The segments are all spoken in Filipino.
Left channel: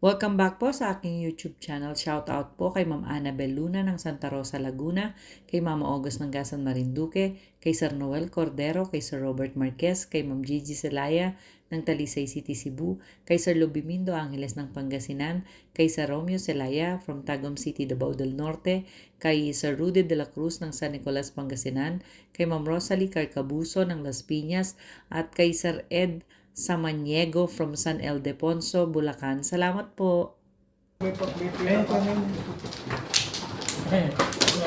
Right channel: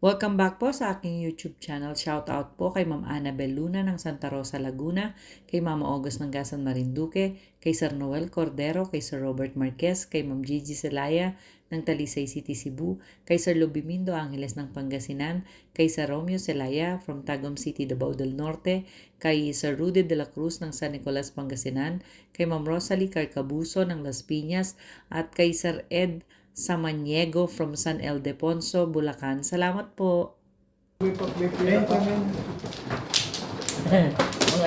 Welcome back po sa aking YouTube channel. Shoutout po kay Ma'am Annabel Luna ng Santa Rosa, Laguna, kay Mama August ng Gasan Marinduque, kay Sir Noel Cordero, kay Sir Robert Marquez, kay Ma'am Gigi Celaya ng Talisay City, Cebu, kay Sir Lubimindo Angeles ng Pangasinan, kay Sir Romeo Celaya from Tagum City, Davao del Norte, kay Sir Rudy de la Cruz ng San Nicolas, Pangasinan, kay Ma'am Rosalie Carcabuso ng Las Piñas, at kay Sir Ed Samaniego from San Ildefonso, Bulacan. Salamat po. Mga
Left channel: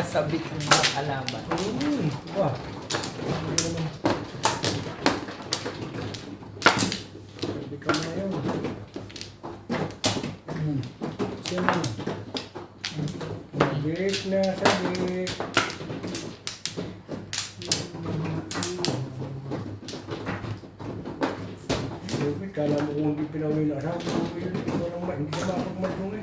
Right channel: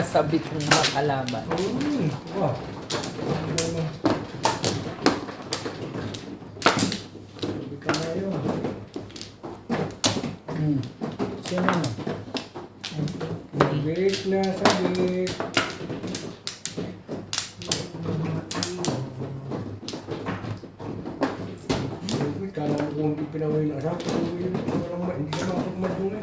sabit ng mga kalaban. Wah. Sabi ka na yun. Sino na? Sabit na sabit. Kala mo kung hindi pinawin na sa hindi ka makapagmadungan.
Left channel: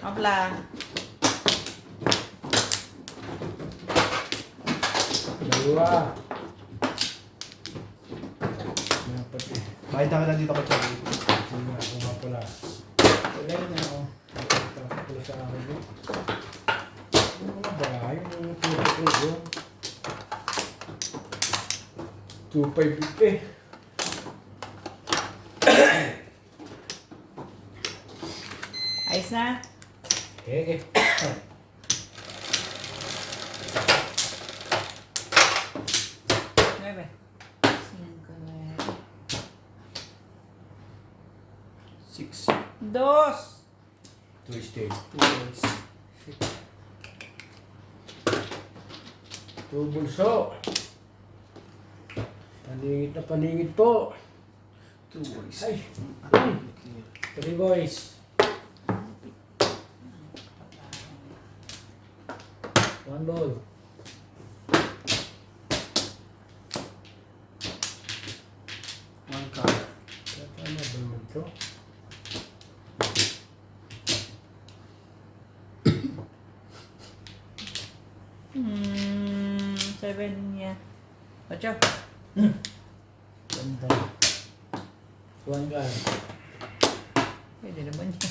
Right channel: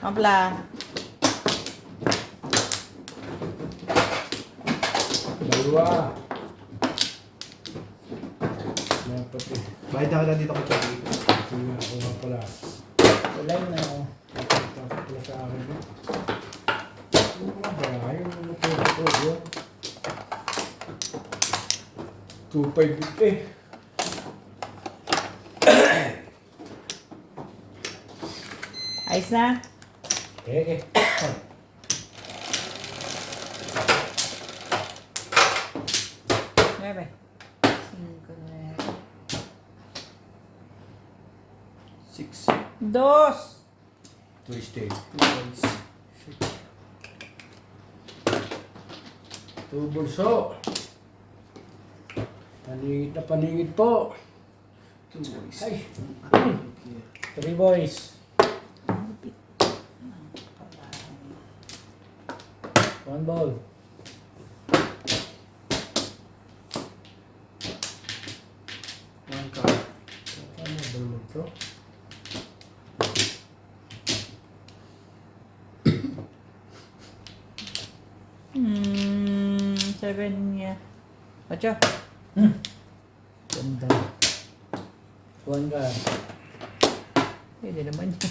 Mabla. Dalawa. Dapat eh. Kahit nakita dito kay Chubby. Ako nga pala. Kulay na ako. Tapos pala sa akin eh. Bahay ang natulog ko yun. 2.5 Ayos na? eh. Bebe. 6. Dos. Twisted. 2 Two bulso. Paningit po. 2 boys. Ay. 3 boys. 1 ball. One card. Ano ba naman ito? Seven niya. Ocho. Ganda. 1 card. Pwede naman siya.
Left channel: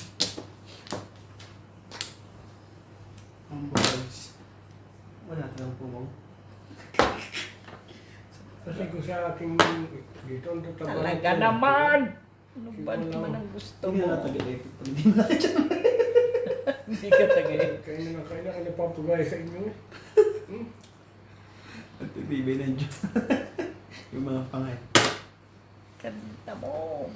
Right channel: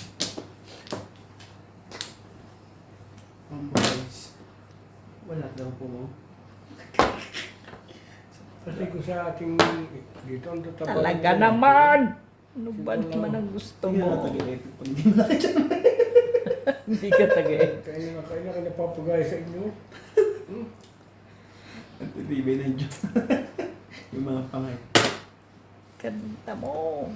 1 boys. Wala daw po mo. Kasi ko sa aking dito ang tatabang. Talaga naman! Ano ba naman ang gusto Hindi na mo? tagay-epic pag hindi mo nakita. Hindi ka tagay. Kailangan na papagay sa inyo eh. Pagtitibay ng Diyos. Yung mga pangay. Kanta mo.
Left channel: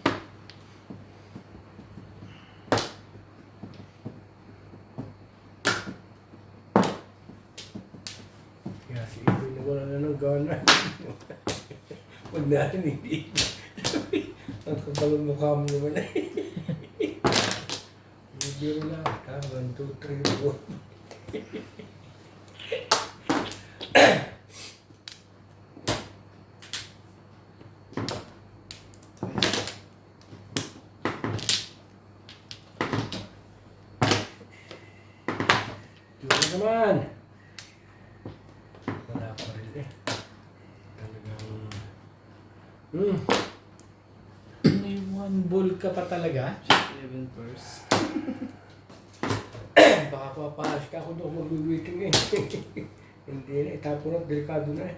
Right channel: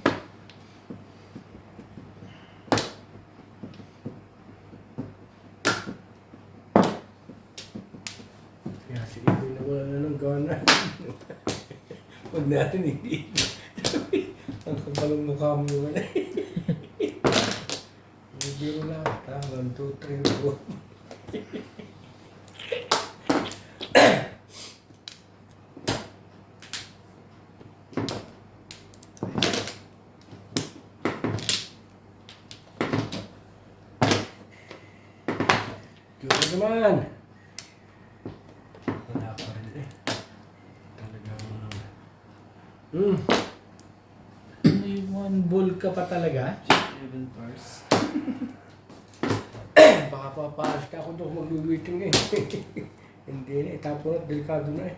Kaya si Ibo na wala na ng gana. Huwag natin hindi. Ang kabalong mukha mo naman eh. Hindi na. 1, 2, 3, 4. Kaya naman. Wala pa rin eh. Talagang... May 1 ball ka pa talaga? 7 pairs. Baka papaas ka ako doon mag-waiting eh. Hindi na, itapon at delikado na eh.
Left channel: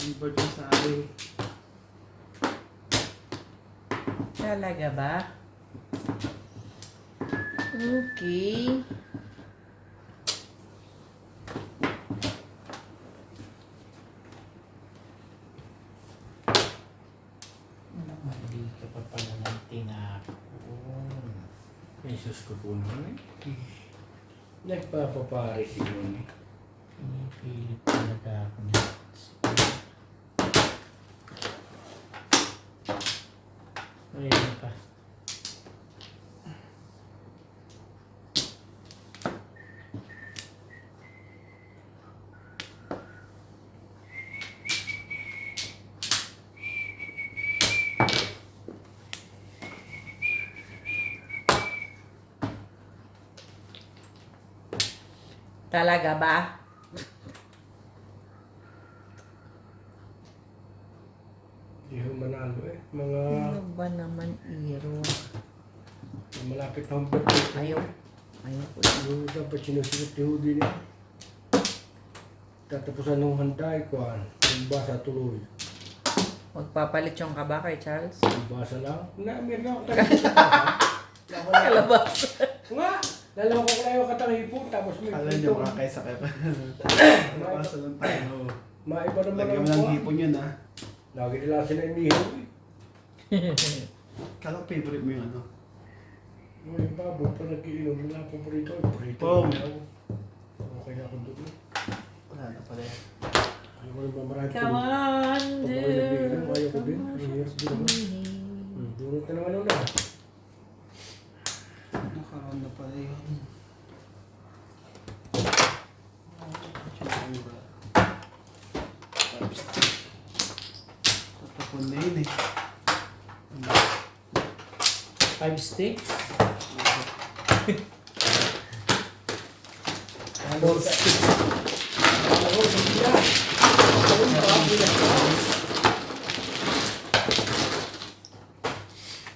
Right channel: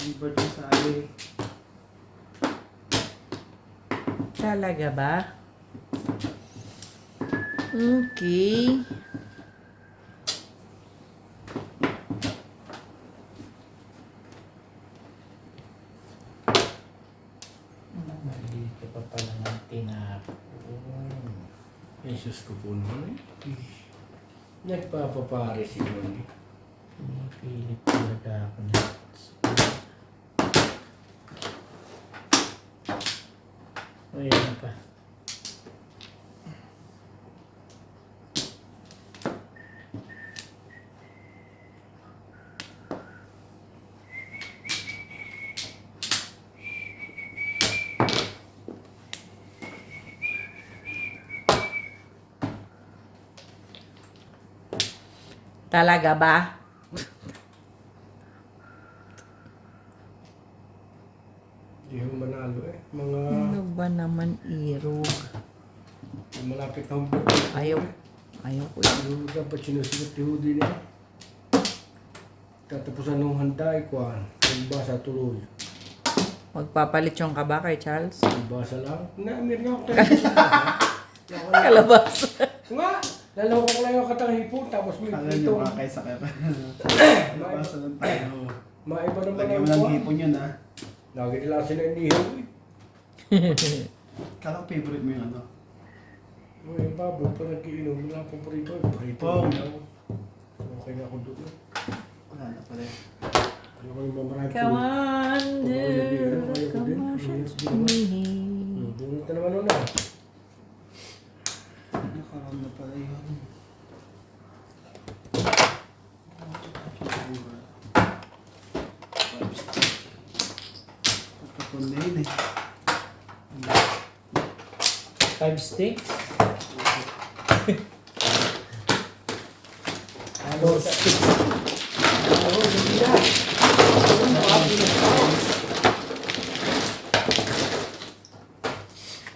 Ang board yung sa amin. Talaga ba? Okay. Mali ka pa pala ng tinapon. Jesus ko po naman eh. Nagpapapare si Mami. Pinipilit talaga ako niya. O yan pa. Talaga ba? Hindi ko manalo eh. Mga Ano ba naman, Iro? malapit na ang birthday. Ayaw. Ayaw ko yun. Yung dapat sinusunod yung hudi na. Tatapusan ng handa, ikuhan. Yung basa tuloy. Magpapalit yung ka ba kay Charles? Yung basa lang. Na, meron ako tayo sa basa. Kalabas. Nga! Lalawak lang yung katang hipon, tapos may Kala prito. nyo kakay sa kaya. Nabasa lang tayo. Maiba naman Lagyan ang mo ng kuwan. hipon yun, ha? Lagi nila sila inihaw eh. Kala ko favorite mo yung ano. Yung babo, pa nag-iinom nila akong prito. Prito. Oh. Okay na ako doon eh. Wala na pala eh. Ayaw ko yung mamarami Come on, Ayaw ko dude. din. Come on, Ayaw shoot ko din. me. Dunod ka naman nun ah. Nakaram na pala yun. Pupukul na yun eh. 5 sticks? 4 sticks.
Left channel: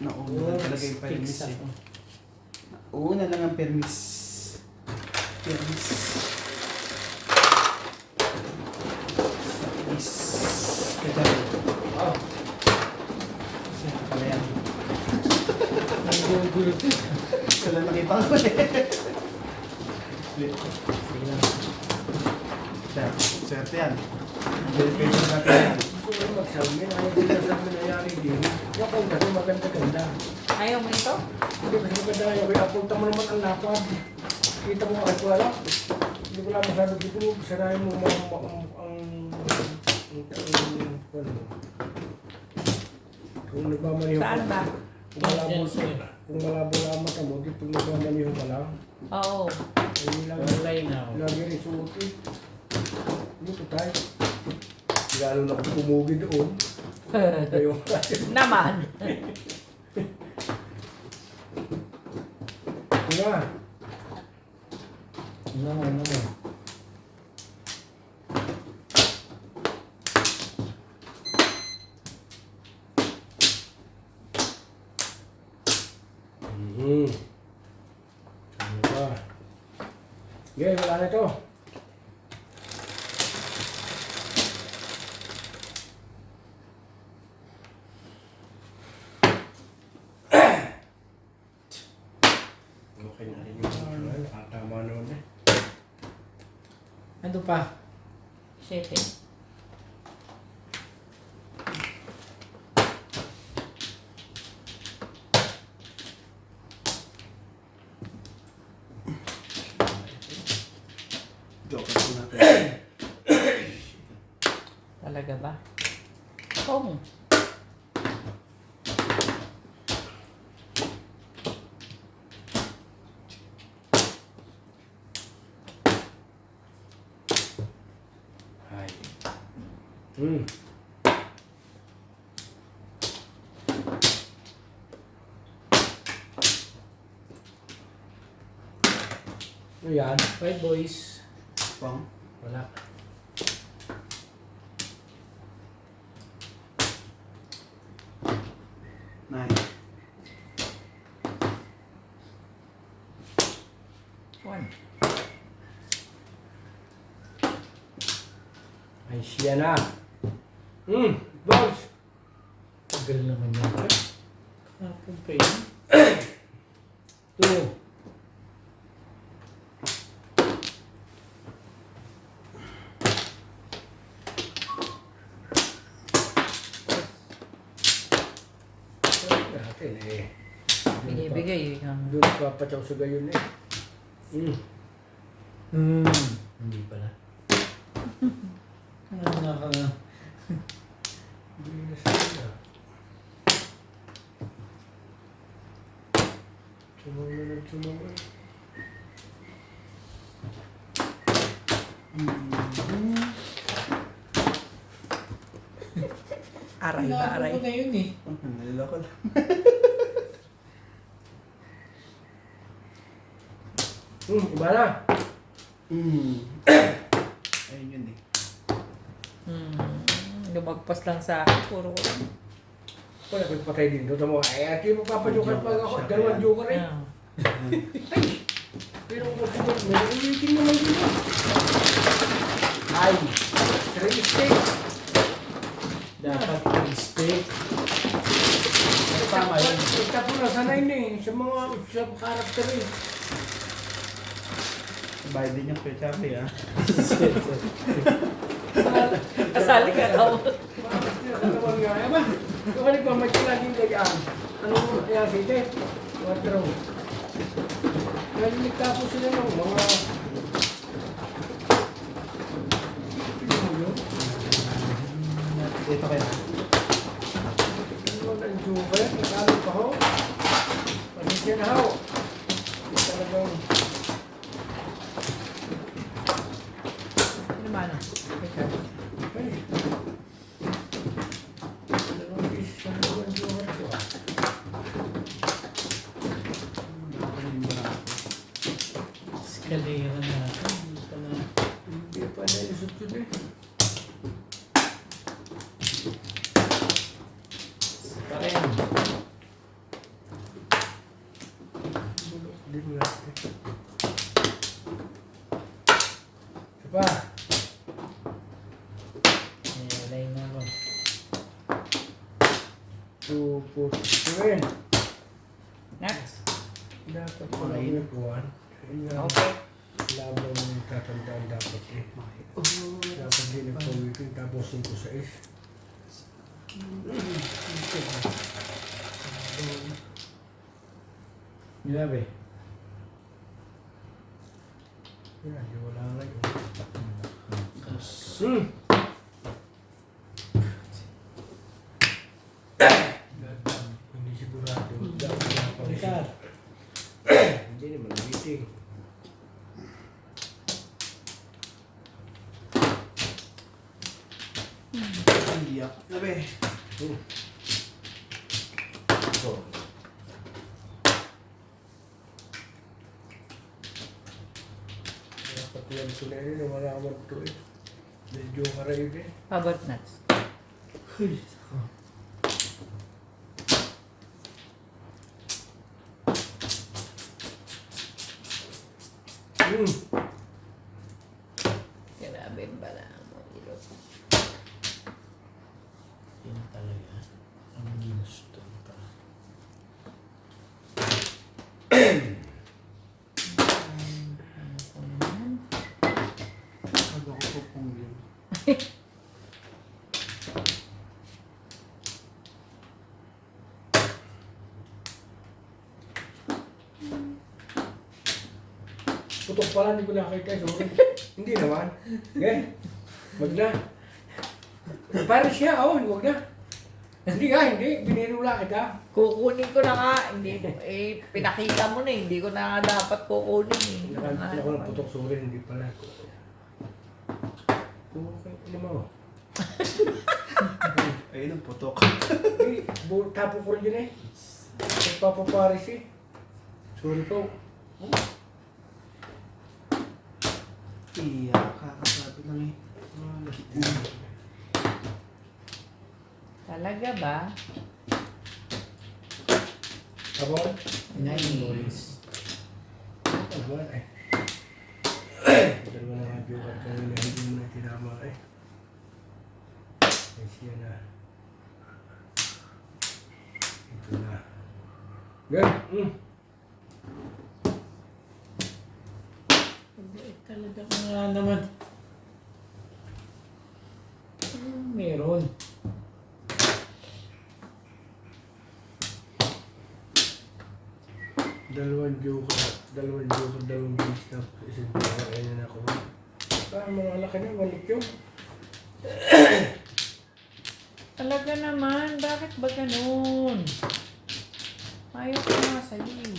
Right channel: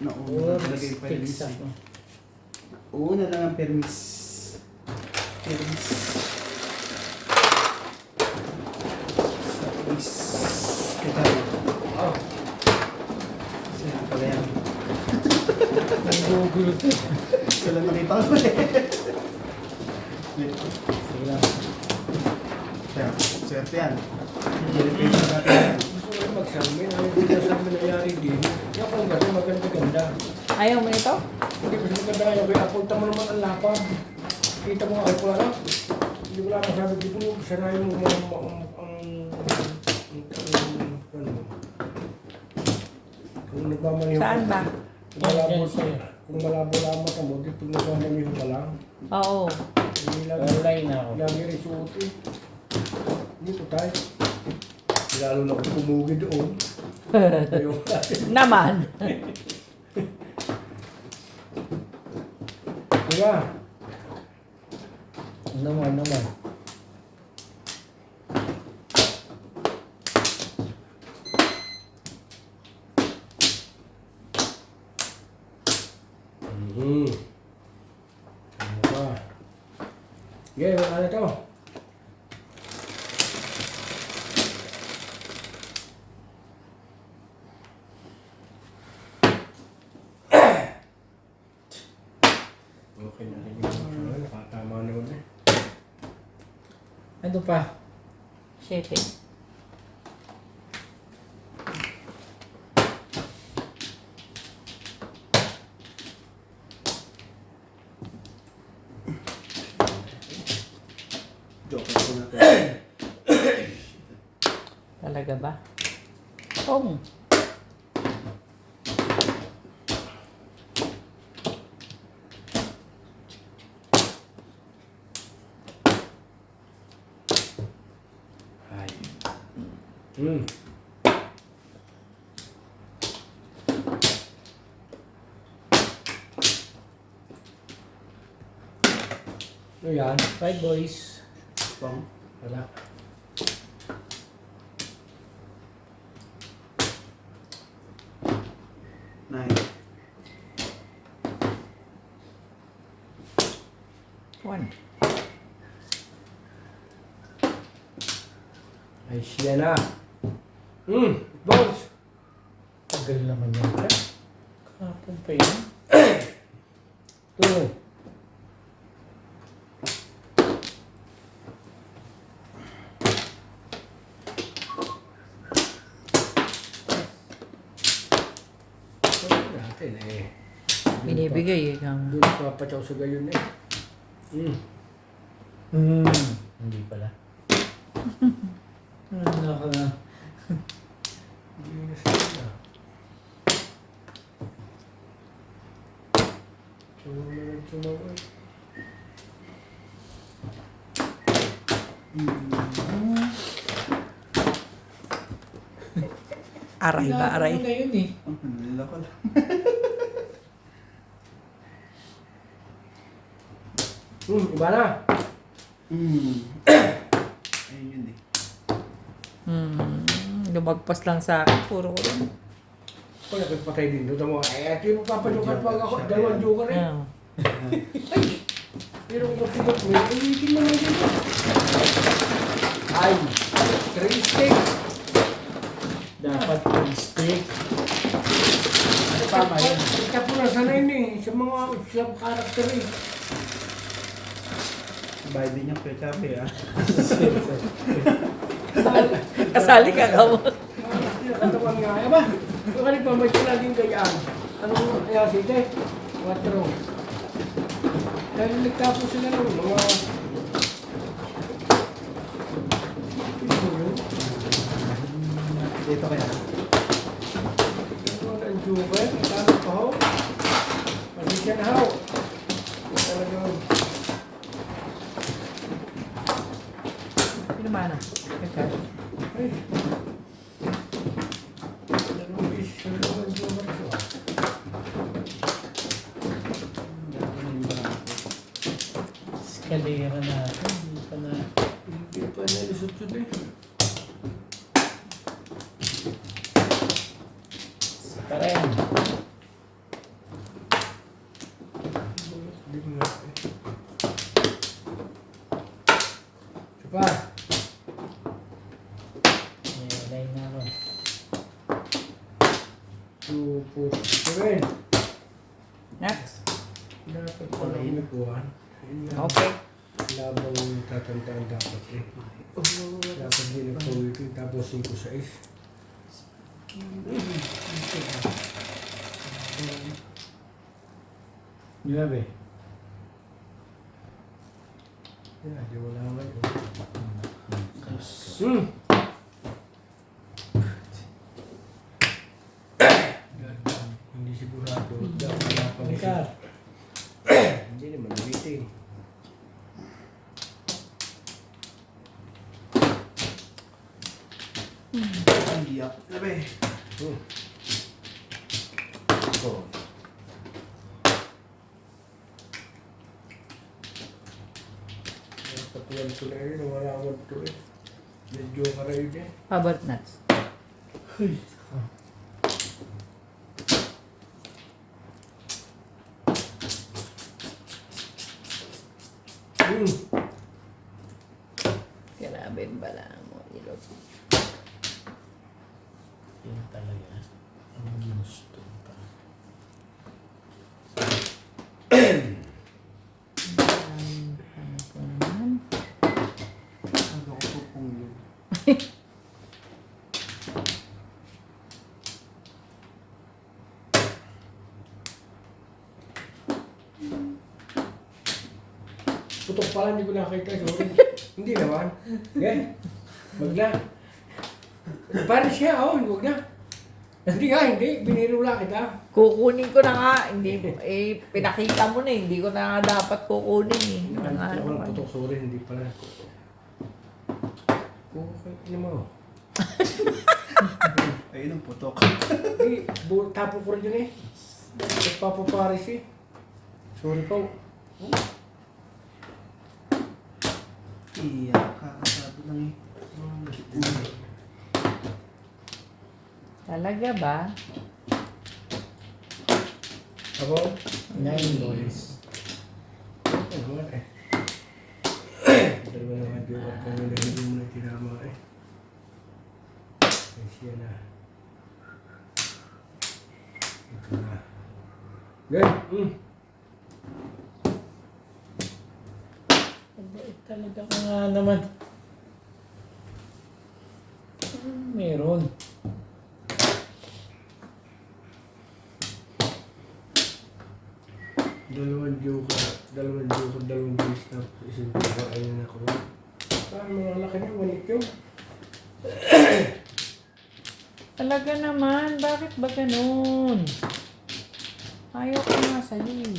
Nauna talaga yung permis Sticks eh. ako. Una lang ang permis. Permis. Permis. Kita rin. Ah, Saan pala yan? Nagugulot eh. Sila nakita ko eh. Sige lang. Swerte yan. Bulking sa natin yan. gusto ko mag-salmin. Ayaw ko na sa nangyayari din. Yung kung kasi maganda-ganda. Ayaw mo ito? Hindi ko maganda kaya kaya apunta mo naman ang lapad. Kita mo ako pala lang. Hindi ko lang masabi dito mo. Sanayin mo kung nagmamaniho Saan ba? Kung malabo Yan, sa'yo. kung malabo lang ang mata mo, dito nagmamaniho ka lang. Oo. Hindi lang. Online ako. Lagi rin suotin. Dito tayo. Lalo na kung pumugi doon. Ito yung Naman. diba? Naman. Ano ba? Okay, wala na to. Okay na rin yung nakatama naman eh. Ano pa? 7. Joke ko natin. Talaga ba? Oo. Ay. Hmm. Ano yan? 5 boys. Pang. Wala. Nine. 1. Ay, siya na. Balls. Tagal naman yan ka. Kapon pa yun. 2. Natin eh. Binibigay eh. Doon papatsaw sa gayon eh. Hindi pala. Ano na. Sumunod. Aray ba, aray? na yun eh. Ang nalala ko lang. Iba na. Ayun yun eh. Lumagpas lang sa akin. Puro ko lang. Kung nakipatay din doon mo, ay ati mapapajukat pa ako. Dalawang joker eh. Ah. Pero kung kapag mo, ulitin mo lang dito. Ay, 3 steak. Dapat steak. Ano tama yun? Ika po na sanay na eh, sa mga karakter eh. Bayad din yung pechape ah. Kasali ka daw. Katawan nga, eh ba? Yung kanil pa, may laging gayaan. Ano mo, kaya sila eh. Watero. Dahil nagtapos sila ng mga... Dito kaya. Ano ang joker? Ikalo pa ho? Pagkisya na ho. Talagang... Sino man ah? Ay. Dalawang beses yung joker ko. Escalera natin. Hindi pa na. Hindi pa nalusot yun eh. Pa rin. Hindi mo na eh. Isa pa. Nalay na ako. 2, 4, 7. Next. Dapat Kulay pala na. may kuwan. Okay. Labang tatandaan dapat eh. Dapat din nagpawitin tapos 5-6. 9. Wala, di wala ngayon. Hindi sigurado. Ricar. Hindi naman waiting. Hindi ako. Gabi. So. Patuan ko na yun, wala akong ito eh. Medyo karayo din. How about nuts? Uy, saka. Grabe bala mo. Ilot. Yan talaga. Ang gusto ka. Ano ko po kung yun? Putok pala, hindi ko nakita. Sorry. Hindi naman. Okay? Wag na. Para siya, oh, wag na. Hindi nga, hindi. Biniro lang kita. Kukunin ko na nga. Hindi, pinakita mo na eh. Hindi ko na dapat kukunin eh. Nakalimutan ako ng putok, sorry, hindi pala. Okay, ano mo? Ayun ang putok. Hindi, tapo ko rin yun eh. Nagpapaparis eh. Sorry po. Iya, kakasado lang eh. Talaga ba? Ako? 9 boys. Ano ba eh? Dalawa na nga joke at kanya na hindi mo na tinama eh. Ay siya na. Ito na. Gan! Mabait talaga ka nga naman. Meron. Dalawang bis na isang joke ayun ako. Parang mga laki na, walit yun. Talaga naman. Bakit ba ganun? Ayaw ko nga sa'yo eh.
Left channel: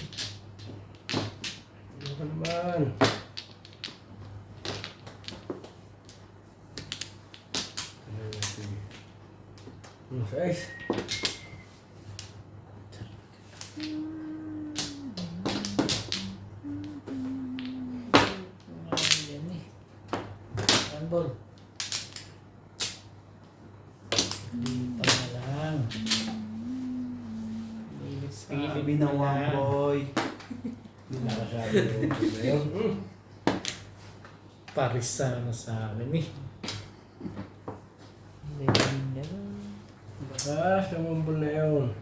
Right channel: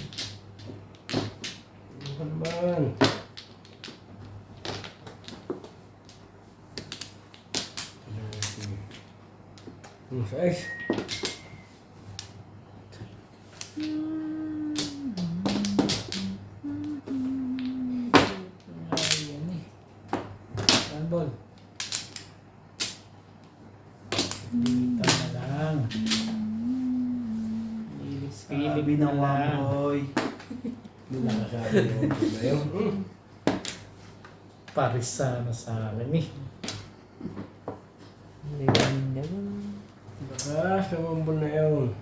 Ano ka naman? Size. Ayan Sunball. Dito na lang. Pilit na lang. boy. Hindi na kasabi yung problema. Parisa na sa akin eh. Bakas, namambol na yun.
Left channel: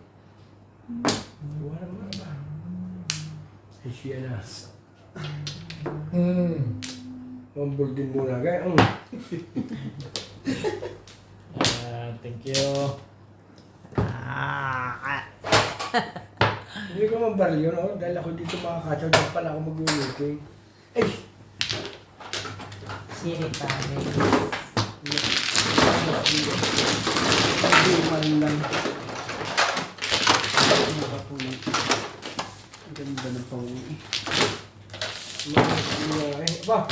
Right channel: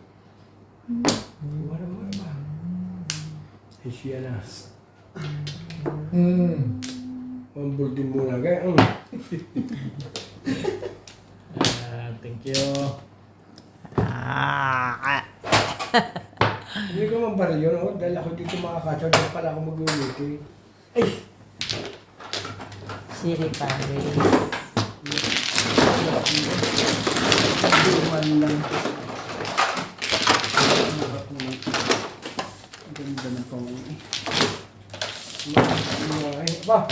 Wala mo ba? Ay siya na. Mambol din muna kaya. Thank you. Hindi ko mabaril yun, oh. Dahil ako dito makakatsaw, dahil pala ako mag-uwiting. Ay! Siri pa rin. Hindi man lang. Ganda ng panguwi. Ba?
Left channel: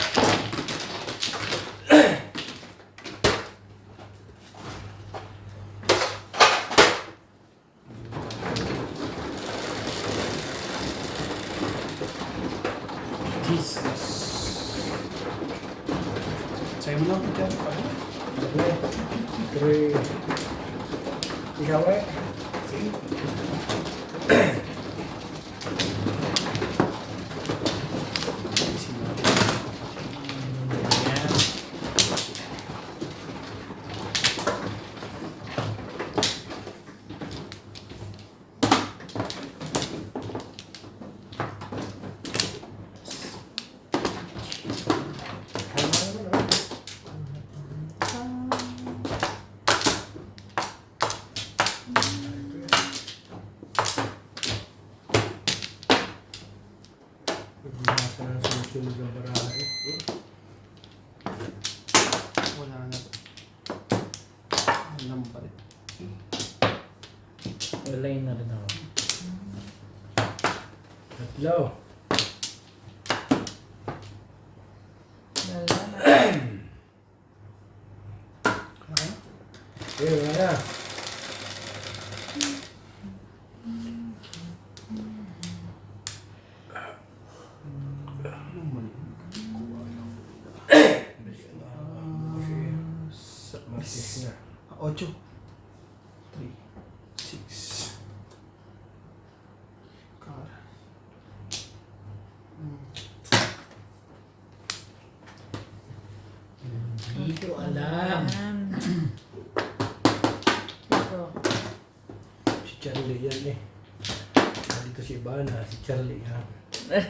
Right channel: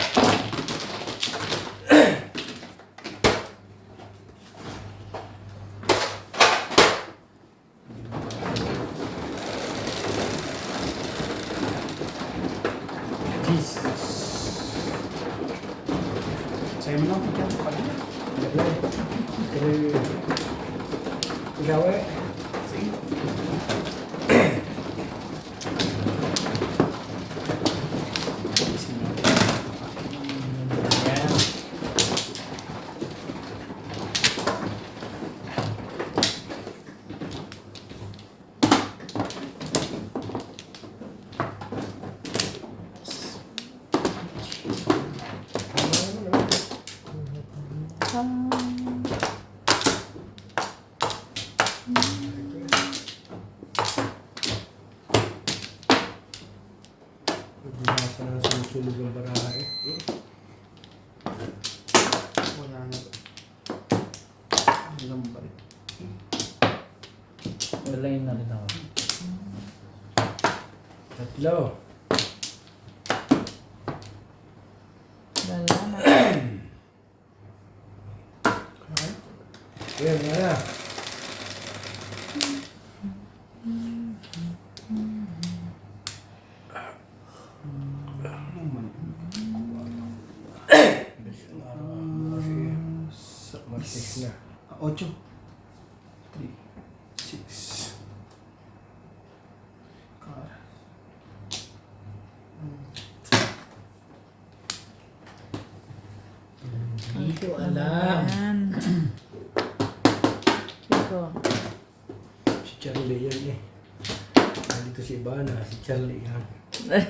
Jesus. Sa'yo mo lang ito. Kaya, ikaw eh? Ayan. Nagbasa ng susunog ang barahe. Wala na. Walang balik. Wala yun na rin ako. Tatlo. Kaya nga na. Masis na. 8. 3. 6. Kara. Hindi ko alam. Si Charlie yan eh. Dito si Ivana, si Charlie yan. Kaya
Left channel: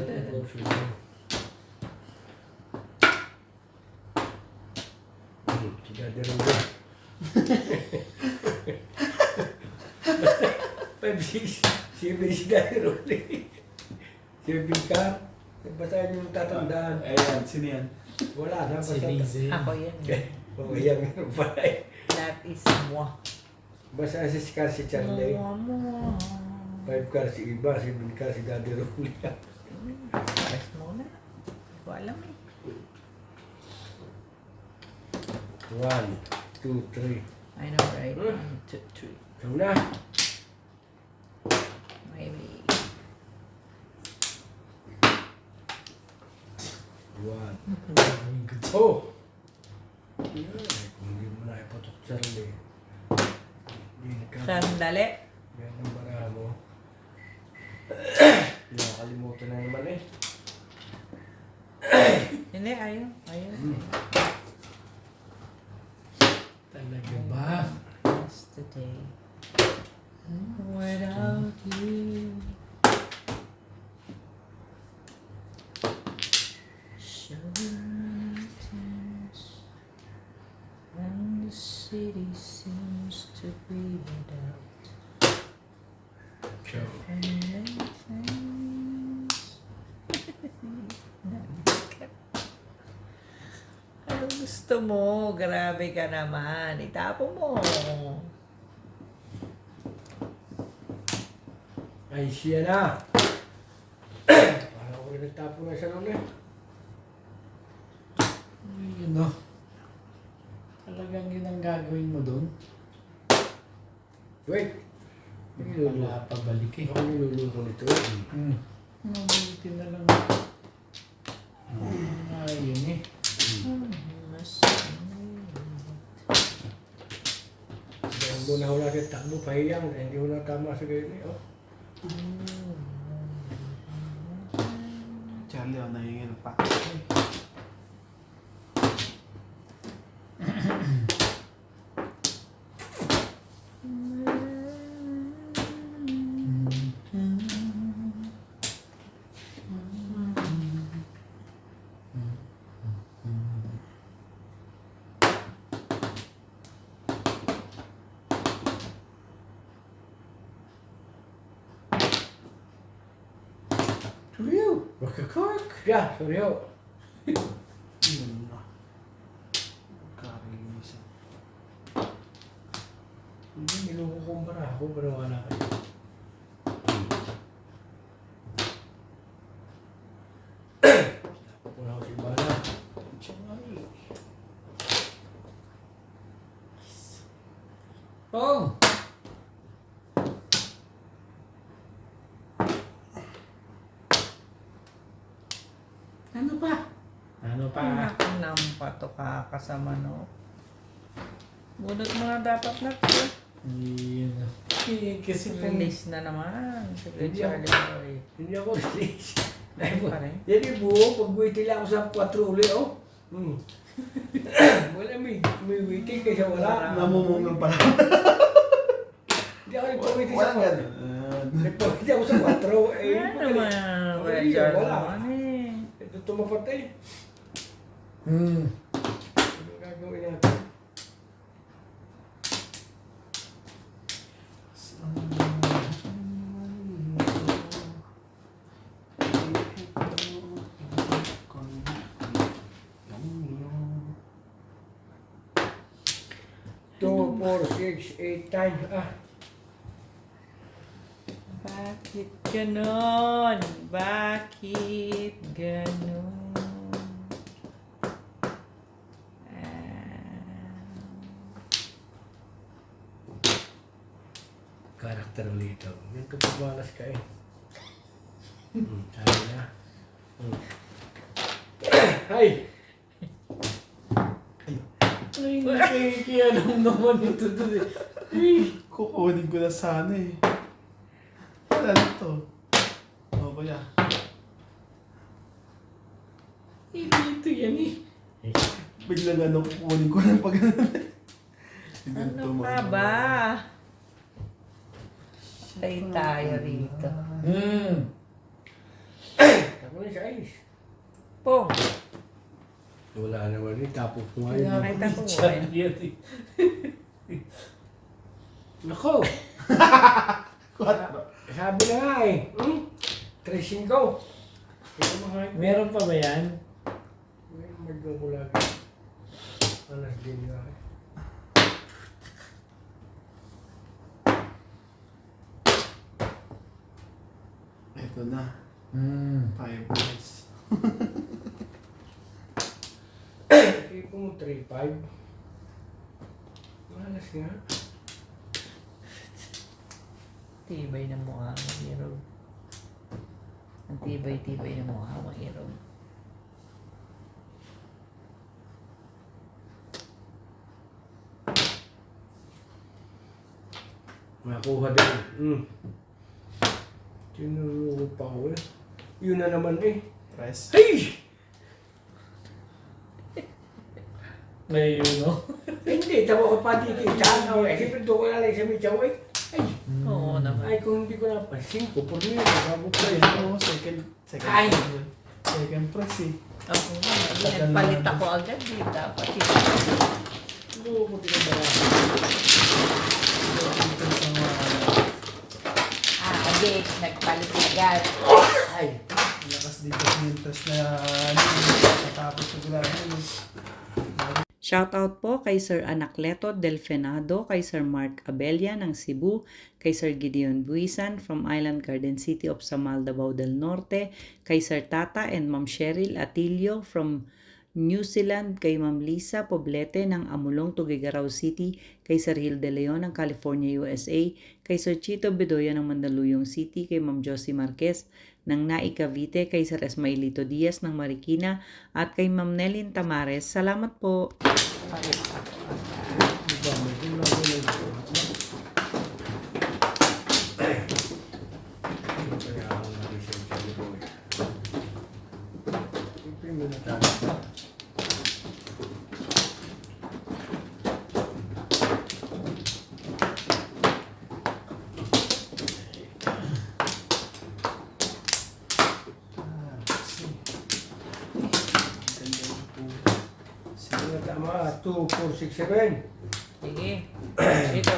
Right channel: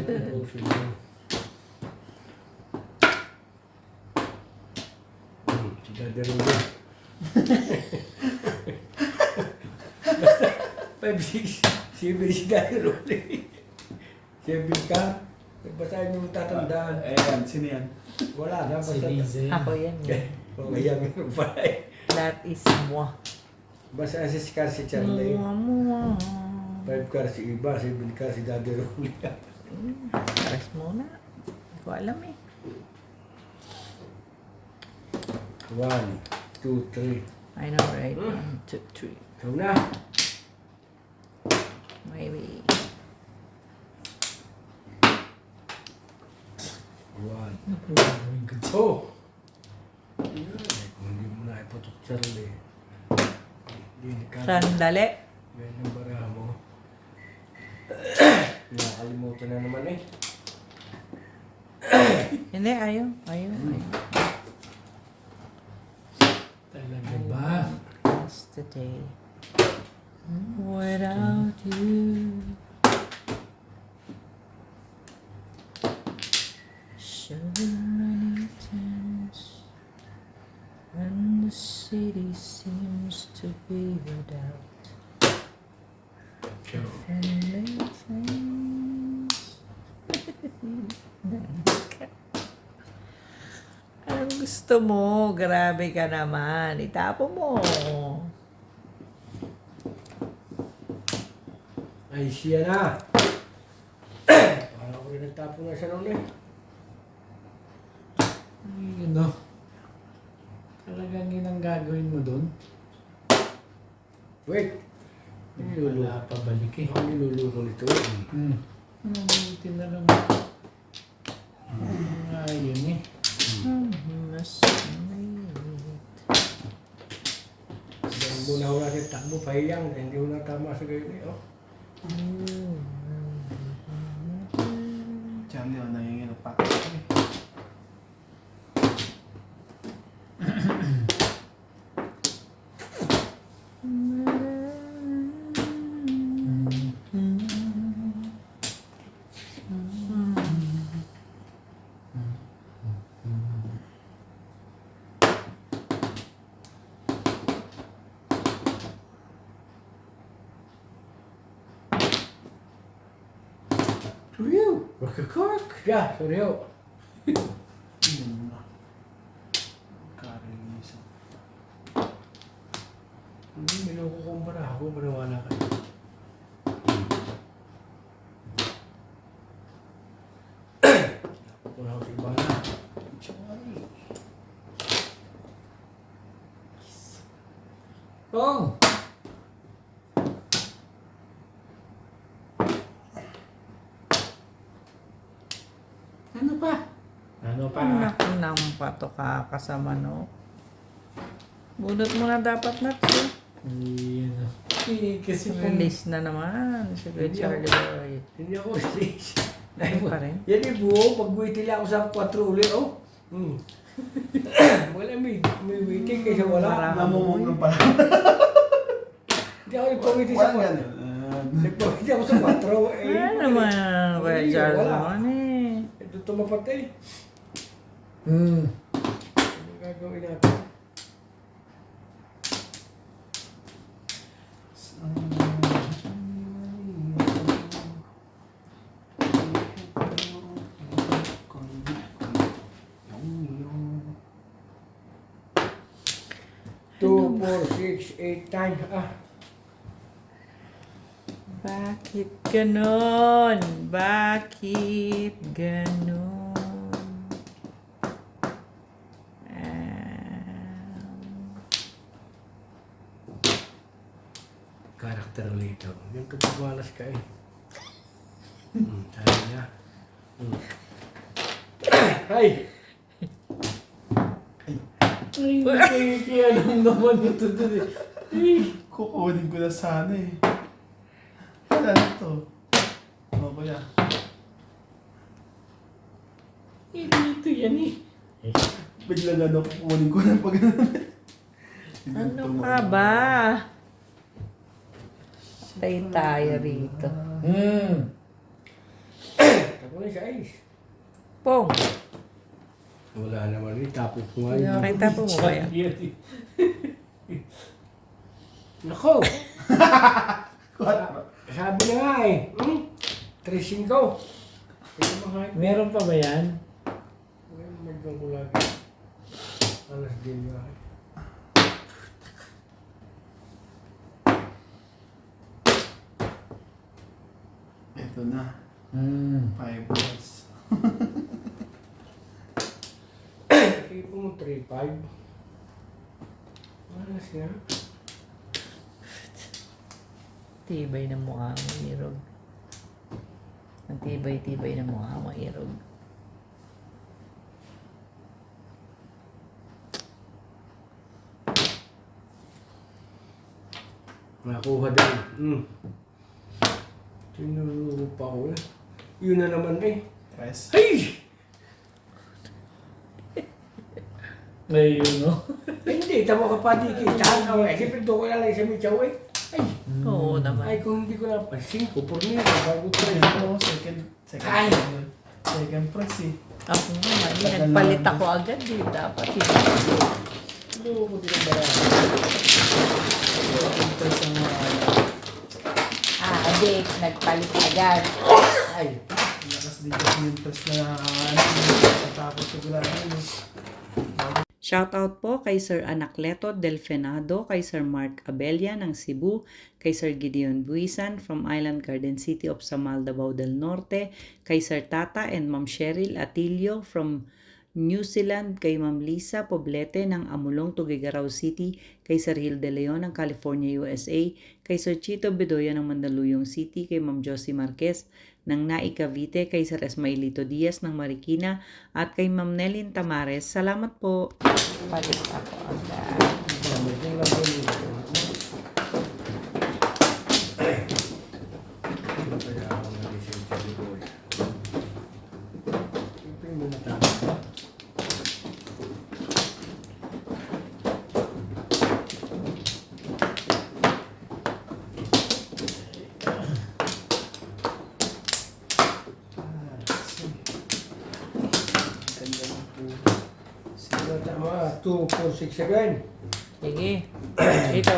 ito si Ivana. Si Daddy Rolly. 5-6-7 si Daddy Rolly. 7 ka. Basahin yung tatandaan. Ayan, sino yan? Wala na. Si Basta. Lize. Ako yan. Oh, yan yung pala eh. That is moi. Basta si Scar si Charlie. 5 car si Iba, 7 car si Daddy Rolly. Press muna. Hindi ko alam eh. 1, 2, 3. I know, right? 1, 2, 3. Ikaw na. Maybe. 1. Ano po gagawin ko dyan? Oh! Kung hindi mo na ipatok Charlie. Hindi ka. Sandali. Yan ang baraha mo. Nakakalimutan na naman eh. Hindi, ayaw. Ayaw. Talaga ba? That's the day. Without you. Sugar mountains. When the city seems to be without. So, Anong gusto mo? Grabe ka naman. Itapo mo. ay siya na. Parang ko rin nagtapo na siya noon eh. Yun o. Talagang yun ang gagawin mo dun? Wait. Niluluto. Wala pa balik eh. Ang niluluto nito. Mabuti na lang. Ayun eh. Mas muna ho natin takbo, pahiyang. Hindi ho na tama sa ganyan eh. Oh. Charlie, oh, nahingin ang pa. Real. Rock. Yeah, sorry ho. Yun na. Karinisan. Hindi, nilukukumpara ako. Maniwala ka. Kung ako si Bala. Charlie. Pong. Ano pa? Ano pa? Nampa to kakasama no. Bunot mo na dapat na to. Hindi na. Kasi pong... Release na naman. Sige, Hindi Charlie Boy. Hindi ako release. Ano pa rin? Yan yung buo. Pag-waiting lang ako sa 4 uli, oh. Wala, may waiting kaysa wala. Namumong pala. Hindi ako nagpawaiting sa 4. Nagpawaiting ako sa 4. Eh, Ano naman? Kuya Wala. Charlie naman eh. Ito tumapatay. Hmm. Ano gagawin natin? Two, 4, 6, 8, 9. Ah, Bakit ganon? Bakit ganon? karakter ulit ito. Yung tutubalas ka eh. Sabi na. Ay! Ay, kaya lang naman ito dun eh. Kukunin ko na sana eh. Ano ito? Ano ba yan? Dito yan eh. Biglang ano, kukunin ko na pag Ano ka ba? Stay tayo rito. Hmm. Ako na siya ayos. Pong, Wala naman rin. Tapos ko nga Kaya yun. kita po kaya. Charlie yan eh. Nako! Sabi na nga eh. Tracing ko. Kaya mga Meron pa ba yan? magdang ko lagi. Alas din nga eh. Ito na. Hmm. 5 balls. Sige po mo 3-5. Malas nga. Tibay ng mukha mo, Irog. Ang tibay-tibay ng mukha mo, Irog. Nakuha din. Tinuro pa ko eh. Yun na naman eh. Tres. Hey! Ayun no? Hindi, tamo ka pa di kita. Siyempre doon ko lang sa Michaw eh. Ay, Oo naman. ay kung hindi ko na pa. 5 por niya. Bago ko Ay, yan. ano, second Ay! second press eh. Ako nga, nagpalit ako agad eh. Dapat yun. Ano ko din ang barang? Ito sa mga Hindi, nagpalit agad. Ay, lakas dito mintas na natapos ko lang yun eh. Shoutout po kay Sir Anacleto Del Fenado, kay Sir Mark Abella ng Cebu, kay Sir Gideon Buisan from Island Garden City of Samal, Davao del Norte, kay Sir Tata and Ma'am Cheryl Atilio from New Zealand, kay Ma'am Lisa Poblete ng Amulong, Tuguegarao City, kay Sir Gil De Leon ng California, USA, kay Sir Chito Bedoya ng Mandaluyong City, kay Ma'am Josie Marquez ng Nai Cavite, kay Sir Esmailito Diaz ng Marikina, at kay Ma'am Nelin Tamares. Salamat po. medyo lang po nito. Tama, 2, 4, 6, 7. Sige. Dito.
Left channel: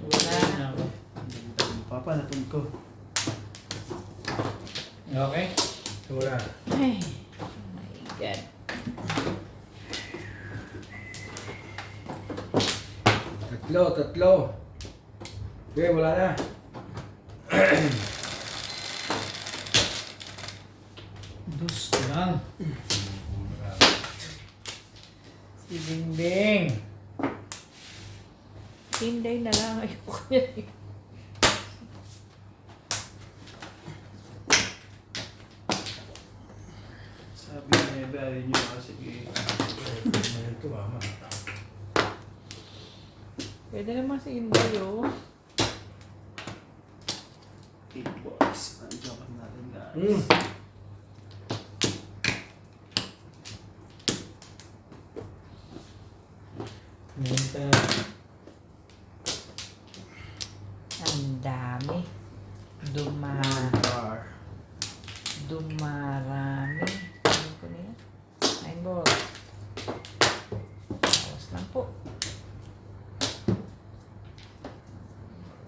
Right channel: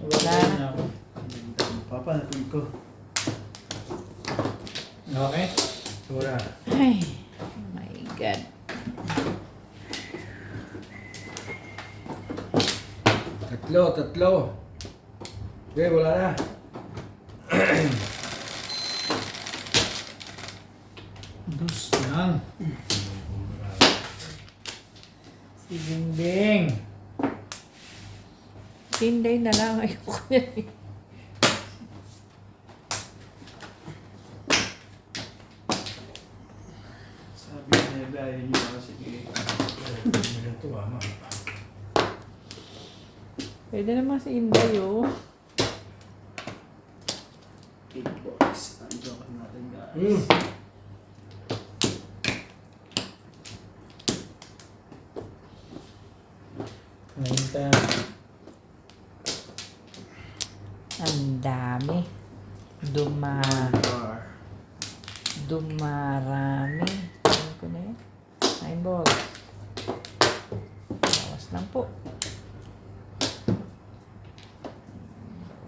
Wala. na ako. Papanapin ko. Okay? Wala. Ay. Oh my God. Tatlo. Okay, wala na. Dus lang. Si Bingbing. Tinday na lang. Ayoko na eh. Sabi niya, ayaw niyo kasi Ito, mama. Pwede naman si Inday oh. 8 bucks. Ang joke natin guys. Hmm. Nahinta. Ang dami. Bar. Dumarami. Ano ko na yun? 9 balls. Bawas lang po.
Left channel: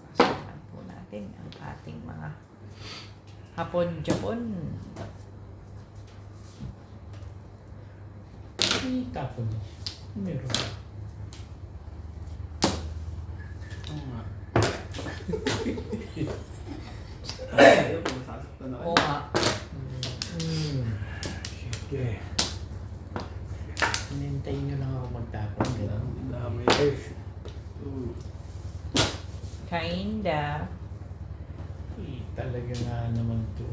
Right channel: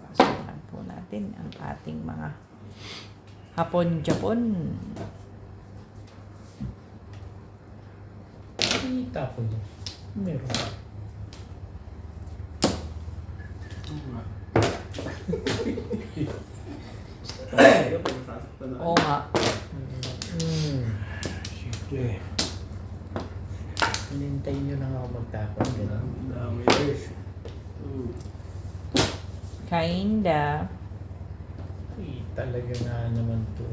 Bawas lang po natin ang ating mga Hapon-Japon. Itapon niya. Meron. Oo nga. Ayaw ko masasaktan na. Oo nga. Sige. Hinintay nyo lang ako magtapon. Gano'n. Ang dami. Yes. 2. Kinda. Talaga nga naman to.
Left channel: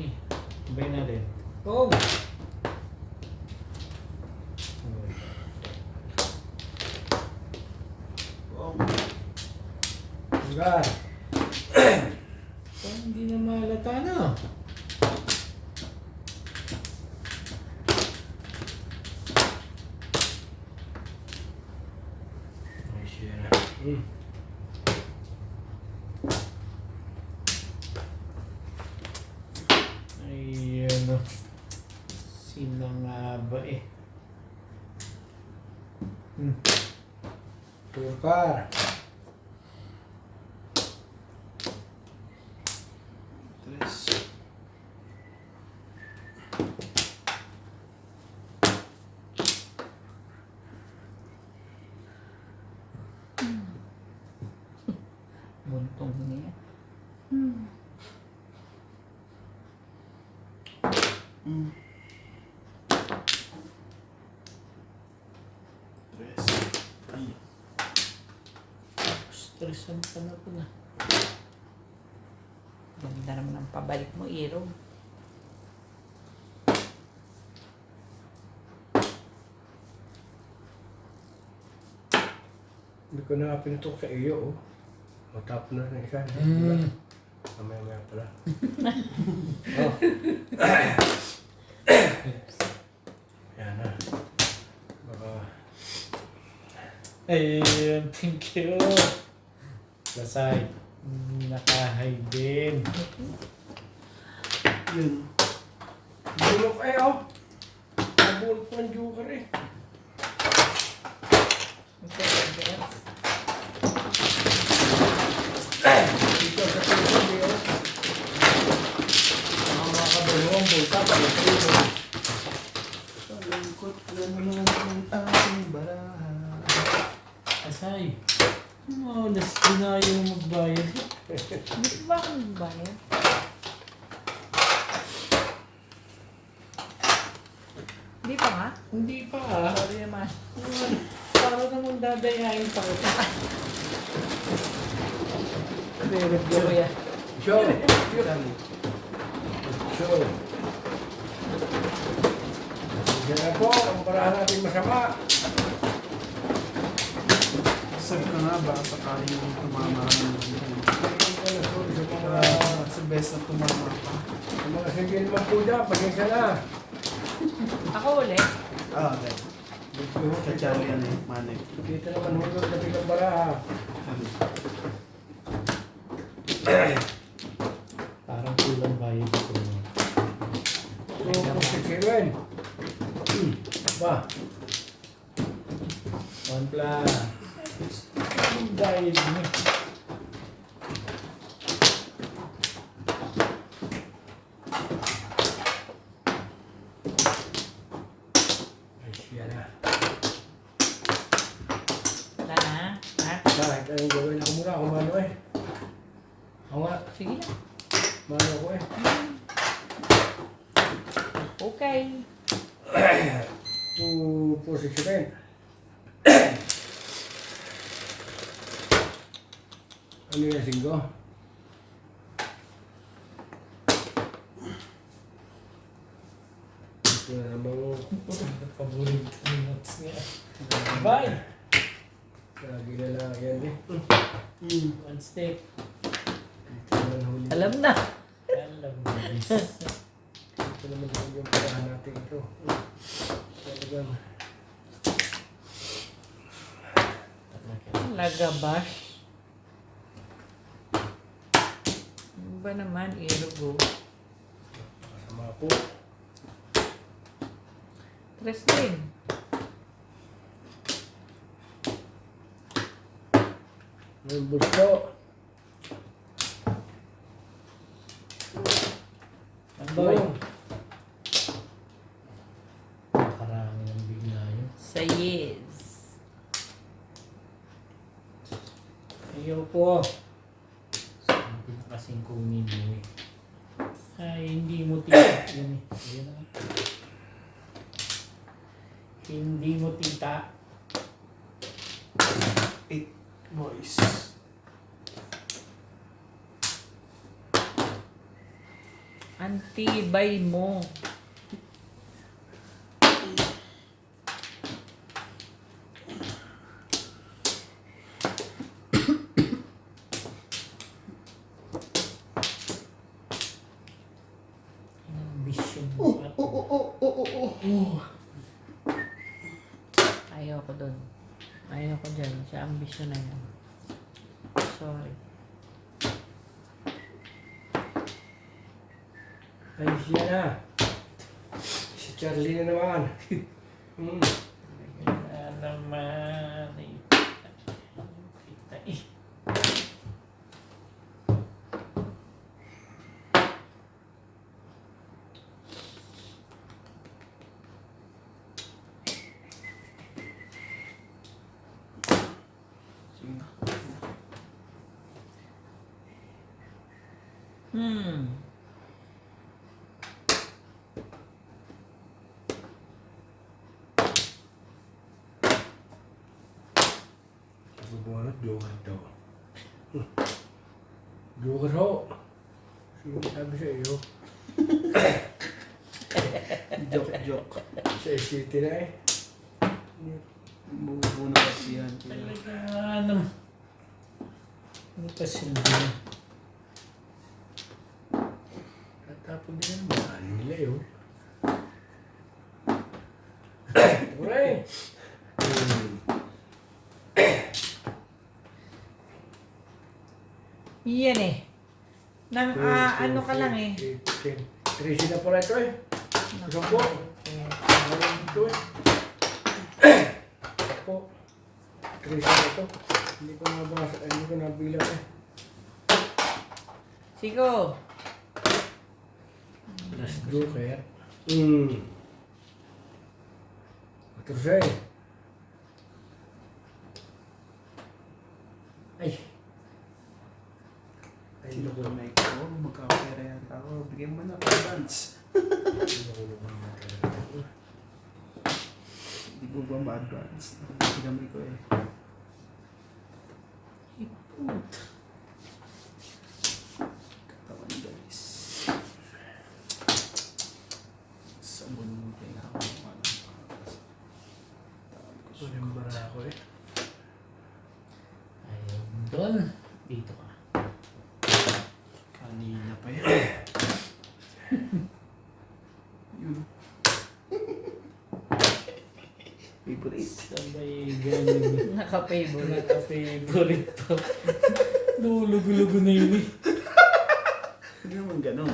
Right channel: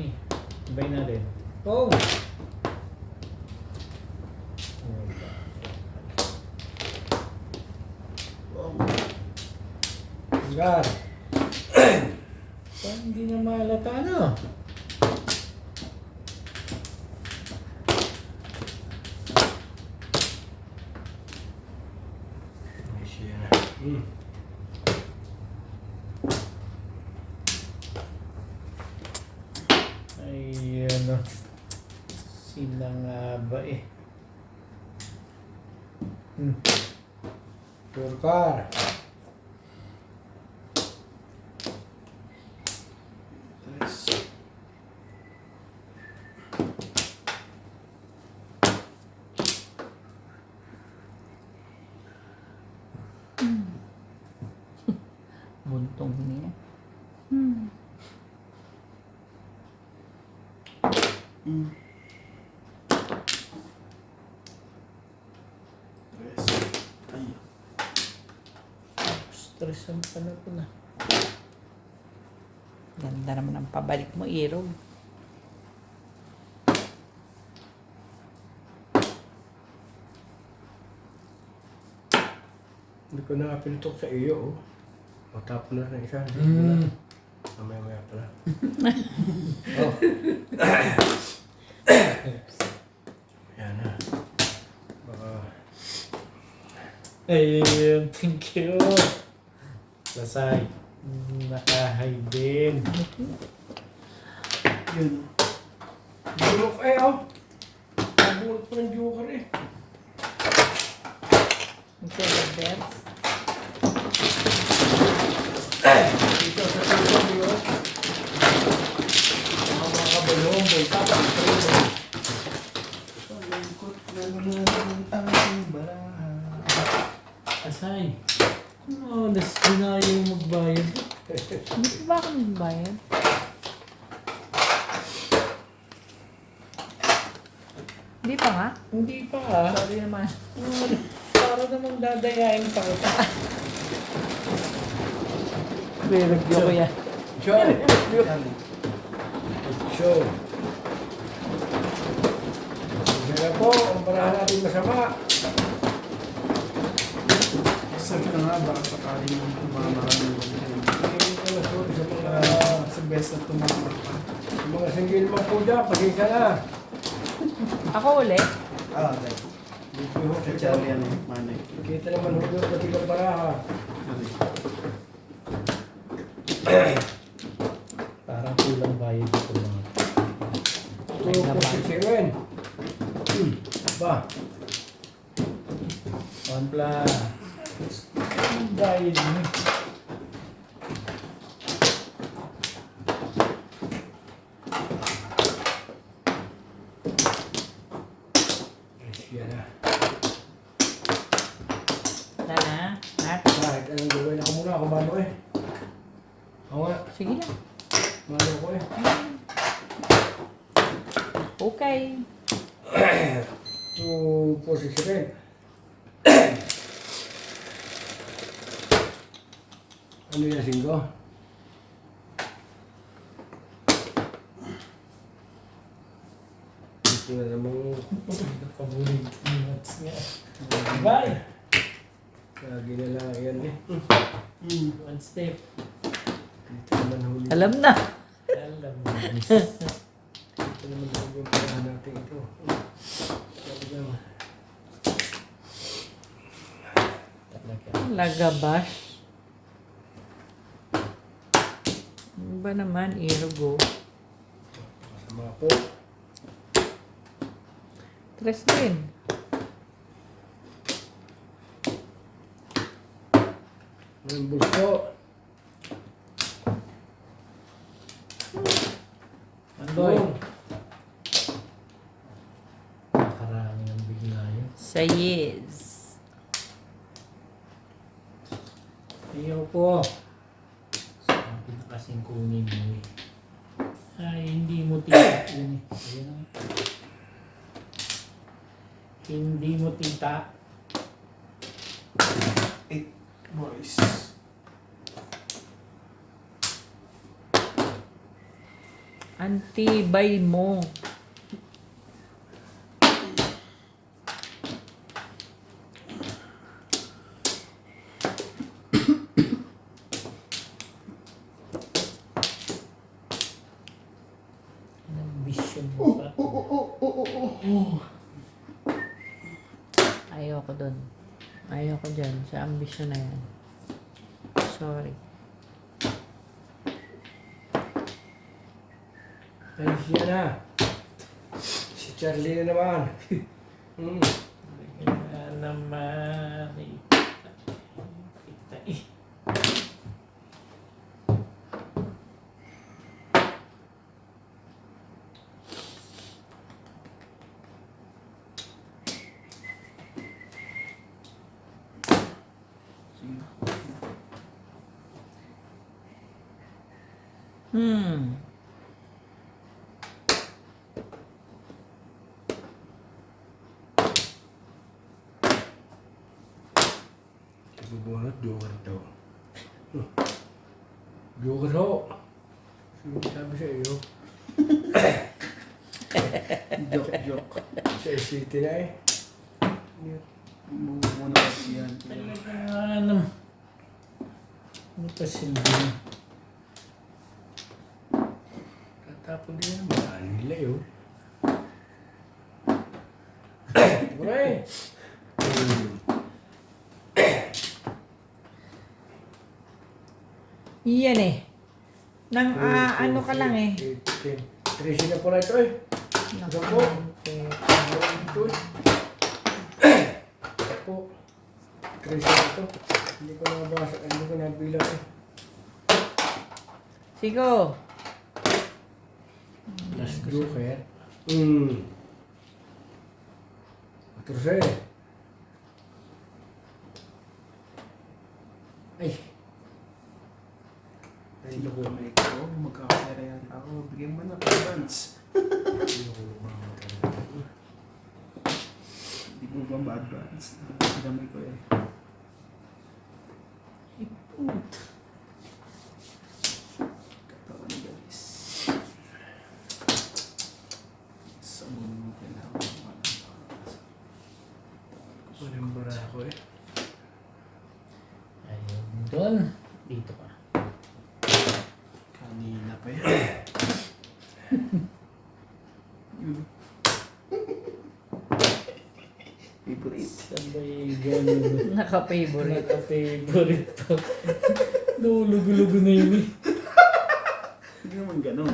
Ini. Sabay natin. Oh! Hanggang. So, hindi na mahalata, no? Nice yan. Hmm. Ay, ano. Sila nga ba eh? Turkar. Tres. Buntong niya. Tres. Ay. Stress ang pala ko na. Ganda naman ang pabalik mo, Iro. Hindi ko na pinutok sa iyo, oh. Matapon na ng isa. Mamaya pala. Oh. Yan na. Baka... Ayun, thank you. Lasay. Nakahay din. Yun. Bulok eh, oh. Bulok ng joker eh. Okay, Robert. Dito sa tuloy, oh. Ang mga bulong, bultak, bultak. Palungkot na naman ang aking baraha. Asay. Oh, dinayo magbayad. Hindi ba ako nagbayad? Hindi pa nga? Hindi pa ah. Sorry naman. Para namang dadayain pa kita. Pero Pero yan. Show. Show. Sige po, ang barahan natin masama. Sabi ka nga, baka sakali yung tumamaran mo. Hindi ko na sorry sa mga... Sa best na tumamaran. Sa mga single mo po dyan, pasensya na. Ako ulit? Right. Kachari yan eh, Malik. Kita naman hulo pati ng baraha. Pa. One plus. Dahil mo. Yan na. Na na. Ha? Kahit anong gawin ako muna, ako mano eh. Ako na, Sige na. mano ako eh. Okay. 2, 4, 6, 7. Ano yung 5? Ito na namang Paborito ng nuts niya. Bye! lagi na lang yan eh. One stick. Dito naman huli. Alam na. Alam mo. Dito naman huli yung parahan natin ito. Talagang Talaga. Lagabash. Ano ba naman, Irobo? masama po. Tres din. May busto. Andoy. Nakarami ng bigla yun. Sayes. Ayaw po. Sabi na kasing kunin mo eh. Ay, hindi mo tita. Yan eh. Ayan na. Hindi mo tita. 8 boys. Antibay mo. Ambition mo pa. Ayoko dun. Ayoko dyan. Sa ambisyon na yan. Sorry. Ay siya na. Si Charlie na naman. Kaya naman. Ay, kita eh. Sige na. Hmm. Bubunot, joker daw. Joker ho. Sino sabi sa iyo? Joke. Sa city na eh. Muna kasi yan. Talaga naman. Ano pa silbi? Natapon din yan. Mahal nila yun. Uray! Iyan eh. Nang ano ka lang eh. 13 na pala ito eh. Naku. Ito eh. Naku. 13 na ito. Hindi ko nabasa, hindi ko nabilang eh. Sigo. Last joker. Terus eh. Ay. Sino ko may ikaw? Magkakapera yan ako. Bigyan mo na advance. Hindi ko ba ma-advance? Gamay ko eh. Iput. Katawan ni guys. Sa mundo kailangan Kunin mo na ako eh. Ayun. Doon. Dito ka. kanina pa yan. Favorite. Sabay ganun. Naka-favorite. Naka-favorite to. Lulugo-lugo na yun eh. Hindi naman ganun.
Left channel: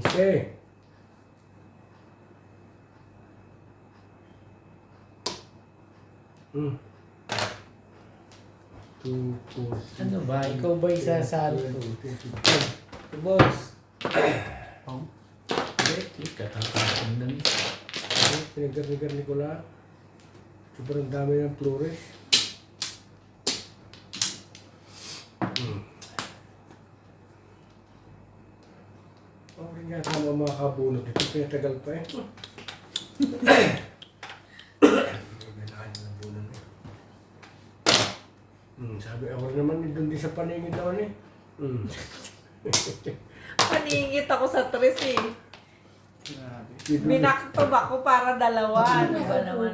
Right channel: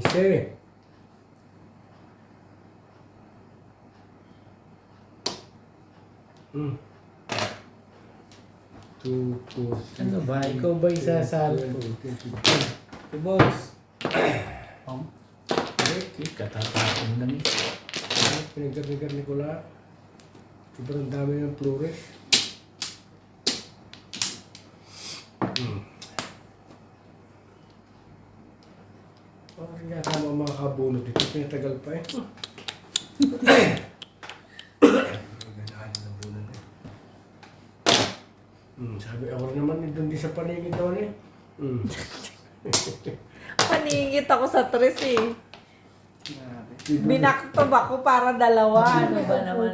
15. Hmm. 2, 4, Ano ba? Ikaw ba isasalto? 22. Boss. Oh. Okay, katatapon lang eh. Pinagdabigan ni Kula. Sobrang dami ng flores. Parang yata ang mga kabunot ito. Pinatagal pa eh. Ganahan ng bunot eh. Sabi ako naman, doon din sa paningin naman eh. Paningit ako sa tres eh. Grabe. Binaktob ako para dalawa. Ano ba naman?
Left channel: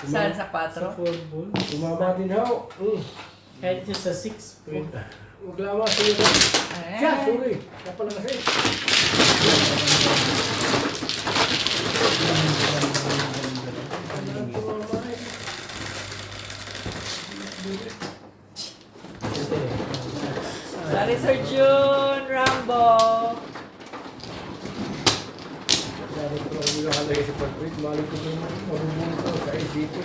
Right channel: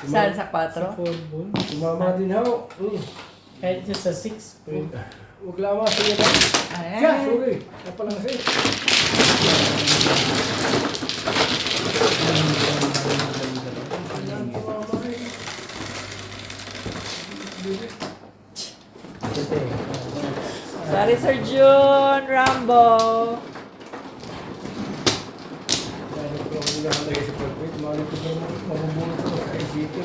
Saan sa Sa 4? 4 ball. Tumama din ako. Kahit yung sa 6, pwede. Huwag lawa sa iyo. Siya, sorry. Siya pala kasi. Sorry, Sir June Rambo. Malay ko ang nakalagay sa pag-wait. Malay ko naman mabubunod ko sa ICT.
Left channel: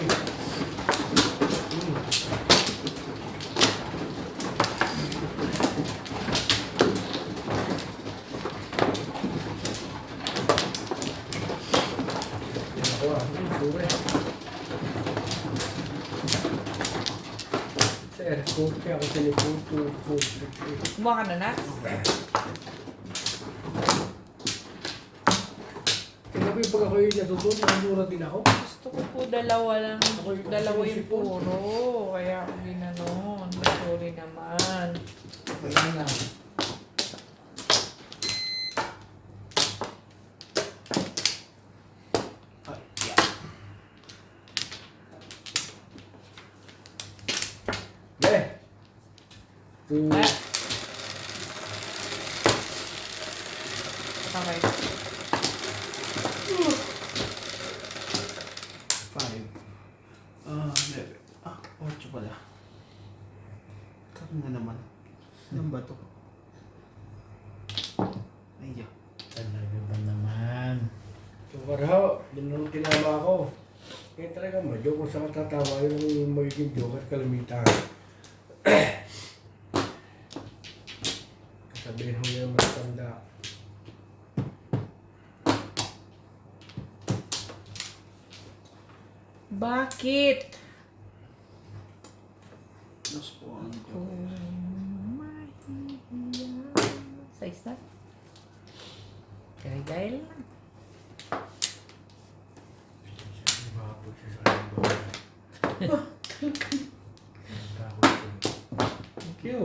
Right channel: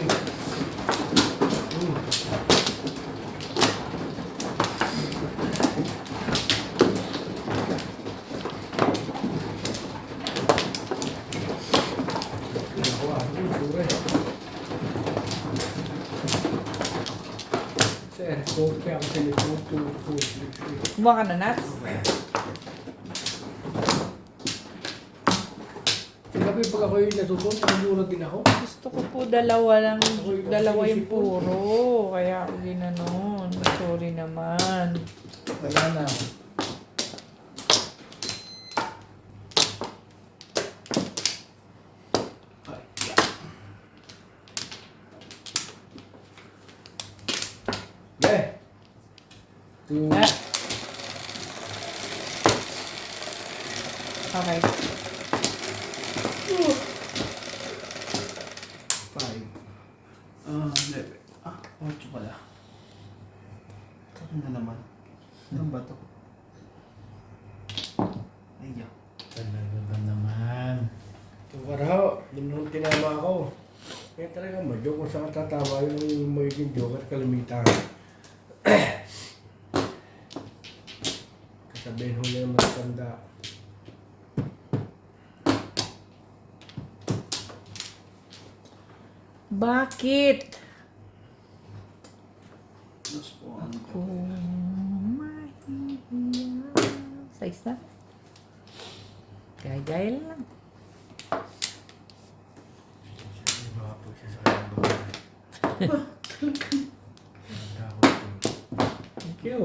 Sir, kung kaya ako sinipong 2, 4, 3, 3. Buha ka na, Nats. Kagabi pag ako yung natutunan, nandura din ako. Gusto ko po dalawa lang. Dalawa yung puro. Kaya ako ginanon. Sorry naman. Wala na. Okay. 2, Ah. Okay. 5. Hindi. 8 pala. Ito na naman. Ano ba ito? Ayun. Talaga ba naman? Itong karahaw, nung tinama ako. Kaya talaga madyo kung saan tatawa yung magiging joker kalimitan. Kasabihin ho na yung matanda. Bakit? Mas po ano ito. Size na? Gaya-gaya lang. Mahapog siya sa aking buhay. Thank you.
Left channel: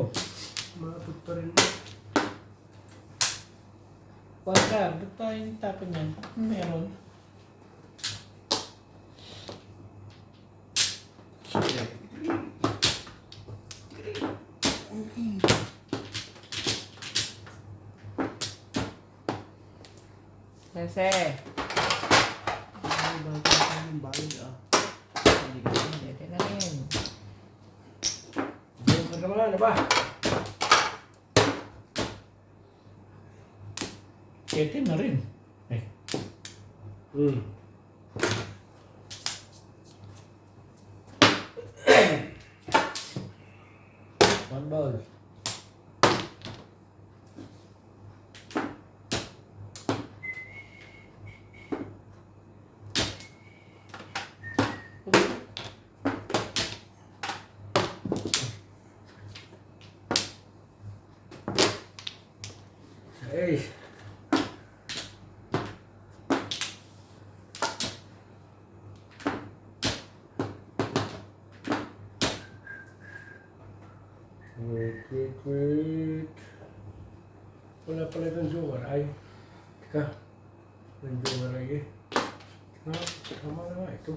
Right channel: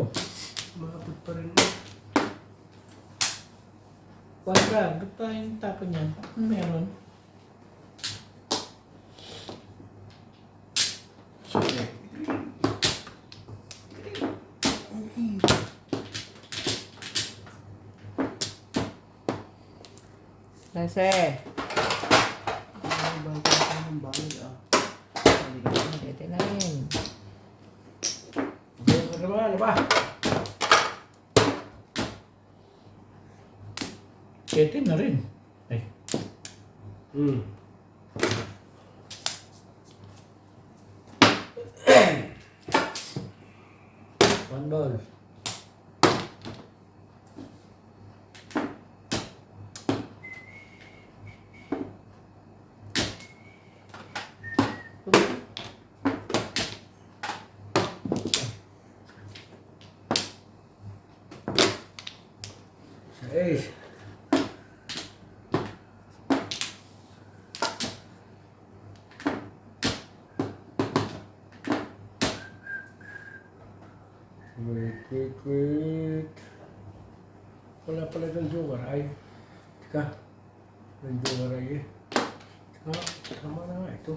Mahapog pa rin. Wala, ba't tayong tapon yan? Meron. Kasi, Ay, bago ako ng bago Hindi ka naman. pwede na rin. Joker naman, ano ba? Kete na rin. Ay, one ball. Sa ace. Wait. Wala pala itong joker. Ay, teka. Yung joker ay eh. Tama na nga ito.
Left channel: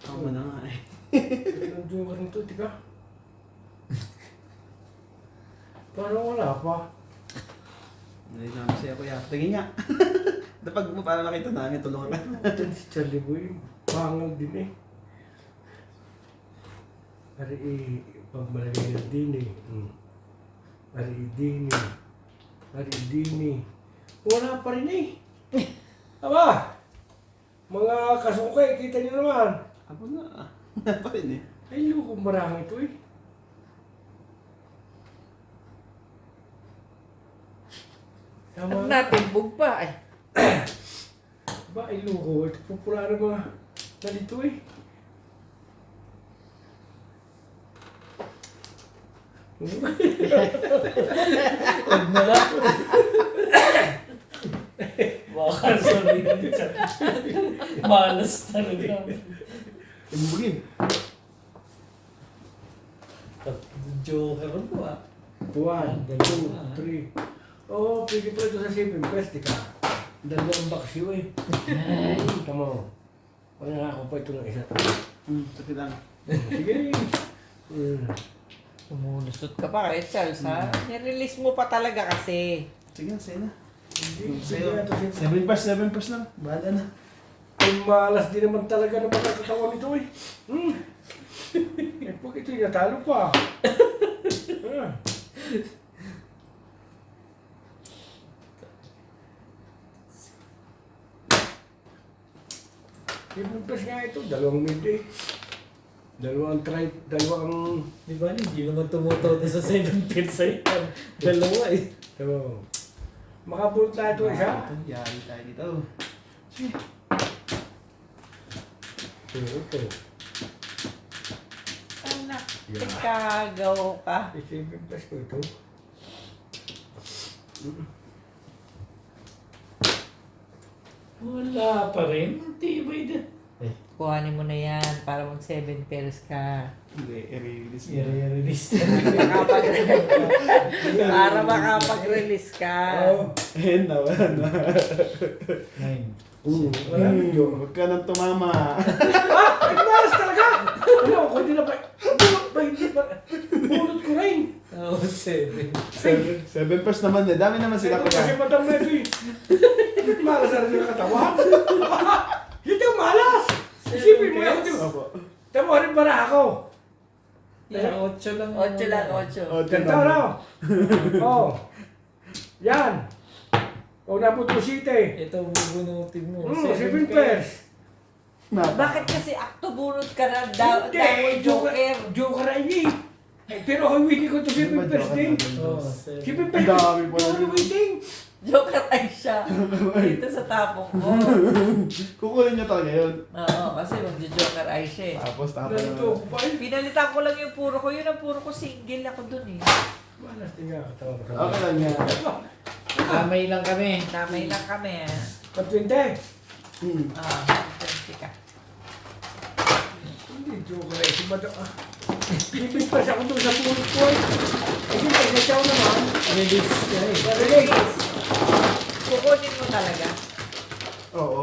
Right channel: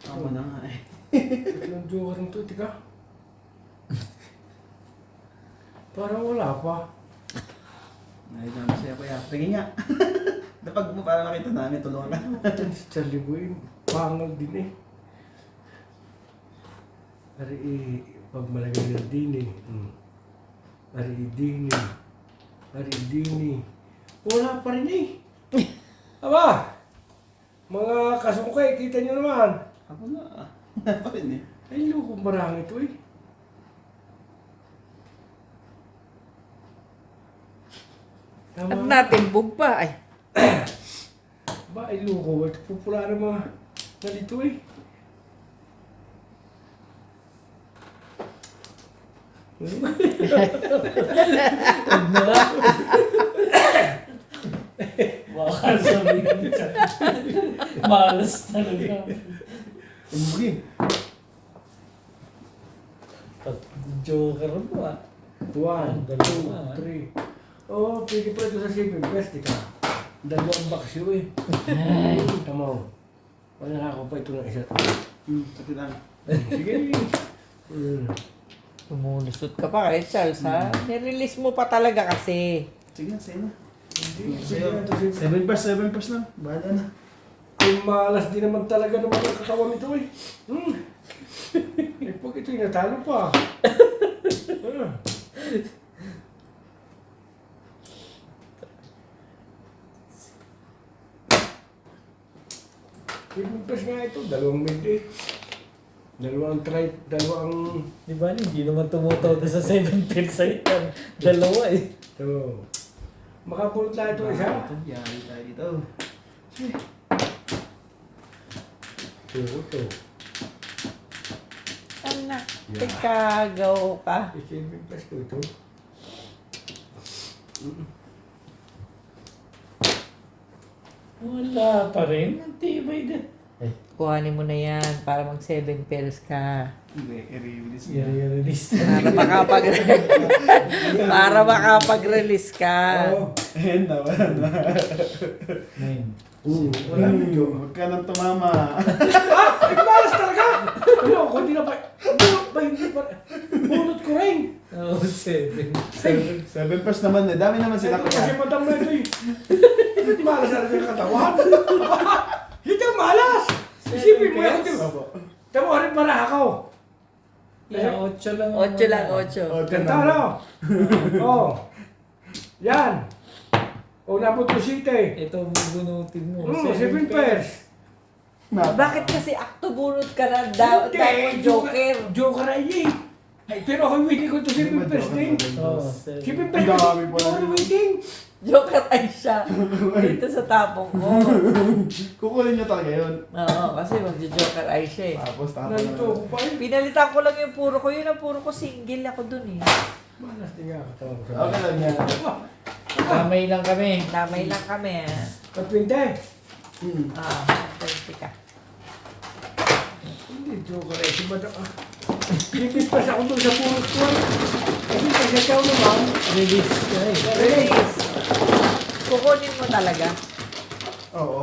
Tama na nga eh. Ito yung joker nito, teka. Parang wala pa. Ay, siya pa yan. Tingin nga. Dapag mo para makita namin tulungan. Si Charlie Boy, pangag din eh. Pero pag malagay na din eh. Maridini. Maridini. Wala pa rin eh. Aba! Mga kasungkay, kita nyo naman. Ako na. Wala pa rin eh. Ay, lukong marami ito eh. At Tama. natimbog pa. Ay, Ba, ay luko. Ito pupula ng mga nalito eh. Huwag na nga. Baka sabihin ka. Malas talaga. Timbugin. Joker mo ah. 1, Dalawa, 2, 3. Oh, pwede pa ito sa Sipin Fest, di ka. Dalawang baksyo eh. Ay, tamo. Pag nakako pa ito ng isa. Sakit lang. Sige. Umulusot ka pa kay Charles, ha? Nirelease mo pa talaga kasi. Sige na, sige na. Hindi, sige na ito Sipin. 7 bars na. Bahala na. Kung malas din naman talaga naman ang katawan nito eh. Eh, pag ito'y natalo pa. Sipin Fest nga ito, dalawang mid eh. Dalawang Di ba? Hindi naman tumutaw na sa 7 pins yan. Dalawa eh. So, makapulot na ito isa. Ito, yari tayo dito. Ito. Anak, ikagaw ka. Isipin pa ko ito. Wala pa rin. Ang tibay din. Ay, Kuhanin mo na yan para mag 7 pairs ka. Hindi, i-release niya. i-release Para para makapag-release ka. Oo. Ayun na, wala na. 9. Wala medyo. Huwag ka nang tumama. Ay, malas talaga! Ano, kung hindi na pa... Ba, hindi pa... Bunot ko rin. Oo, 7. 7 bars naman eh. Dami naman sila Ito kasi kaya. madam na ito eh. Malas na rin yung katawan. Ito yung malas! Isipin mo yan. Opo. Tama ko rin para ako. Yeah, 8 lang. 8 lang, 8. O, Ganda na. Oo. Yan. O, napot ko site. Ito bubunutin mo. 7 pairs. Bakit kasi akto bunot ka na dapat Joker? Joker ay eh. Ay, pero ako waiting ko to 7 pairs din. Oo, 7 7. pairs. Ang dami pala. Ako waiting. Joker ay siya. Dito sa tapong ko. Kukunin niyo talaga yun. Oo, kasi magjo-Joker ay siya eh. Tapos tapos Nalito na. ko pa eh. Pinalitan ko lang yung puro ko. Yun ang puro ko single ako dun eh. Malas din nga katawan ko. Okay lang yan. Kamay lang kami. Damay lang kami ah. Patwinte. Ah, 20 ka. Hindi, Joker ay. Si Madam. Lipit pa siya ako doon sa pulot ko eh. Kasi kasi ikaw naman. Release ka eh. Release! Kukunin mo talaga. Oo.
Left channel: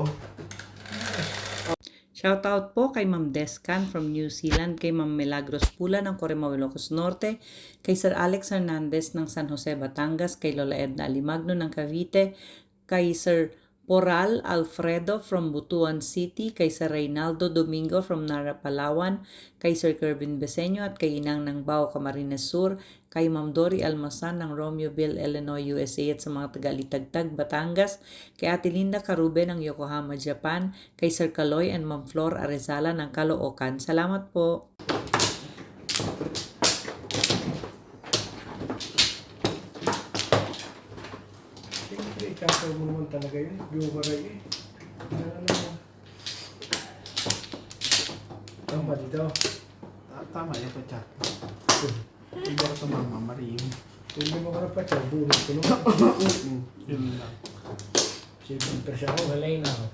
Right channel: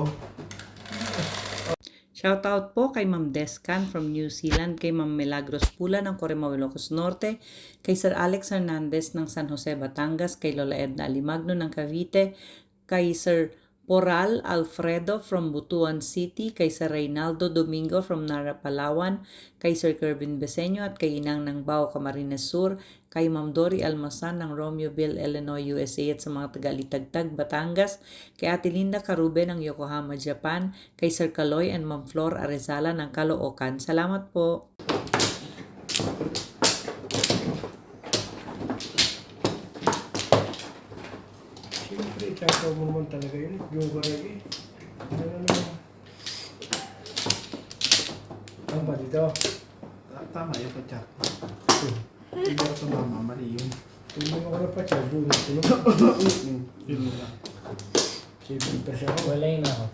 Shoutout po kay Ma'am Descan from New Zealand, kay Ma'am Milagros Pula ng Corimao, Ilocos Norte, kay Sir Alex Hernandez ng San Jose, Batangas, kay Lola Edna Alimagno ng Cavite, kay Sir Poral Alfredo from Butuan City, kay Sir Reynaldo Domingo from Nara, Palawan, kay Sir Kervin Beseño at kay Inang ng Bao, Camarines Sur, kay Ma'am Dory Almasan ng Romeoville, Illinois, USA at sa mga taga-Litagtag, Batangas, kay Ate Linda Carube ng Yokohama, Japan, kay Sir Kaloy and Ma'am Flor Arezala ng Caloocan. Salamat po! Siyempre, tataw mo naman talaga yun. Joker ay eh. Ano? Ang pa dito. Tama yan po, chat. Hindi ako tumama, mali yun. Kung hindi mo na pa siya, bunot ko naman. Yun na. 7 pairs ako. Walay na ako.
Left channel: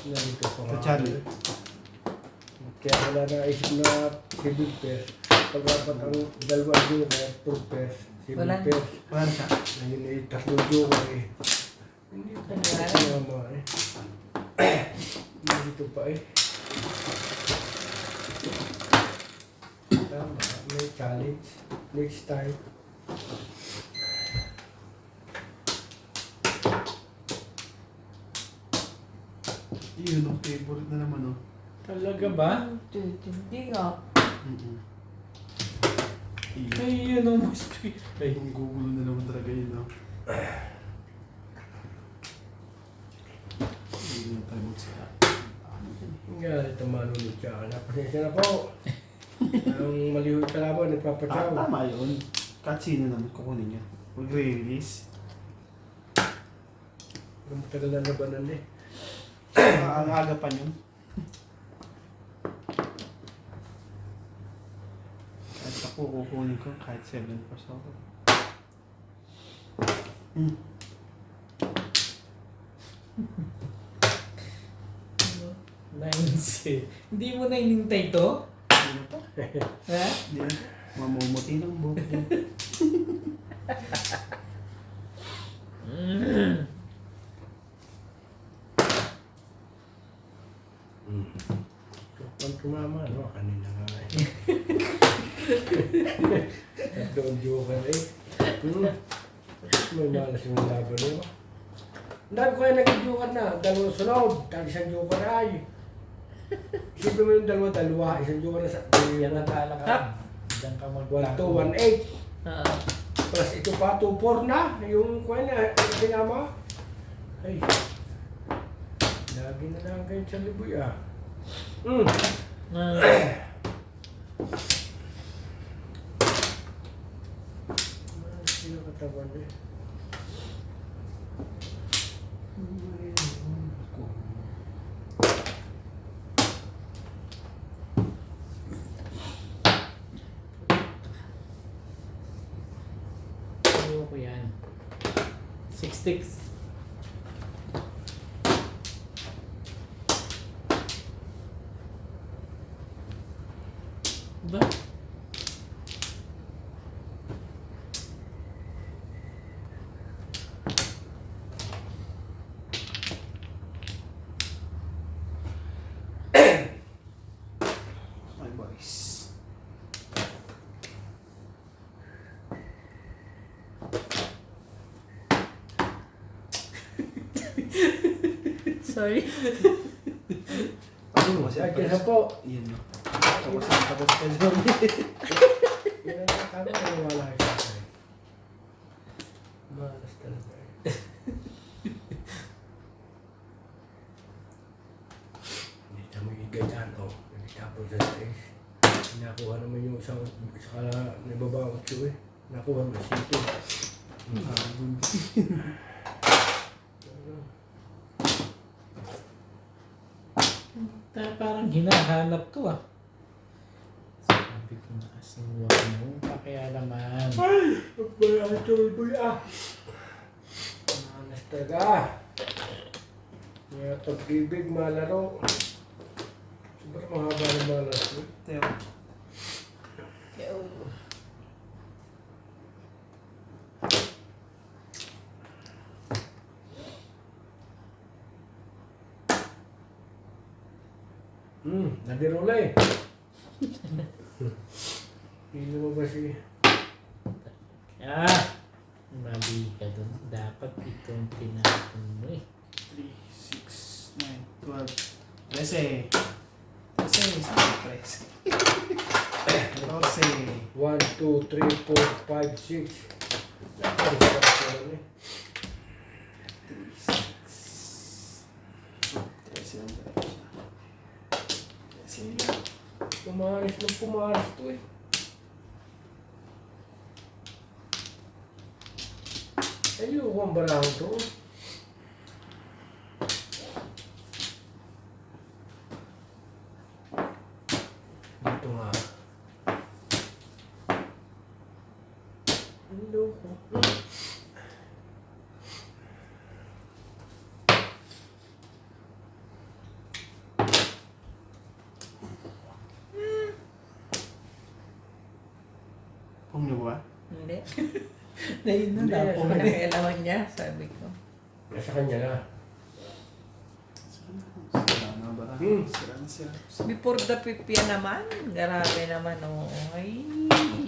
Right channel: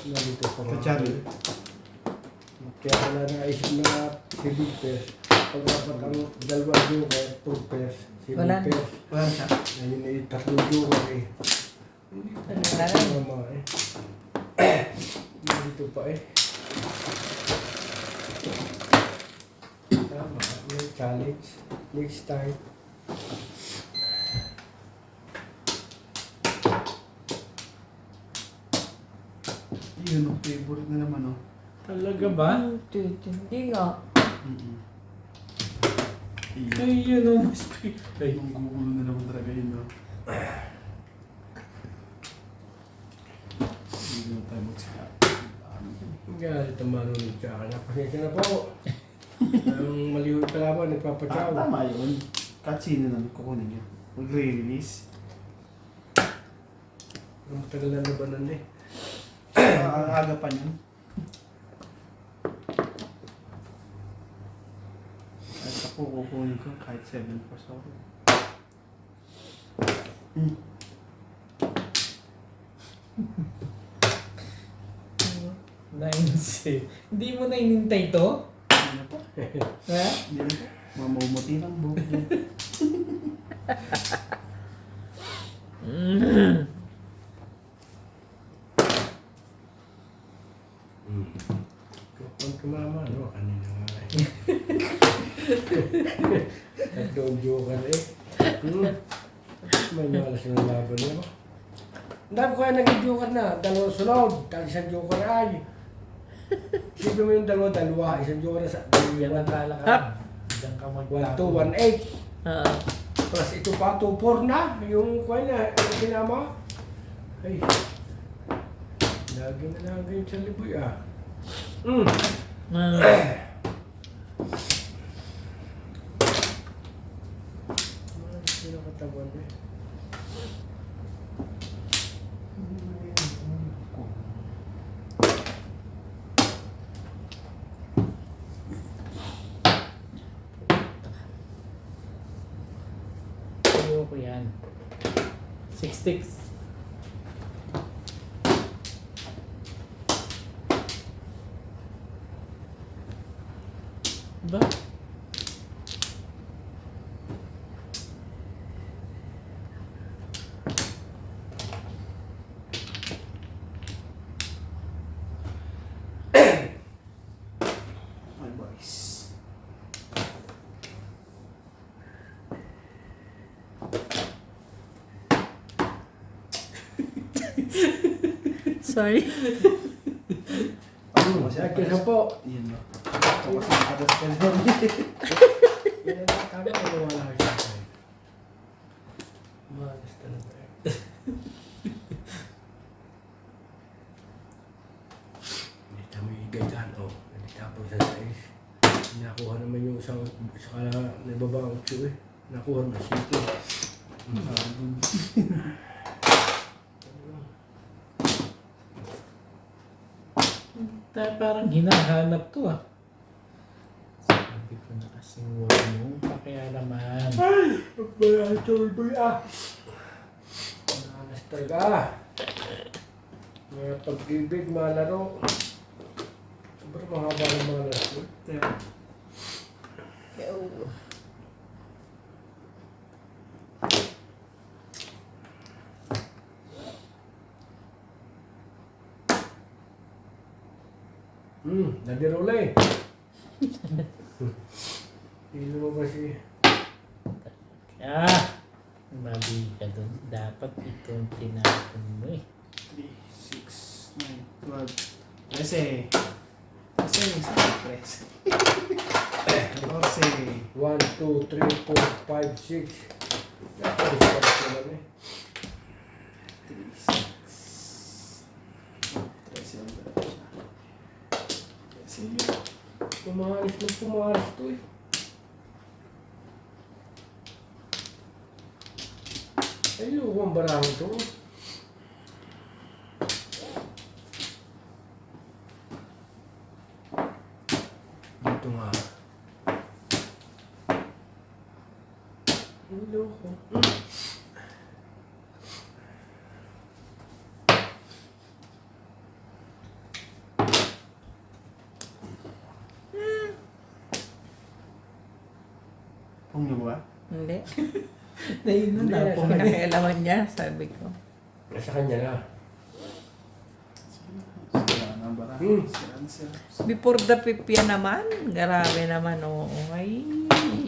Nalito ko Sa Charlie. Kaya wala naisip na 7 pairs. Pag-apat ang dalawang joker, 2 pairs. 7 Wala. pairs. Wala siya. Naliliit, tatlong joker eh. Hindi pa naman eh. Dito pa eh. Tama, may challenge. Next time. Yun ang favorite na naman, oh. Talaga ba? Hindi nga. Ay, yun o, mas... Ay, Yung gugulo na naman talaga yun, no? Hindi na tayo magsa. Galit ang manunod siya. Pasensya na po. Ang malihoy kalaban, nagpapatsaw. Tama yun. Kahit sino naman kukunin niya. Mag-release. Ang tagal na labanan eh. Ang aga pa yun. Kahit ako kukunin ko, kahit 7 plus ako. Nainse. Hindi mo na inintay to? Hindi na po. Ha? Hindi na po. Mamumuti ng buhok niya. Kung tumama, ano, kanina nga eh. At doon joker eh. May malas yung laban niya. Ang dami ko kaya naging joker na. Dalawang sunod. Dahil isang joker ay. Isipin mo yung dalawa. Isang joker na sa... Yan ang kalakaran. Diyan ka 1, 2, magtago. 1, 8. Plus ito pa, 2, 4 na. Yung kuha na, yung sinama. Ay. Lagi na lang ganyan sa liboy ah. Sino katawan eh? Ayoko yan. 6 sticks. Ba? My boys. Sorry. Sa akin na po. Yan no. Ako kasi nakatas ka dyan. Yan ang tama na wala siya. Malas talaga eh. Dito mo yung ganyan o. Nagtapon sa size. Nakuha naman yung isang saka nababawag siya eh. Nakuha mo sito. Parang hinahanap to ah. Sabi ko na kasing huwag mong pakialaman. Ay! Magbayaan tuloy ah! Malas talaga. May pag-ibig, malaro. Sobrang mahaba ng mga laro. Teo. Nadirola eh. Hindi mo ba si... Ah! Mali ka dun. Dapat itong tinapon mo eh. 3, 6, 9, 12. Kasi. Kasi. Kasi. 1, 2, 3, 4, 5, 6. Ay, sarap naman eh. 13. Pumaris na pumaris to eh. Ayoko ang barahon to. Dito nga. Ayoko. Pung niyo ba? Hindi. Na yun na Hindi, napong nasa- Pinakailaman niya, sabi ko. Nasa kanya na. Sira na ba? Sira na sila. Before the fifth yan naman, grabe naman, oo. Ay,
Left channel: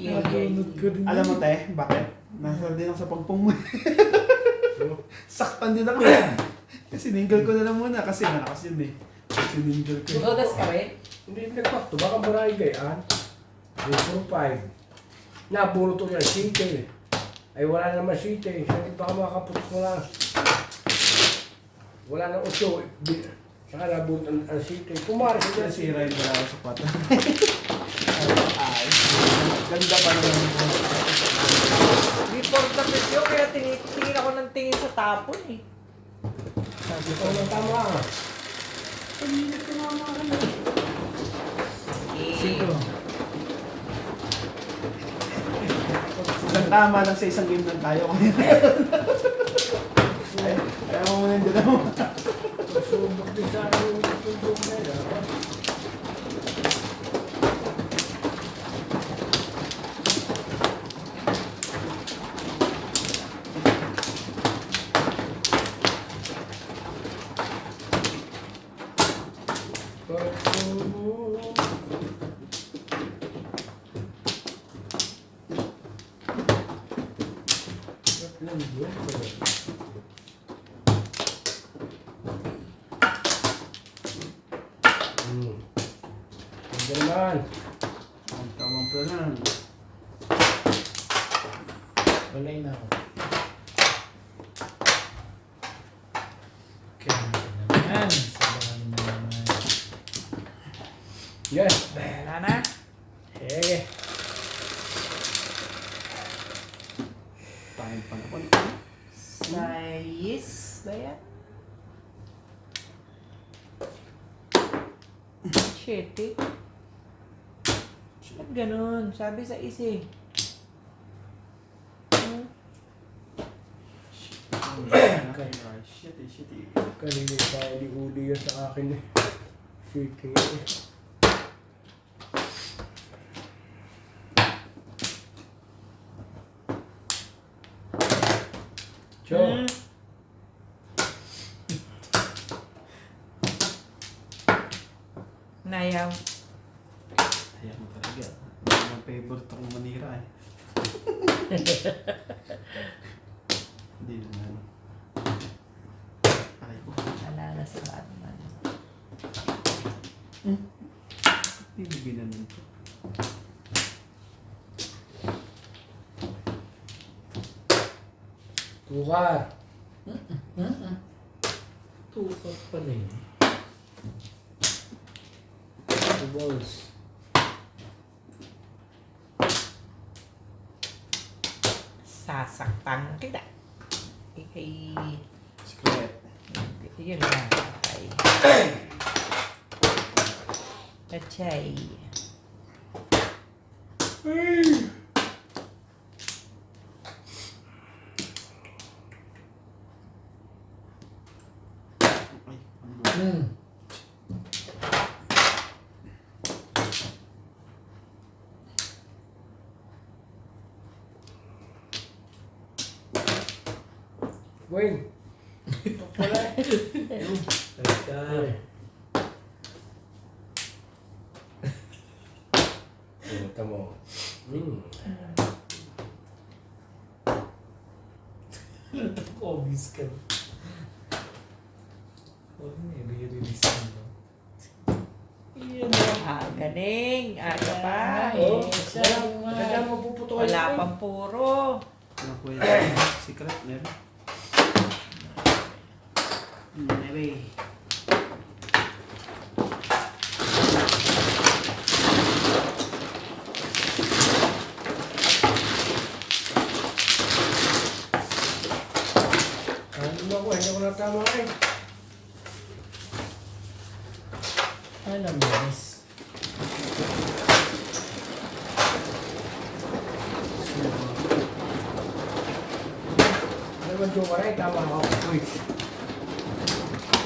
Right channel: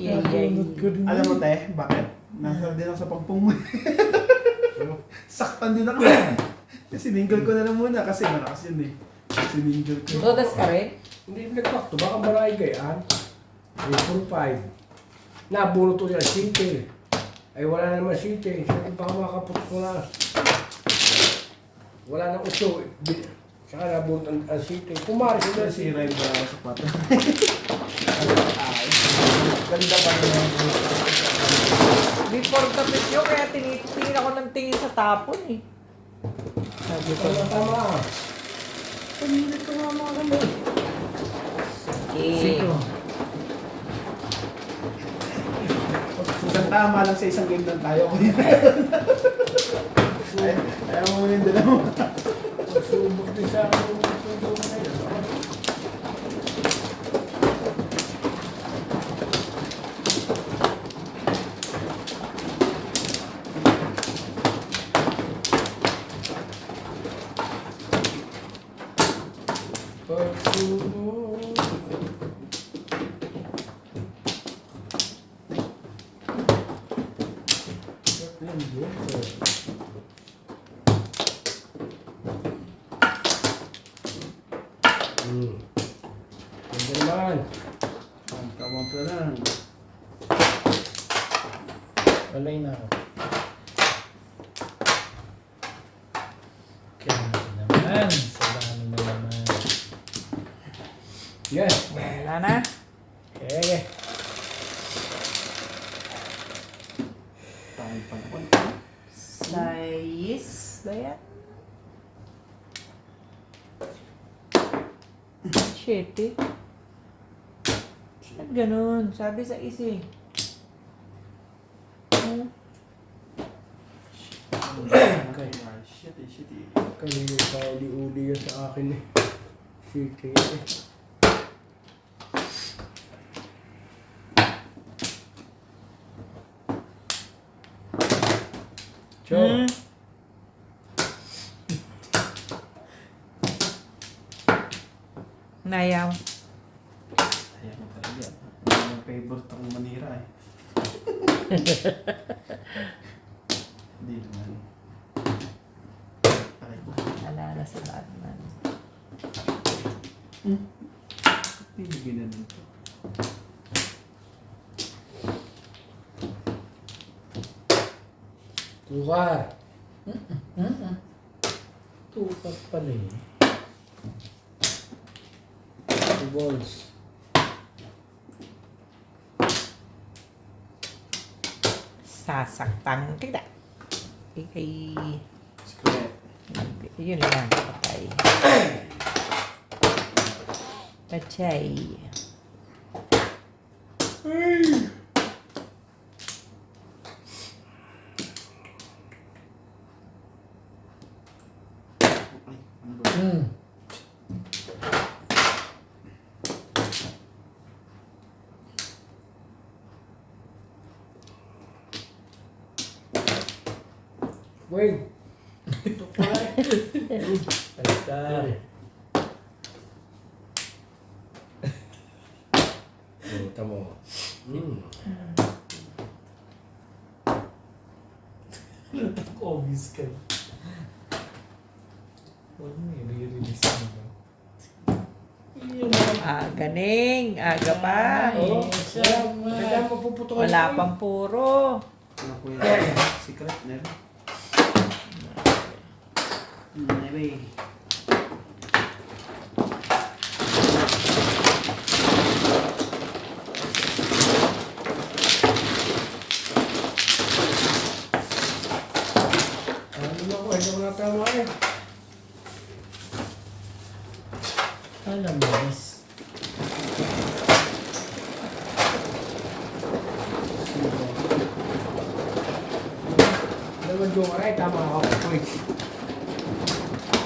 Nabunod ko rin. Alam mo te, bakit? Nasa din ako sa pagpung mo. Saktan din ako. Sininggal ko na lang muna kasi malakas yun eh. Sininggal ko. Todas ka rin? Hindi nagpakto. Baka marami gayaan. 3, 4, 5. Nabunot ulit ang site. Ay wala naman site. Sabi baka makaputok ko na. Wala nang uso. Saka nabunot ang site. Kumari sila Sira yung mga sapat. Ganda pa rin. Before the video, kaya tinitingin ako ng tingin sa tapon eh. Sabi ko na tama. Pag-init ko nga mga kamay. Siko. Isang tama lang sa isang game lang tayo. Ayaw mo muna yung dalawa. Subok din sa akin yung subok na yun. Ganyan. Ang tamang plan. Walay na ako. Kaya naman. Sabahan na naman. Yes. Wala na. Eh. Tayo pa naman. Size ba yan? Shit eh. Ba't ganun? Sabi sa isi. Shit eh. Kanina tayo uli yan sa akin eh. Sige. So, Nayaw. Ayaw mo talaga. Hindi mo favorite akong manira eh. Hindi naman. Aray ko. Wala na sa Batman. Bibigyan na nito. tukar. Tukat pala eh. 2 balls. Sasaktan kita. Ikay. Split. Yun lang. Okay. Kachay. Ay, ano ba? Wait. Talaga. Puta mo. Obvious ka. Huwag mo i-release mo. Iyan lang. Ganing. Aga pa. Oh, Kailangan mo puputukan Wala yun. pang puro. Ano ko yun? Secret meron? Meron. Ano ko, hindi ko natama eh. Alam mo, miss. Ano naman Jomaray, tama ako. Wait.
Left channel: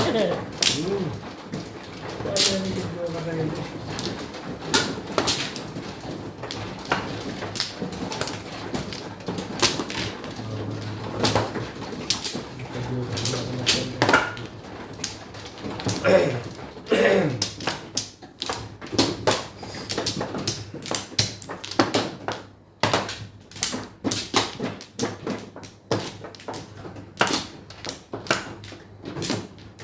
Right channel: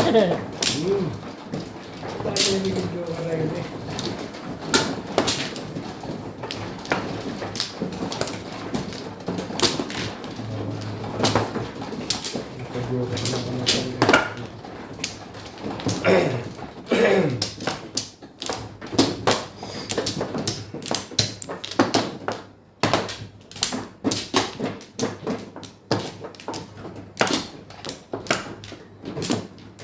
Kaya namin yung Jomaray eh. Nagka-Joker na ako na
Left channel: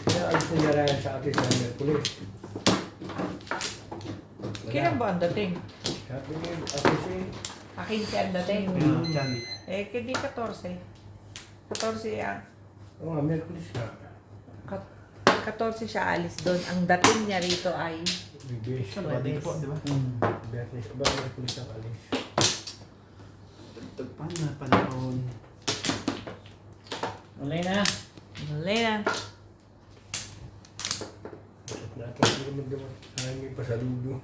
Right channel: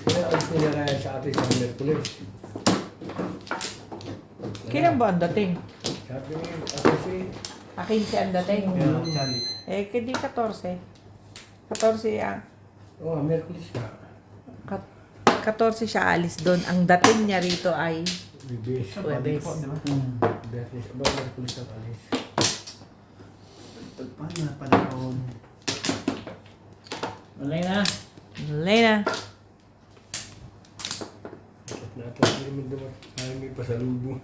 Kaya alis na nila sa atin sa Merkulis. Kailan ba ang dating? Sabi ni Ate si 15 ang dating. Johnny. Eh, hindi 14. 14 yan. Oo, Merkulis ka. 14 siya alis doon. Ang dating niya rito ay Bibis. Sabado po, di ba? Merkulis ba? Merkulis ang alis. Baliktad pa na panahon. Wala na. Malay na. At natin hindi naman dumat. Ayaw may pasalubong.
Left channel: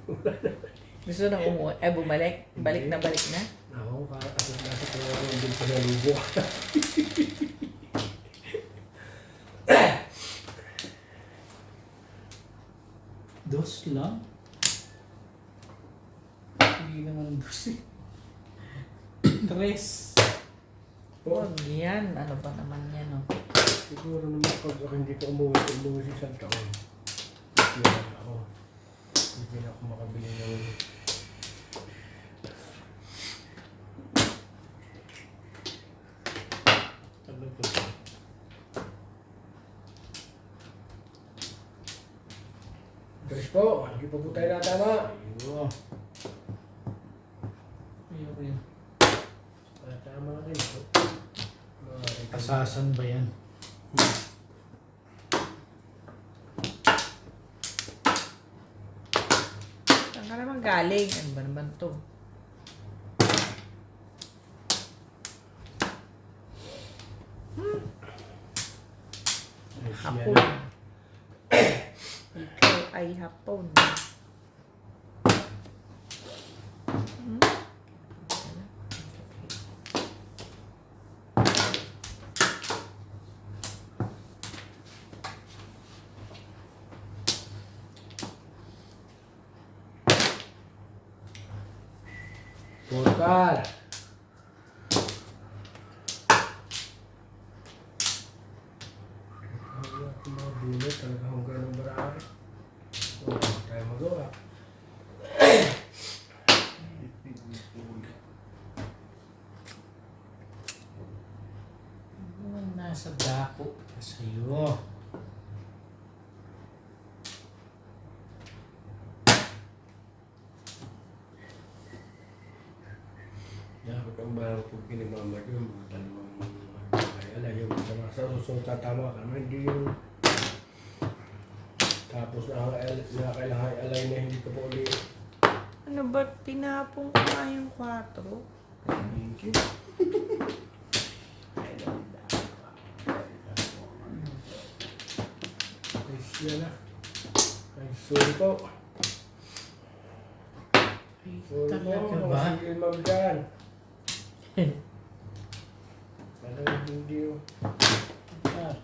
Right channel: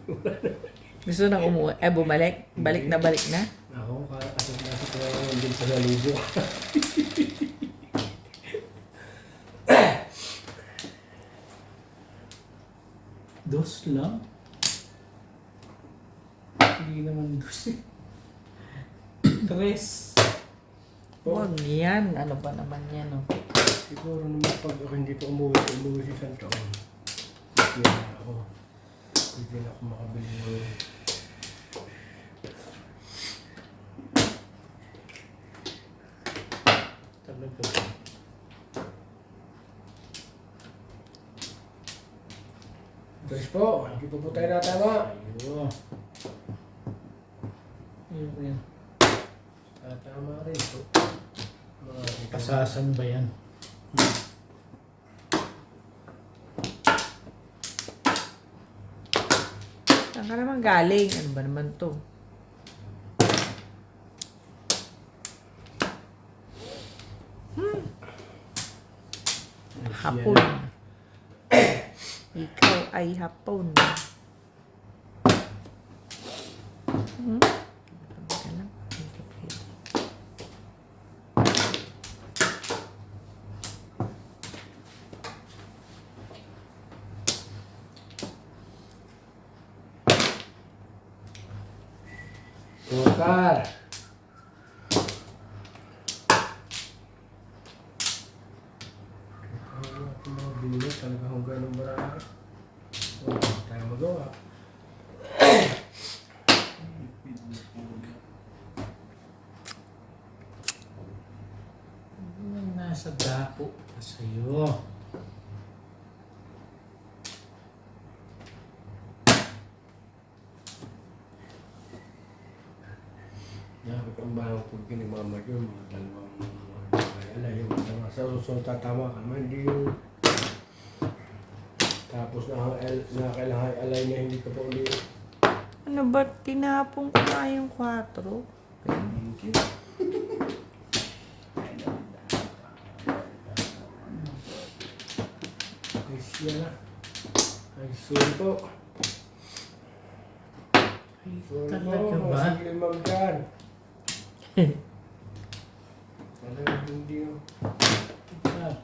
Gusto nang umuwi. Ay, bumalik. Balik na. Ako, ako ko lang naman din pasalubong. Dos lang? Hindi naman dos eh. Tres. Huwag yan. Ano ba naman yan, no? Siguro naman pag ako hindi pa umuwi sa isang taon. Hindi na ako. Hindi na ako makabili ng Talaga. Diyos po, hindi pa po tayo natama. Ayun. Ayun. Tama rin po. Pasasan ba yan? Saan ka naman galing? Ano ba naman to? Hapon. Ikaw ay hapon. Hmm? Tukar. Ako mga bulot, talaga akong ganun marami. Wala tayo magawa. Yung nasa dako pa sa'yo. Nakakambaraw po kinimama ko yung mga dalawang ala yung mga sa susunod tatama ka naman, hindi yung tapos na kailangan alay na hindi ka pa uli. Ano ba? Tinapong ko nga yung 4. Thank you. Ay siya na. Ay sorry po. Ay, Sorry talaga po, ba? sige ma'am dyan. Talagang hindi yung Ah,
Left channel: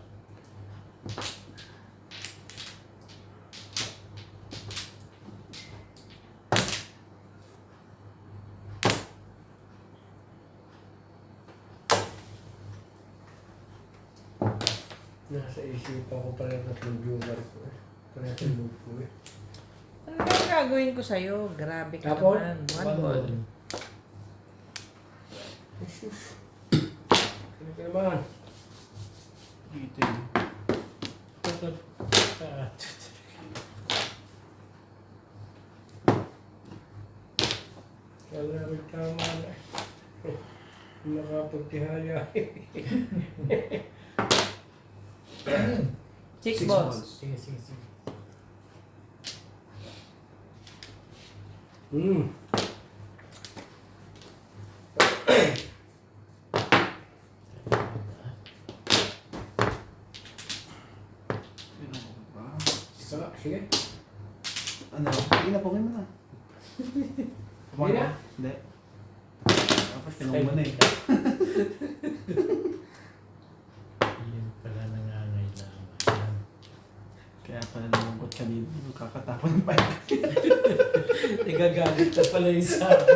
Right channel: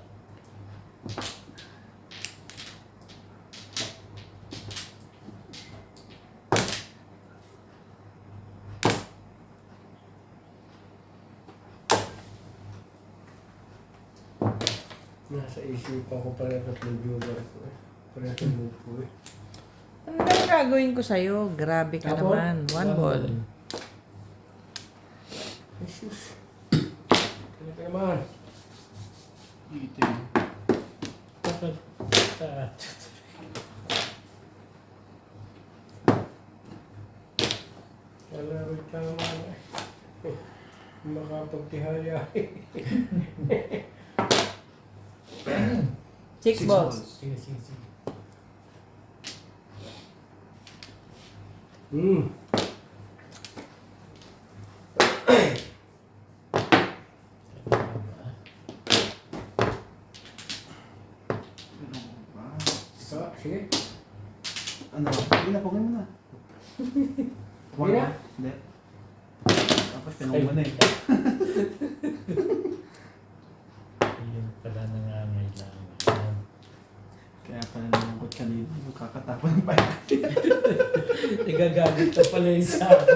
nasa isipan ko pala yung tatlong viewer ko eh. Kaya move ko eh. Ano ba yung gagawin ko sa'yo? Grabe ka Tapos, naman. One ball. Ay sus. Ano ka naman? Dito yun. tatat- ah, Wala rin tama na eh. Makapagtihaya eh. Six balls. Sige, sige, sige. So, sige. Ano? Hindi na, pungin mo na. Hindi na? Hindi. Tapos tinong mo na eh. Yun pala nangangailangan. Kaya pala nalungkot kanina. Magkakatapang pa. Nagagalit ka pala yung sabi.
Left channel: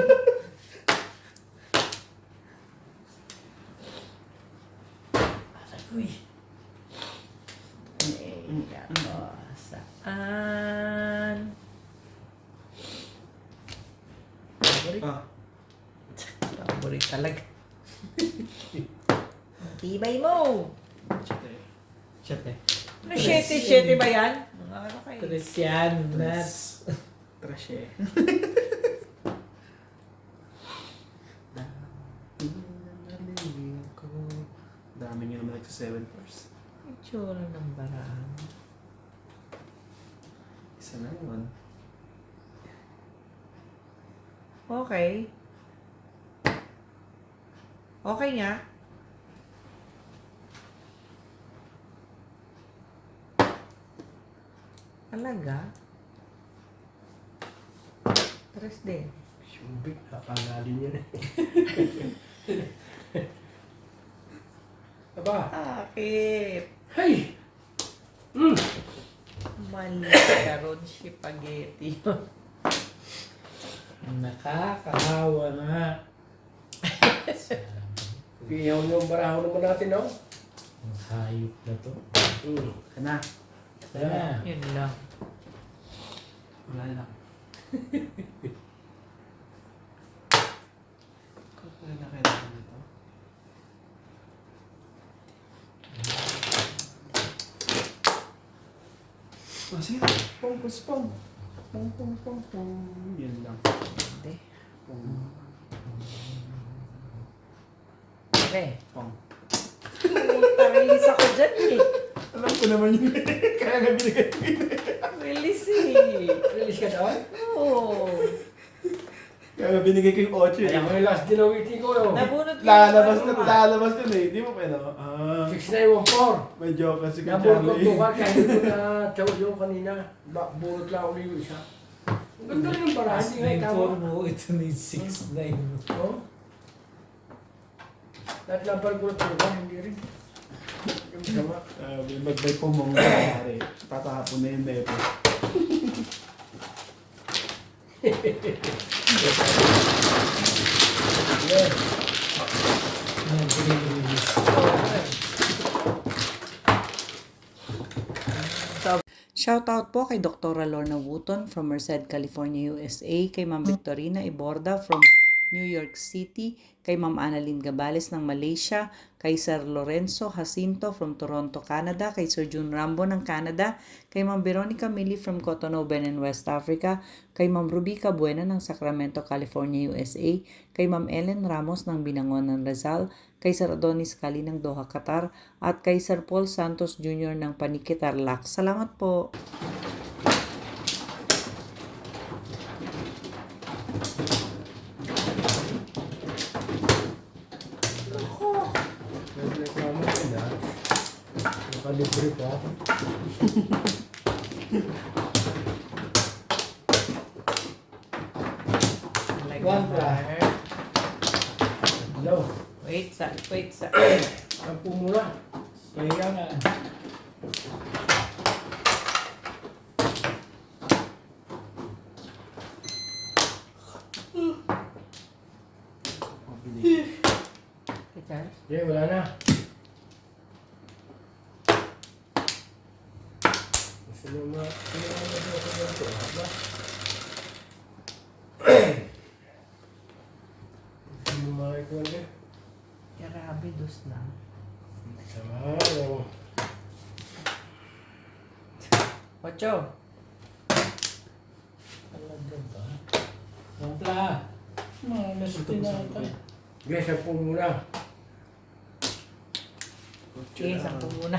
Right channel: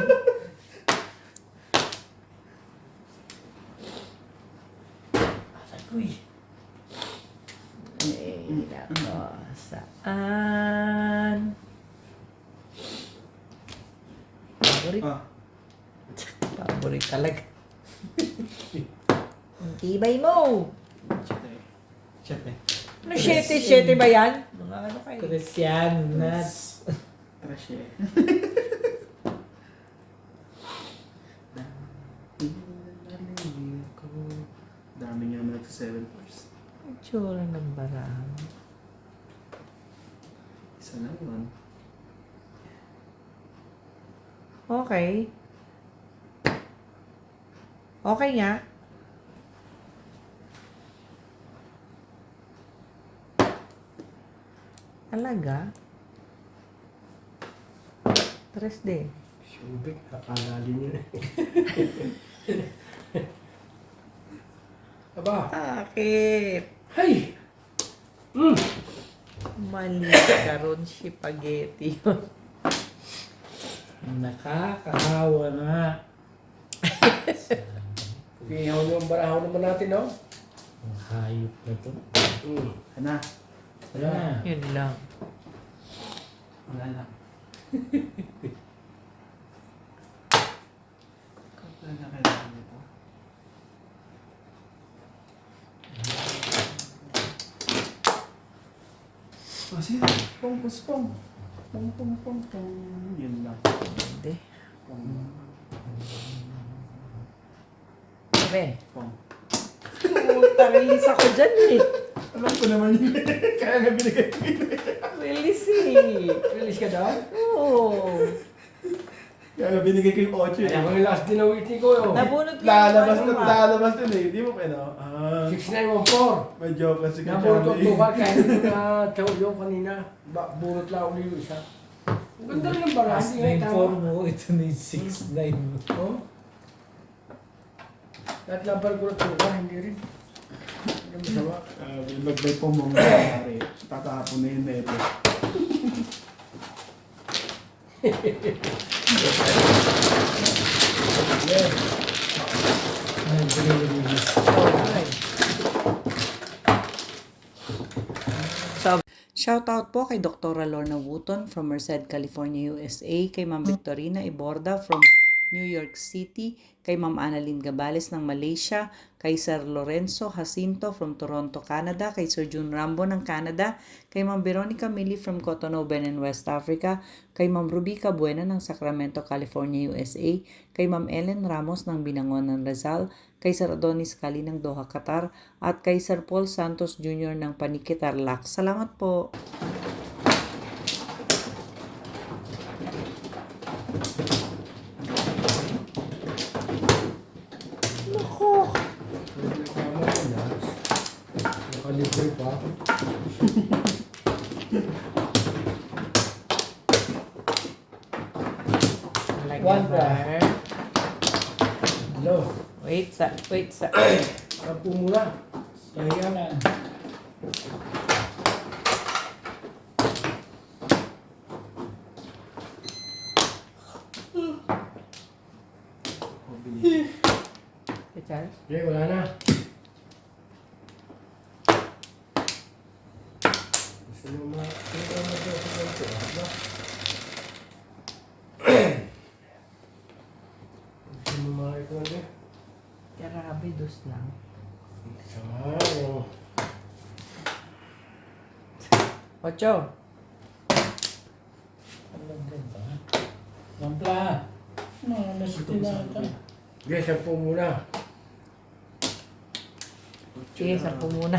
Aray, Nako, saan? Paborit. Ah. Paborit talaga. Ang tibay mo. Shit eh. Ano, 7 ba yan? Mga ano kayo? Christian nuts. Trash eh. nagsa 7 pours. Itsura ng barahan. Isa na naman. Okay. Okay nga. Talaga? Tres din. Subik, nakakala din yun. Aba, Bakit? hey! Mali karon si spaghetti. Nakakahawa nga. Iyaw yung barahaw naman natin, no? Ang hayop na to. Kana. Sana. Yun lang. Wala lang. Kapag na kailangan nito. Oh, sige. Pong, pong. Pong, pong, pong, pong. Yun lang. Hindi. Pong, Okay. pong. Release ako dyan eh. Alam ko naman yun. Kaya nga binigay ko yun. Release eh. Release ka daw? Oo. Kaya nga binigay ko yung 8 eh. Ako yung last din na waiting ko, no? Nabunot ko Lalabas dun eh. Di mo pa no? 6914. May joke kasi kay Nabunot ko Charlie. ito ka, kaya hindi ko na tawag yung kanina. Bunot lang ulit yung isa. Ang ganda rin ng barahan. Mas 9-4 mo, ito na yung 6-9 mo. Oh. Lahat lang pala ko na hindi rin. Ang masama. Magbay po mong nangyari. Tatahapon na yung neto. Yeah. Nag-release. Shoutout po kay Dr. Lorna Wooton from Merced, California, USA, kay Ma'am Victorina Iborda from New York City, kay Ma'am Annalyn Gabales ng Malaysia, kay Sir Lorenzo Jacinto from Toronto, Canada, kay Sir June Rambo ng Canada, kay Ma'am Veronica Mili from Cotonou, Benin, West Africa, kay Ma'am Rubica Buena ng Sacramento, California, USA, kay Ma'am Ellen Ramos ng Binangon ng Rizal, kay Sir Adonis Cali ng Doha, Qatar, at kay Sir Paul Santos Jr. ng Paniqui, Tarlac. Salamat po! Pwede ka naman na. Nakalibre pa. One plus. Hello. Wait sa. Sampu muna. Kaya nga. Okay, wala na. Gusto nyo ma-record eh. Grabe, dos lang. Sama yung... Ocho. Talaga ba? Wampla. Malas tinata. Okay, sampu muna. Sige, sampu muna.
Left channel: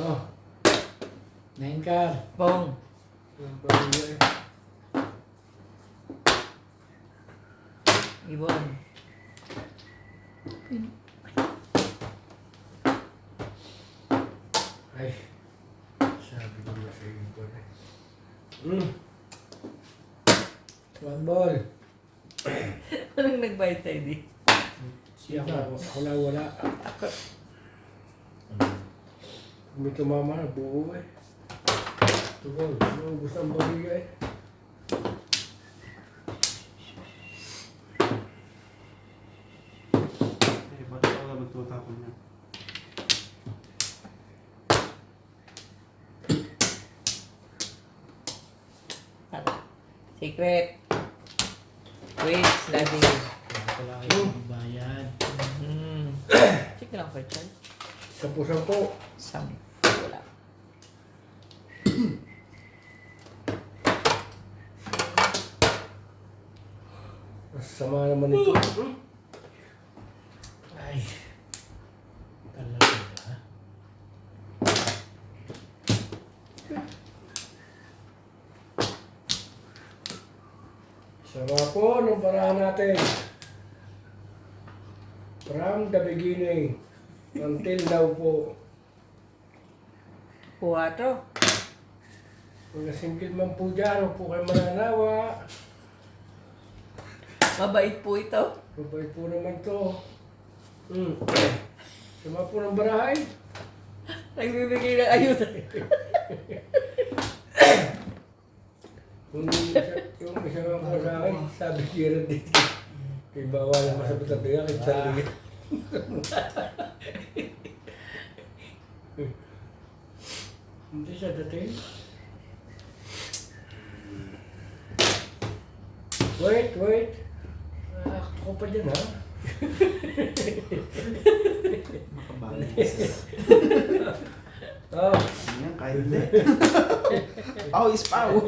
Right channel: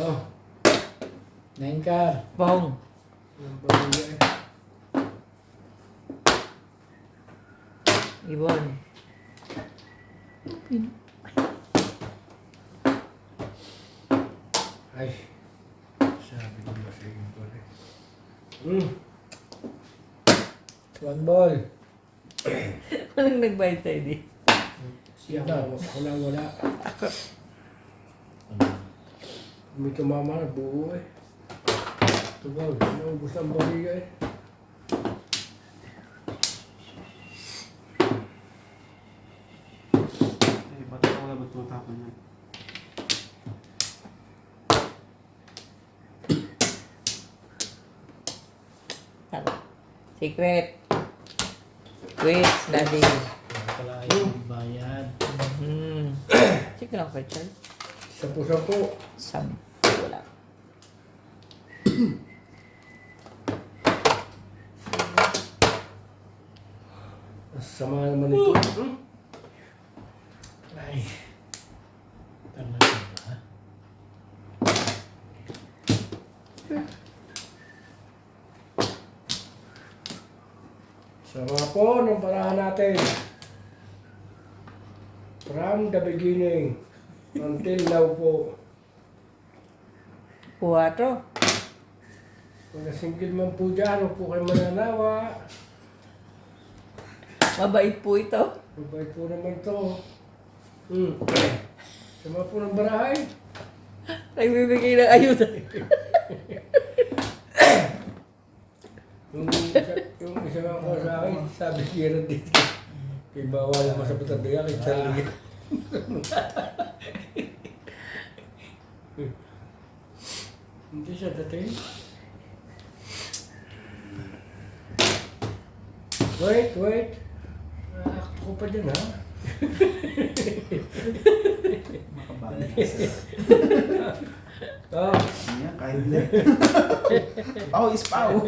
Oh. 9 car. Bong. Sampu muna eh. Ibon. Ay. Sabi ko na sa iyo eh. One ball. Anong nagbayad sa'yo di? Siya na, ako lang wala. May kamama na buo eh. Two balls. Ano gusto ang bumigay eh. Ba't ako na magtutapon yan? Secret. Wait, daddy. Kaya pala kayo bayad. Sige lang kay Chad. Sampu-sampu. Wala. Sama naman ito. Sama po ng parahan natin. From the beginning until now po. 4. Kung nasingkid man po dyan, huwag po kayo mananawa. Mabait po ito. Mabait po naman to. Sama po ng barahay. Nagbibigay ng ayuda. Yung isa nga po sa akin, sabi siya dito. Kaya bawal ang masabot at diya, kaya sarili. Hindi siya dating. Wait. Ako pa dyan ha. Makabalik ka sir. Oh, Ayan, kahit hindi. Pau is pau.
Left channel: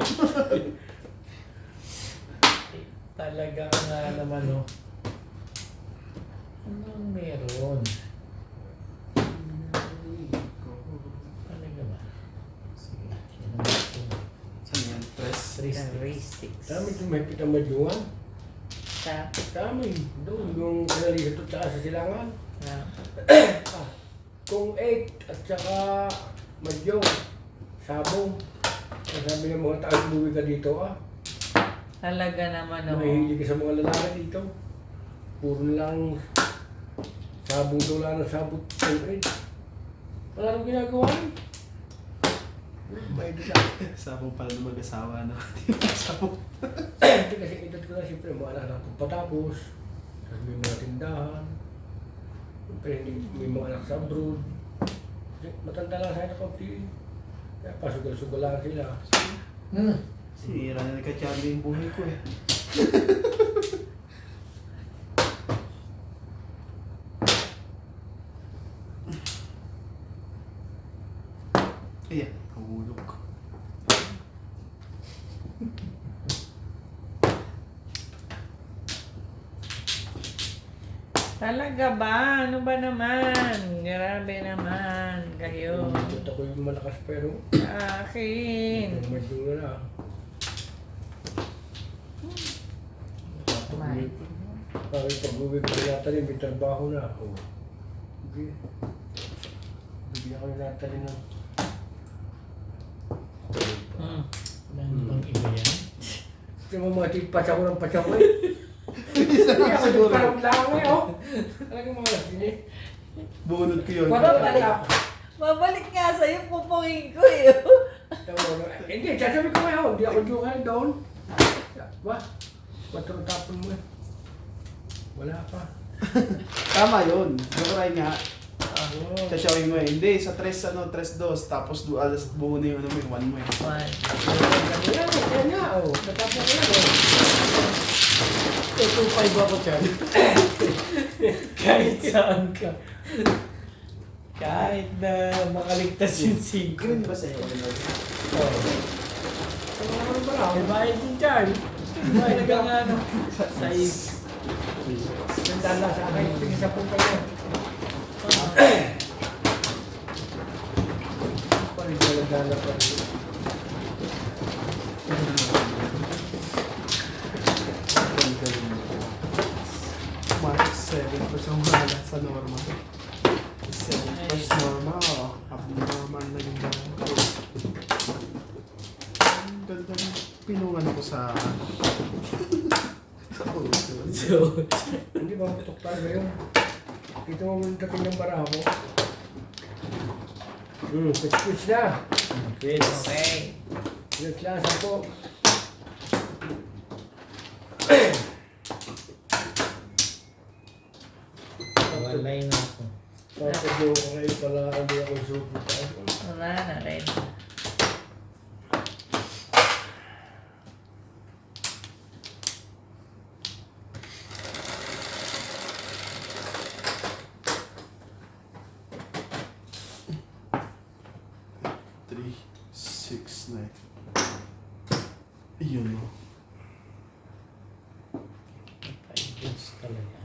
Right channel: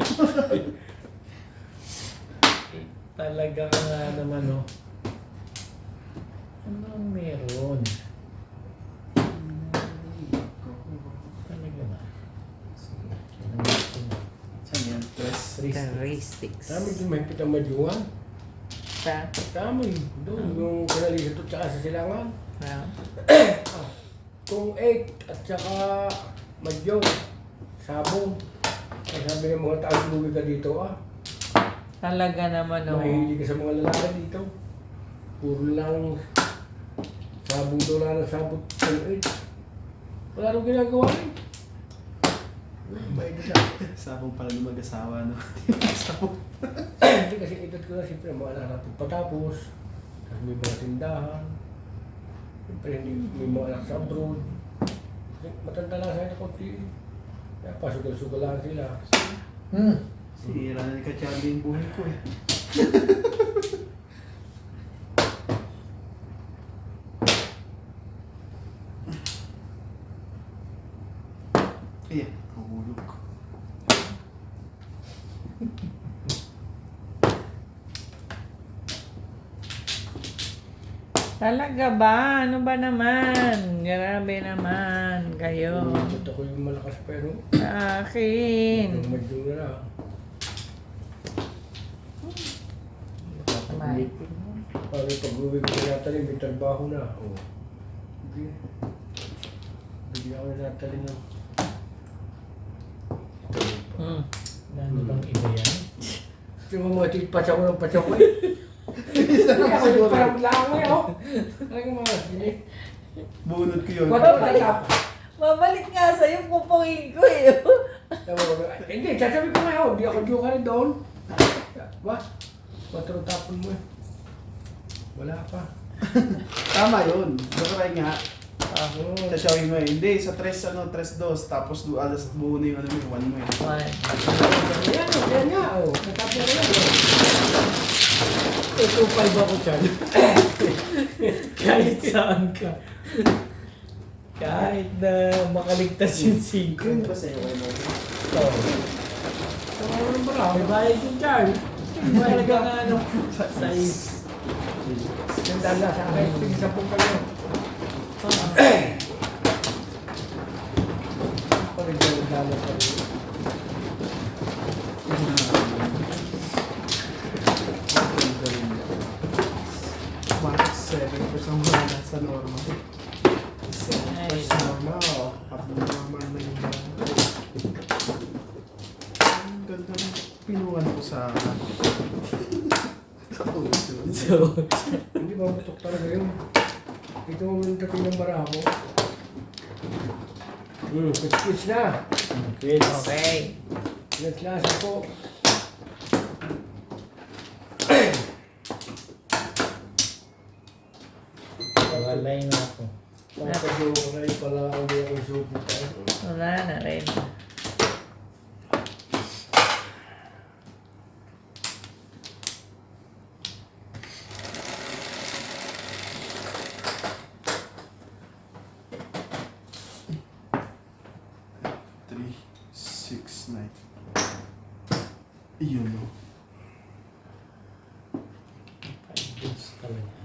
Talaga nga naman, oh. Ano ang meron? Talaga ba? Sige, yan ang gusto mo. Saan yan? Press. Characteristics. sabi tumahipit ang madyuan. Sa, Sa amin, doon yung kanalisot at saka sa silangan. Kung 8 at saka madyo, sabong. Ang sabi ng mga taong luwi ka dito talaga naman, oh. Mahilig ka sa mga lalaki dito. Puro lang sabong doon lang ng sabong kung 8. Wala nang ginagawa eh. May ito siya. Sabong pala ng mag-asawa no. Sabong. Hindi kasi edad ko na siyempre mga anak natin patapos. Tapos may mga tindahan. Siyempre may mga anak sa abroad. Matanda lang sa'yo na konti. Kaya pasugal-sugal lang sila. Sira na nagka-champion yung buhay ko eh. Ayan, nahulog. Talaga ba? Ano ba naman? Grabe naman kayo. Ito ko yung malakas pero Sa akin. yung madyo na lang. Maitin mo. Parang pag-uwi ko na natalin, may trabaho na. Hindi. Bigyan ako na natalin yung Ano bang iba yan? yung mga tipatsa ko ng patsa ko eh. Hindi ako parang lang eh, oh. Talagang mga sili. Bunod ko yun. Babalik nga sa'yo, pupungin ko eh. Hindi, sasabi ko nga, hindi ako joker doon. Wah, matrutapon mo eh. Wala pa. Tama yun. Nagkaray nga. Ako. Sa showing mo eh. Hindi, sa 3-2, tapos alas buo na yung ano mo, 1 mo eh. Yan nga, oh. Matapos ko lang eh. Ito 5 ako, Chad. Kahit saan ka. Kahit na makaligtas yung 5. Yun ba sa'yo? May bayad yung Chad. Talaga nga ano. Size. Ganda lang sa akin, tingin sa pong kayo. Parang hindi ko naglalak ka rin. Bakit 7% wala sa normal? 7% normal. Abnormal na yung bago. Ang ganda ng pinungan ko sa sa puso. So, Hindi ba matok tayo ba yun? Ito ang dating ng barako. Pitch na. Chris. Okay. Nagklasa po. Walay na ako. Tapos yung kulay pala ang di ako suko tayo. Wala na rin. Three, 6, 9. Iyon o. 5 boots talaga.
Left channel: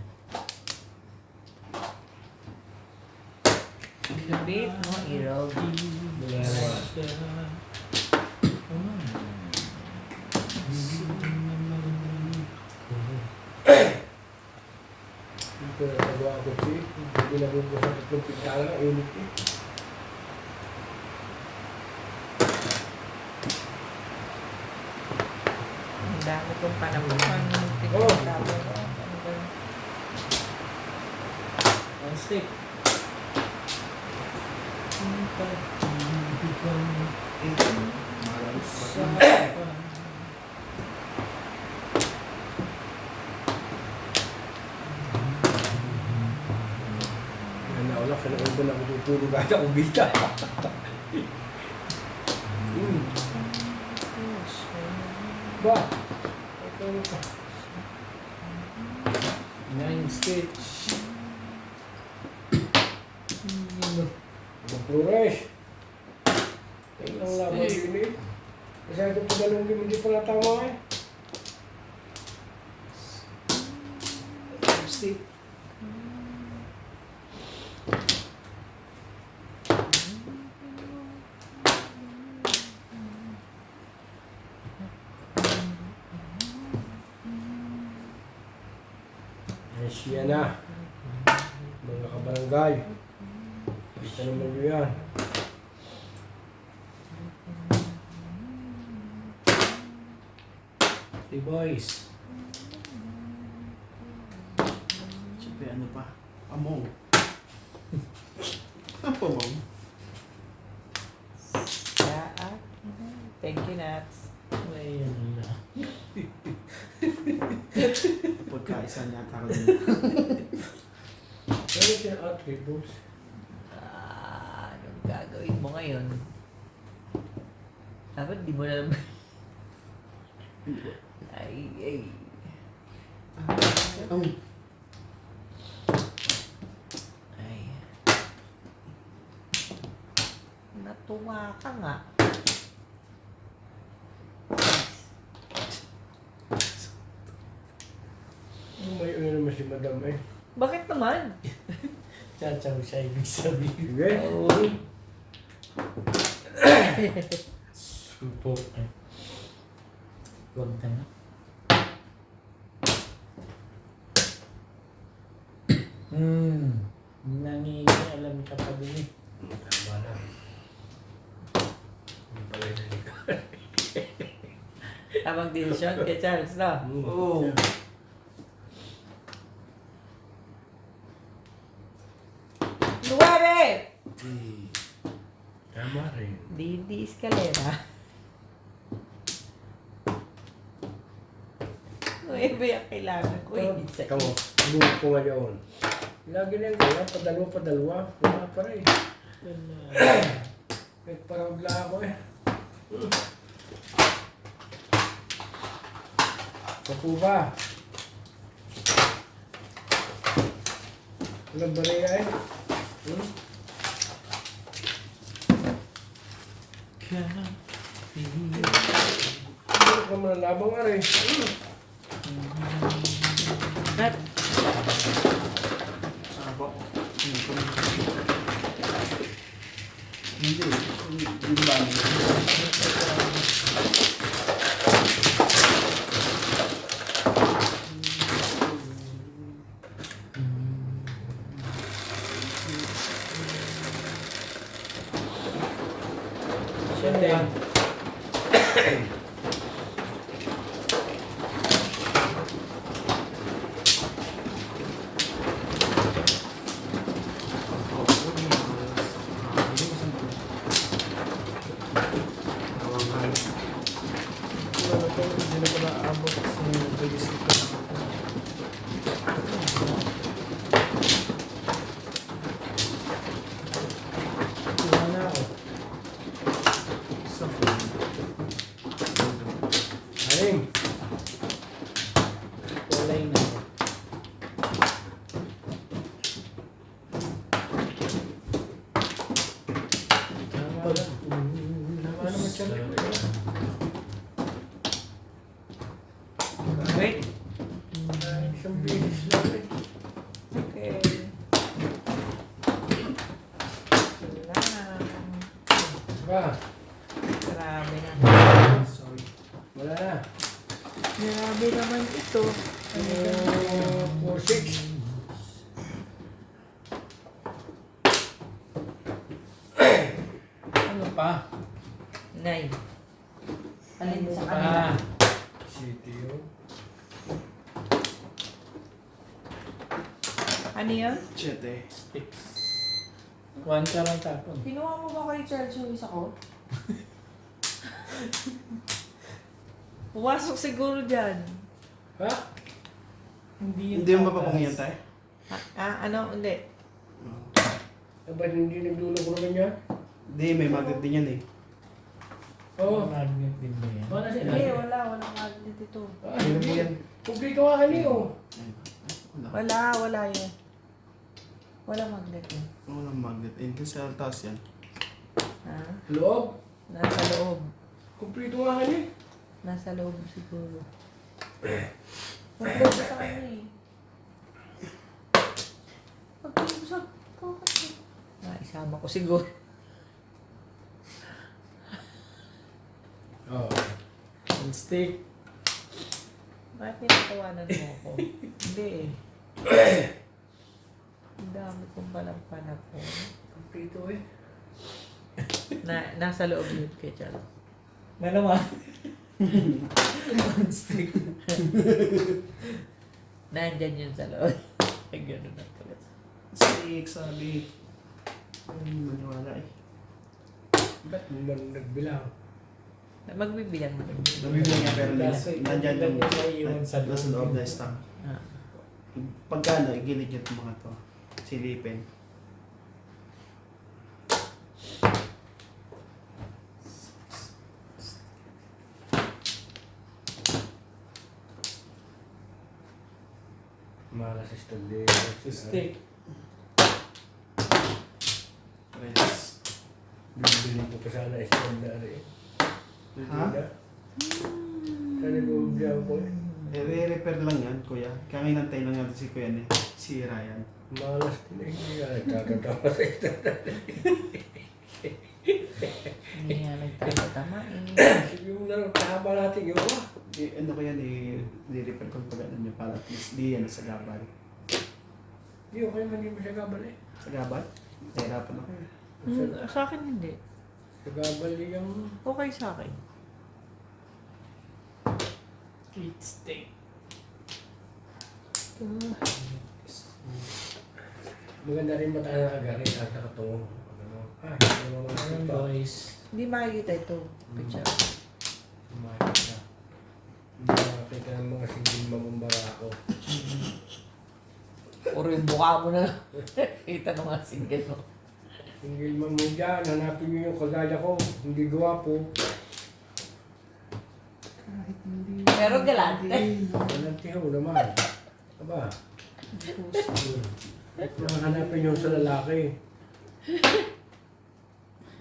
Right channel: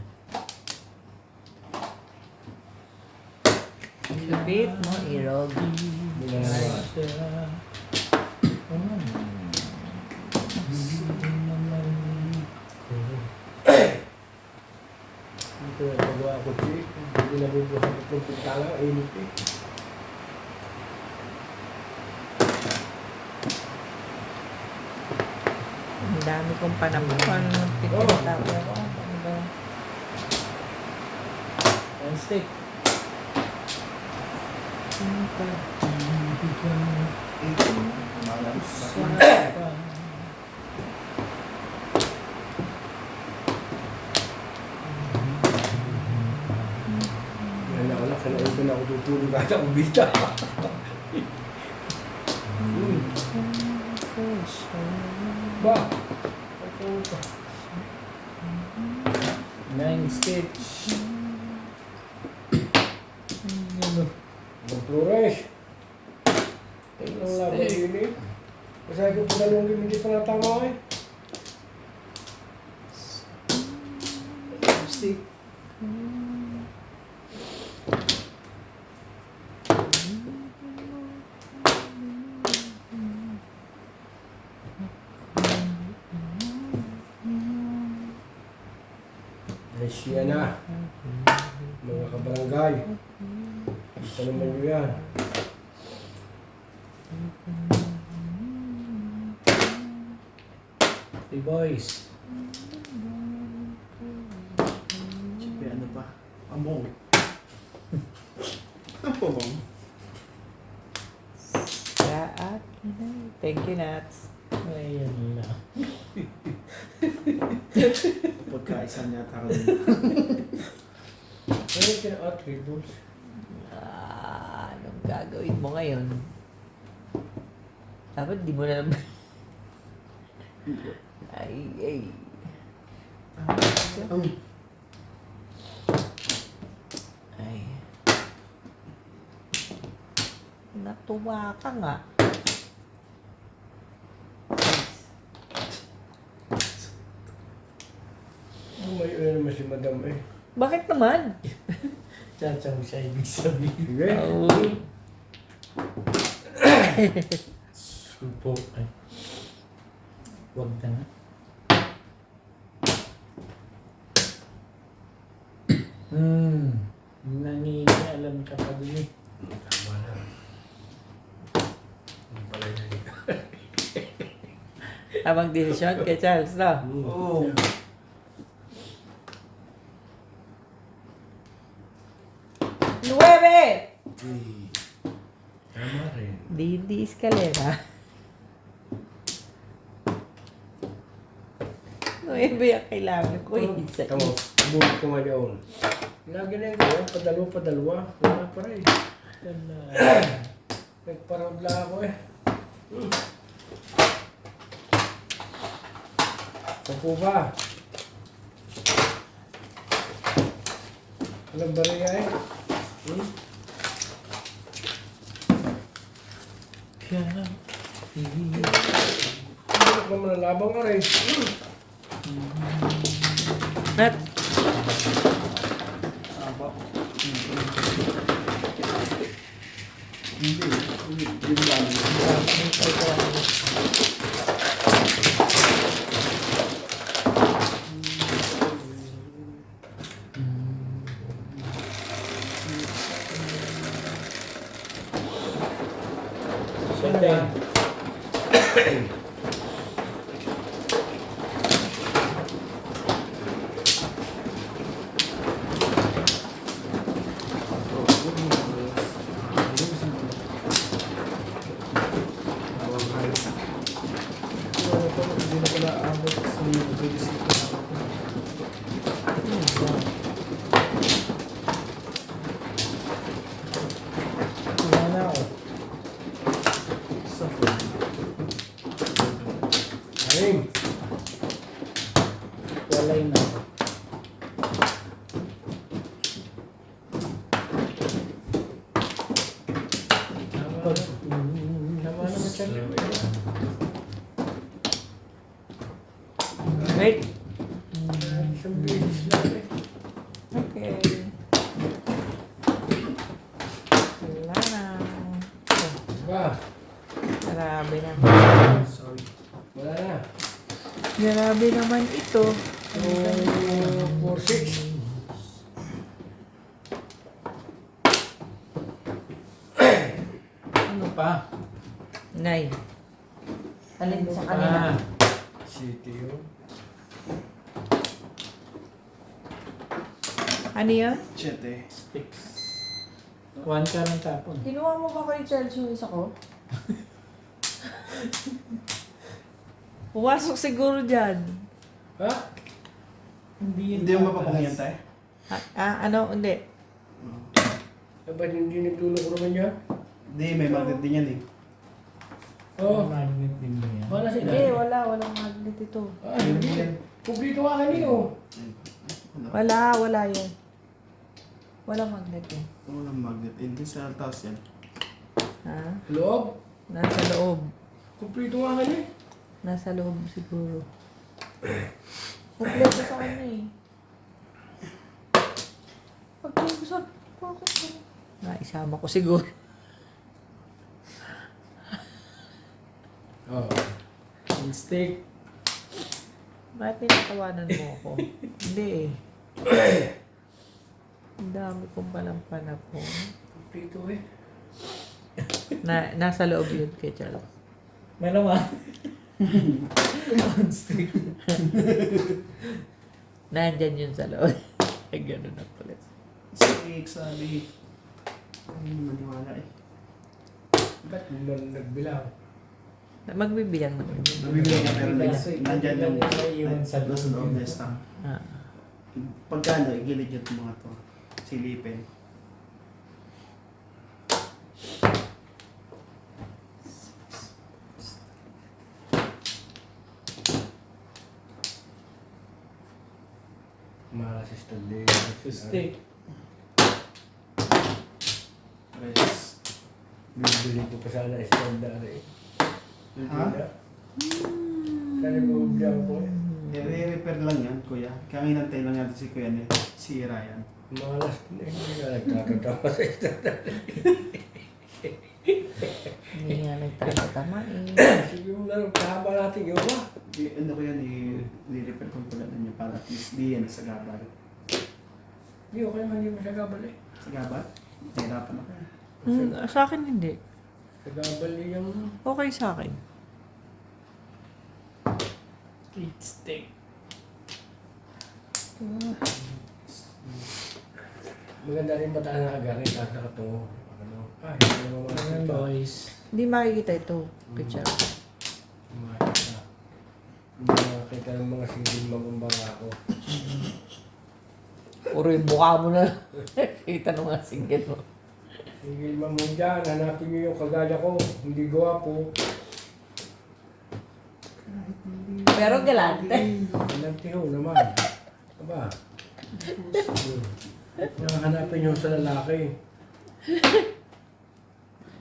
Sabit mo, irog. Pagawa ko siya. Hindi na bubukas ang itong pintala. Init eh. Ang dami kong panamukan ng pinagkakawa ko. One stick. Ang pag-ibig usapan. Anak, kailangan ko na ako tutulog kahit ako bita. Ba? Tutulog ka. 9 stitch. Yun. Mag-flores. Ayun lang lang ako yun eh. Kasi ito pinalungin, hindi pala tama eh. Stick. Siya na. Mga kabarangay. Kita naman nyo yan. Hey boys. Sige, ano ba? Among. Ano po, ma'am? Thank you, Nats. Ayan na. Pagkaisa niya taka rin. Ano yung kina-attributes? Anong gagawin mo ngayon? Dapat di mo na... ay. Ay. Natuwa ka nga. May ano naman si madam eh. Bakit naman? Chachaw siya ibig sabihin. Sige. Oo. Supo. Ay. Huwag na nga. Nangingialam ka pa dun eh. Tama na. Ano pala yun ka? Habang desisyon kay Charles, no? Oo. Nueve! Tama rin. Di escalera. Nueve ang kailangan ko eh. Isa. Kamu, bulit ko ngayon. Lagi na yun, padalwa. Wala pa rin. Nagparabla ako eh. Papo ba? Walang bariya eh. Ano ka muna labang ka rin? At Aba. Hindi. Yun lang. Setting. Hindi na pala abot sa bilis nito. Kuha na ako. Sa phone. Alim. Walay na ako. Pag wait. Isang bilis lang eh. Okay. Ba? Grabe na. Sorry. Wala na. Grabe naman ito. 4-6. pa? Nay. Alin sa Pa. kanila? City yun. Ano yun? Chete. Sticks. 1 ka lang tapon. Kinuha mo ba kay Charles yung isa ko? Pumasok siguro dyan. Ha? Hindi Hindi mo mapapangyan tayo? Hindi. Ba't hindi nagdulog ko naman yan? Hindi, may magnet din yan eh. Oo. Magnet din ba yan? Wala sila. Hindi, walang magnet ito. Ah, hindi. Publiko ka kaniyo. Wala yun. Walang magnet yun. Oo, ng magnet. Hindi sa taas yan. Ha? Loob. Nasa loob. Kumplito nga kaniyo. Nasa loob siguro. Kompleto sa kanya eh. Pagkausap, bakit? Isama ko siguro. Oo. Full stick. Bakit pinatawanan mo ako? Hindi eh. Ang dami kong palang panapon. Kumplito eh. Nasa loob yun kay Charles. Malamang. Full stick. Nandyan yun sa loob. Ay, ganun na pala. Sabi. Hindi maniwala eh. Ba't mo man nagbilang? Magbibilang na. Nabibigyan niya pero Kaso, nandyan yung naiiwan sa nasa loob loob. na stamp. Ah. Pagkano, igilid yung mga to. Silipin. Malas Stanley. Full stick. Yes. Bibili ko pa sana standard eh. Hindi Ha? na. Sana bumibigyan ko eh. I-repair lang yan, kuya. Kaya inantay lang natin si kuya ni si Ryan. Malas din eh. Hindi nga nagkakatawa sa standard. Hindi nga nagtatama eh. Sige mo na, kahaba natin yun ba? Ano ko yan, i-repair ko pag ano nyo para at least di yan sa gabal. Hindi ko naman hindi masagabal eh. Sa gabal? Nahirapan ako yan. Sa akin hindi. Sagabal yung Okay sa akin. Eight stick. maganda rin mataas na agarin at nakatungo. Ano? Hindi naman Ayan makikita. boys. Hindi makikita ito. Picture. Makikita. Hindi makikita ng mga singgil mabumbanga ako. Puro yung mukha mo na. Kita nung nga singgit mo. Singgil man mo dyan, hanapin nyo yung kagaya ko. Hindi gwapo. Pero galante. Galante ho naman. Aba. Yung hanapin yung sa lalaki.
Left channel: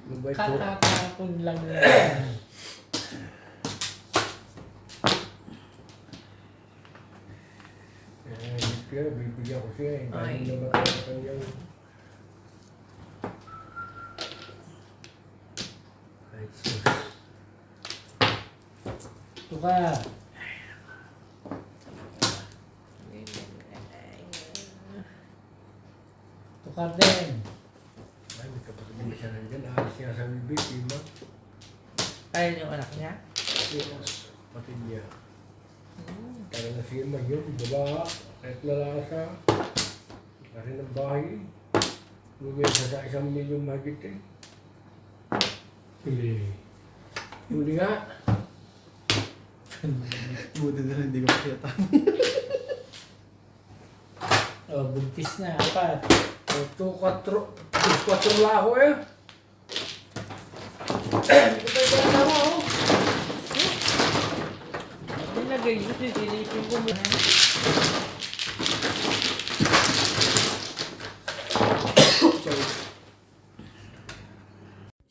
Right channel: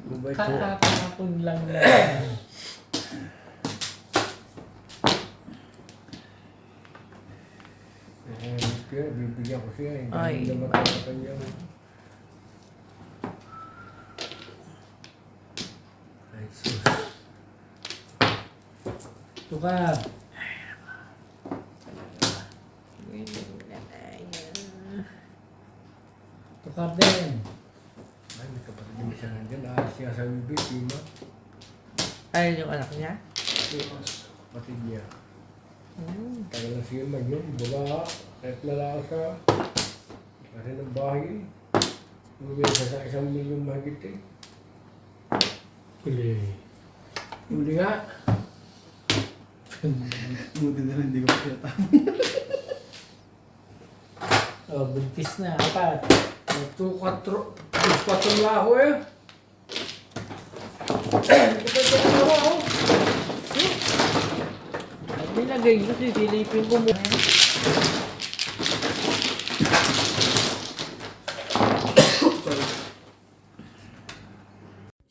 Mabait ko. Kakatapon lang na. Kaya bibigyan ko siya eh. Ay. Dahil naman ko sa kanyang... Ay, sus. Tukar. Tukar din. Ay, may kapatid yung isa nandyan. Aalis niya sa bibig, Pima. Ayun yung anak niya. Yes. Kapatid niya. Kaya na siya man yun. Baba. Kahit lalasa. Kasi ng bahay. Lumesa sa 1 milyon mahigit eh. Pili. Huli nga. Buti na rin, hindi ko makita. Oh, buntis na. Apat. 2-4 na ako eh. Nilagay mo, sisilipin ko muna.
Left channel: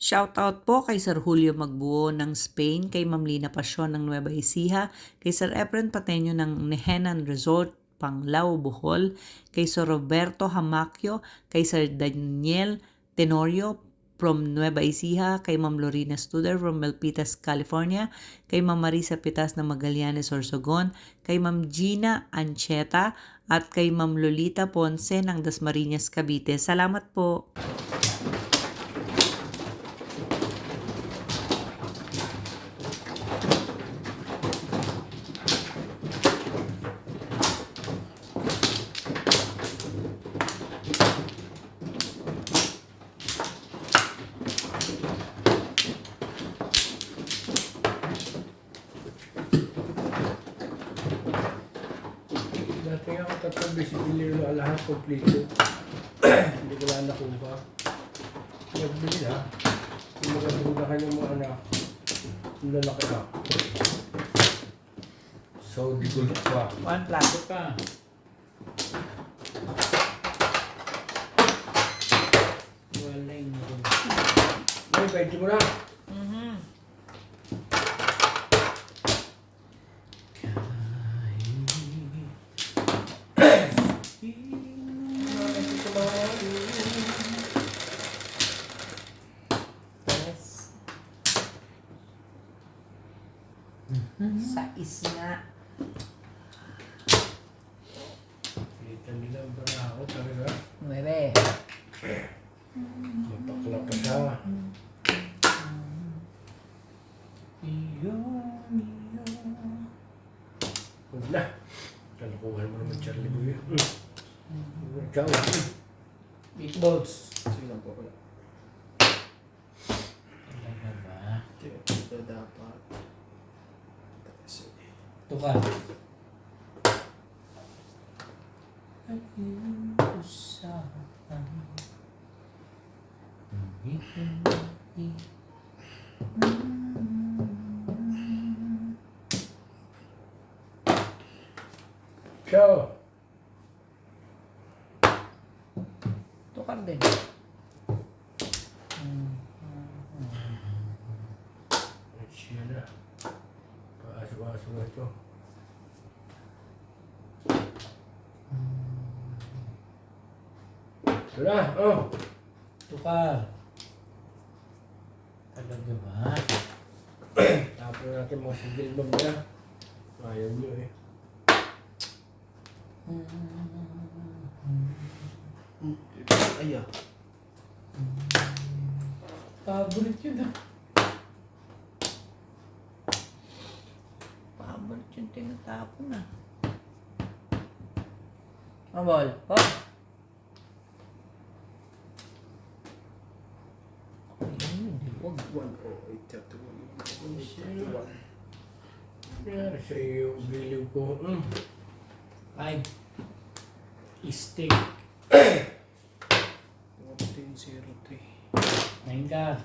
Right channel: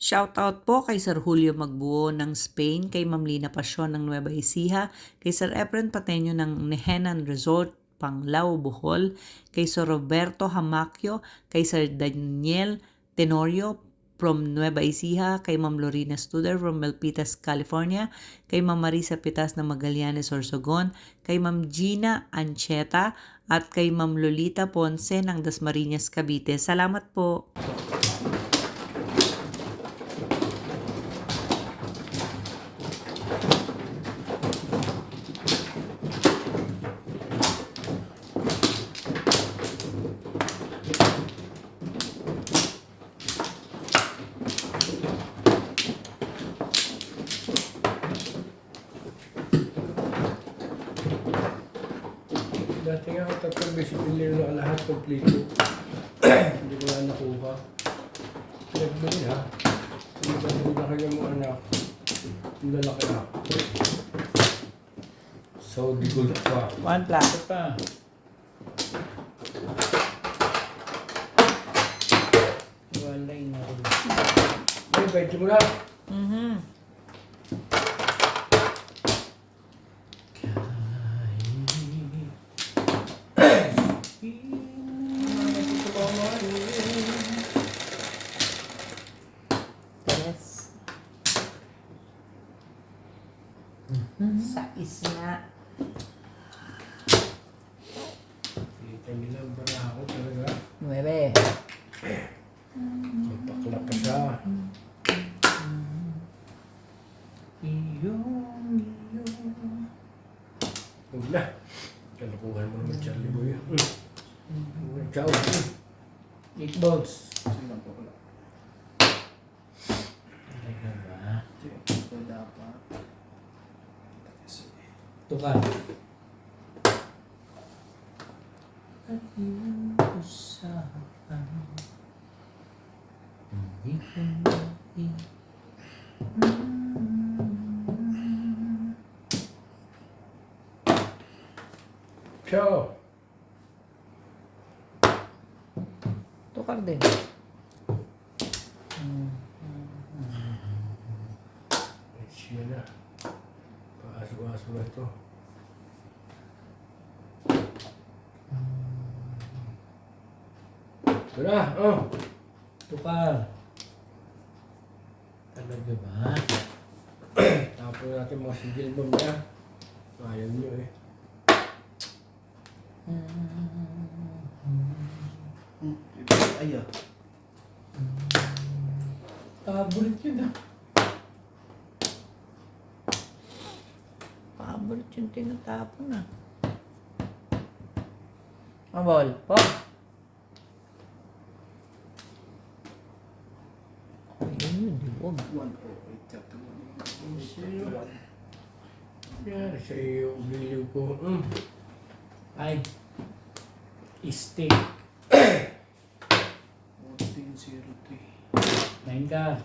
Shoutout po kay Sir Julio Magbuo ng Spain, kay Ma'am Lina Pasyon ng Nueva Ecija, kay Sir Efren Pateño ng Nehenan Resort, Panglao, Bohol, kay Sir Roberto Hamacchio, kay Sir Daniel Tenorio from Nueva Ecija, kay Ma'am Lorena Studer from Milpitas, California, kay Ma'am Marisa Pitas ng Magallanes, Sorsogon, kay Ma'am Gina Ancheta, at kay Ma'am Lolita Ponce ng Dasmariñas, Cavite. Salamat po! lahat kompleto. Hindi ko na nakuha. Nagbili na. Nagbili na kanyang mga anak. Ang lalaki na. Saudi gold pa. One plato pa. Walay na rin. Ay, 20 mo na. Yes. Sais nga. Kita nila ang baraha ko talaga. 9. Matakla pa siya. Huwag na. Kalukuhan mo naman Charlie Boy. Ciao. Meatballs. Sige lang po. Wala. Talaga ba? Sige, ito dapat. Sige. Ito ka. At yung usapan. Hindi ko Ciao. Tukar din. Siya na. Paas-paas mo ito. Ito na. Oh. tukar. Talaga ba? Tapos natin mga sigil bomb niya. Ayaw nyo eh. Ay, ah. Paborit yun ah. Paborit yung tinatapon na. Mabol po. Ayun, huwag. 108.31. Yan sa iyo. Biliw ko. Ay. Steak. 14.03. 9 ka.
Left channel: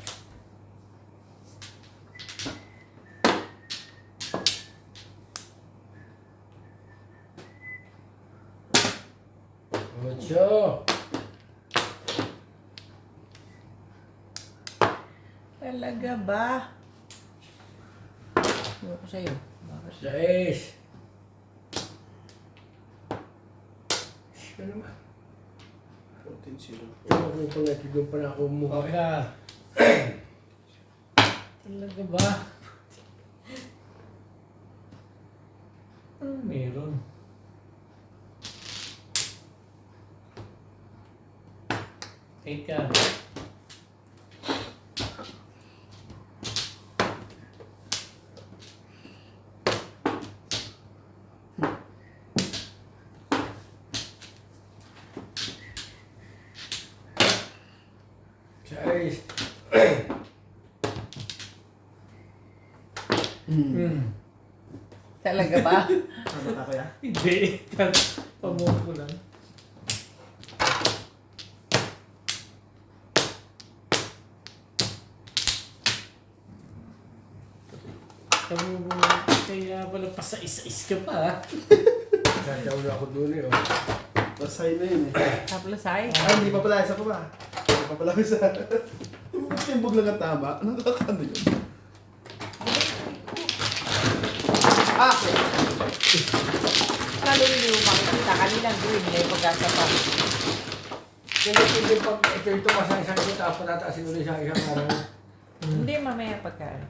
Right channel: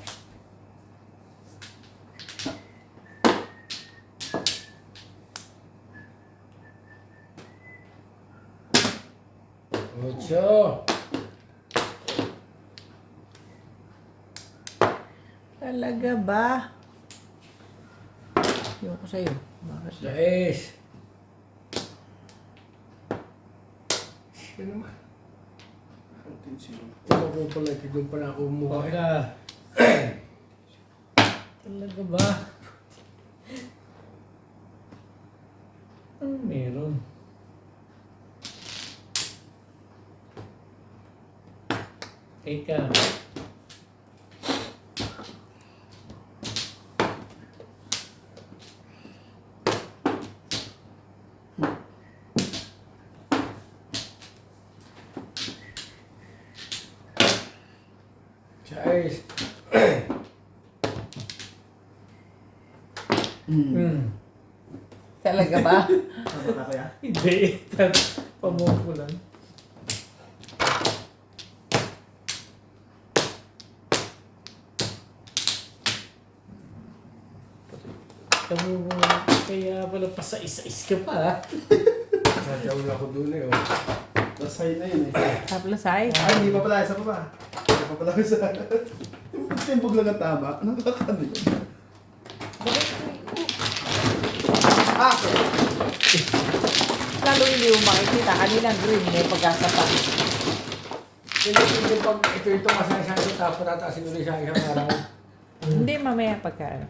Ocho. Talaga ba? Yung ko sa'yo. Bakit? Sais. Siya naman. 14.04. Tama ko pala. Tigong pa na ako umuha. Huwag ka. Talaga ba? Ano meron? Eight ka. Sais. Talaga ba? Ano ka kaya? Hindi. Pamumpo lang. Pamumpo. Kaya pala pasais-is ka pa. Sasaw na ako dun eh. Oh. Nasay na yun eh. Taplasay. Ay, hindi pa pala. Isa pa ba? Hindi pa pala isa. Timbog lang ang tama. Nakakano yun? Ah! Lalo yung makikita kanilang green may pagkakapag. Hindi pag ito masasang ko tapos nataasin ulit sa isang parang. Hindi mamaya pagka.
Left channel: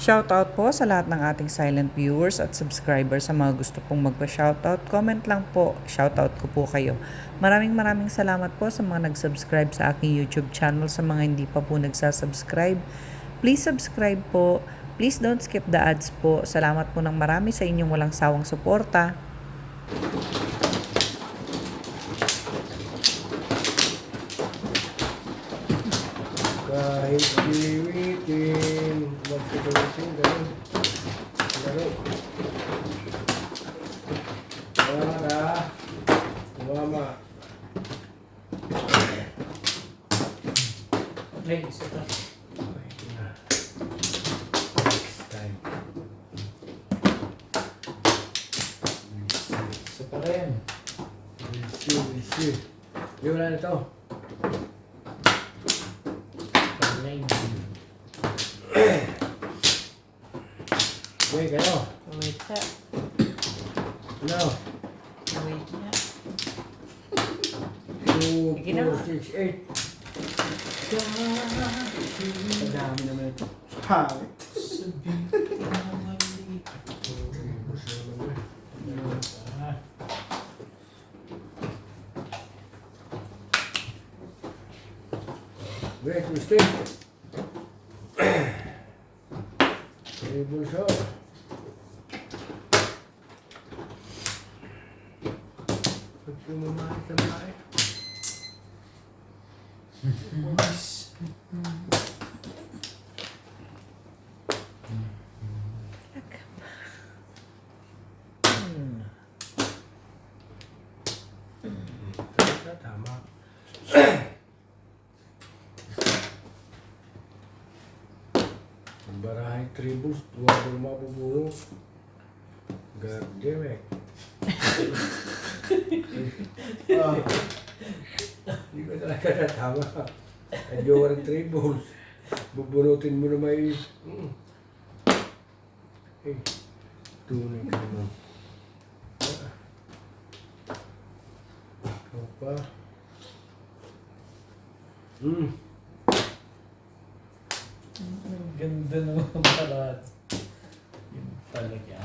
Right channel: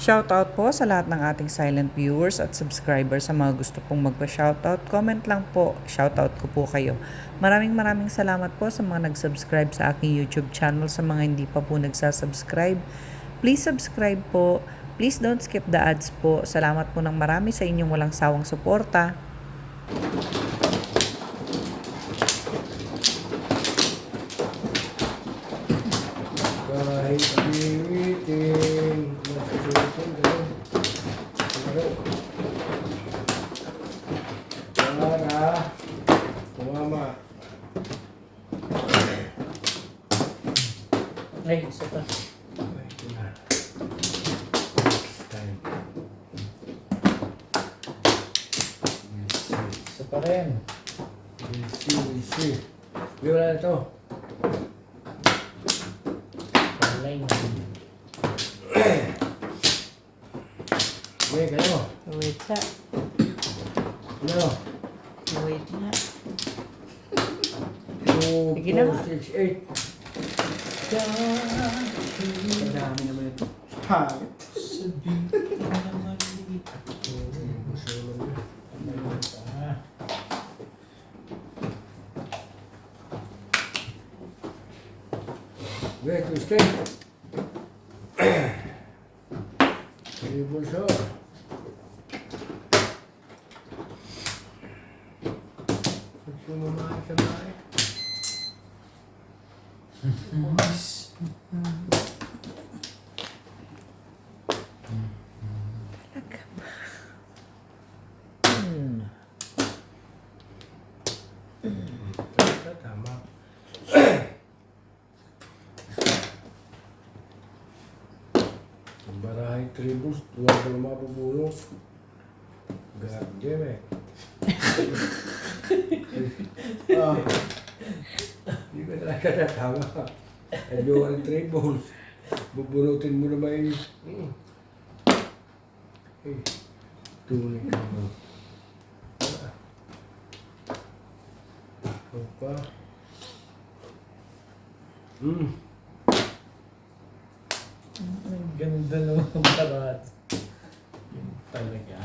Shoutout po sa lahat ng ating silent viewers at subscribers. Sa mga gusto pong magpa-shoutout, comment lang po. Shoutout ko po kayo. Maraming salamat po sa mga nag-subscribe sa aking YouTube channel. Sa mga hindi pa po nagsasubscribe, please subscribe po. Please don't skip the ads po. Salamat po ng marami sa inyong walang sawang suporta. Kahit biwitin, magsusulitin, gano'n. Gano'n. Para, Ay, isa pa. Ito na. Next time. Isa pa rin. We'll see. Yung wala na ito. Palay na. Okay, kayo. Wait na. Ano? Wait na. 2, Sige na. 4, 6, 8. Ang dami naman ito. Pangit. Sabihin ko na maliit. Ah, Wait, you stay. Table shot. Pagsin mo na sa bahay. Tama. Ang barahay tribus, tuwa ko yung mapupuno. God damn it. Ah, Hindi ko talaga natama. Adyo ang tribus. Bubunutin mo na may... Eh, tunay ka mo. Opa. ang ganda naman ng parat. Yun talaga.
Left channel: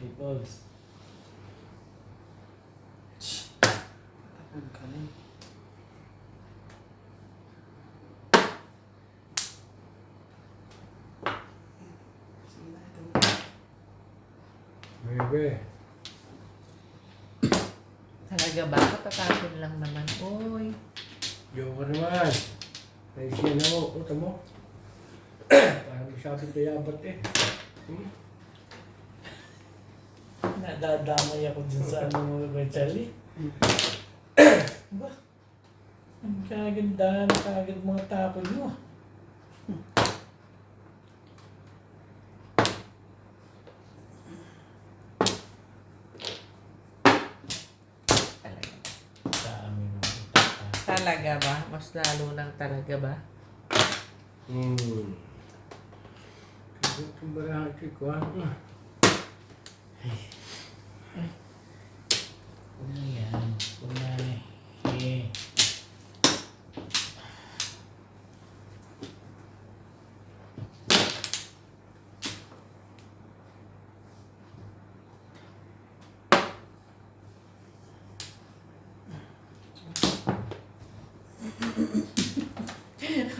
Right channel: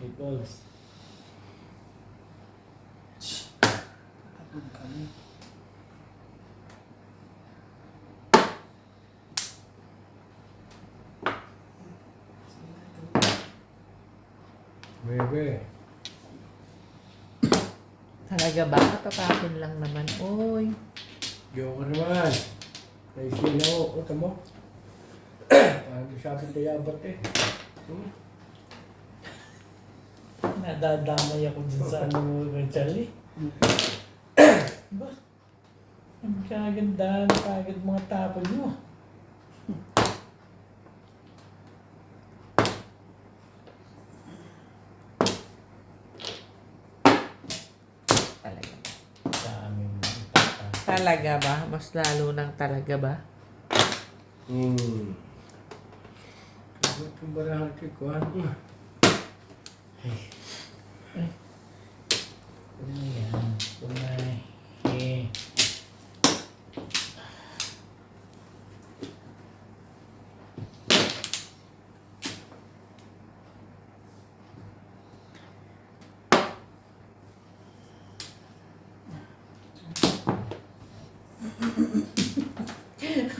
Hey, balls. tapon ka na. Bebe. Talaga ba? Tatapon lang naman. Uy. Joker naman. Ay, sino? Ito mo? Parang masyadong dayabat eh. Nadadamay ako dun sa ano mo kay Charlie. Ba? Ang kagandahan kagad mga tapon mo. Talaga. Sa amin mo itatapon. Talaga ba? Mas lalo ng talaga ba? Itong barahan ko, ha? Kung na yan. Kung na eh.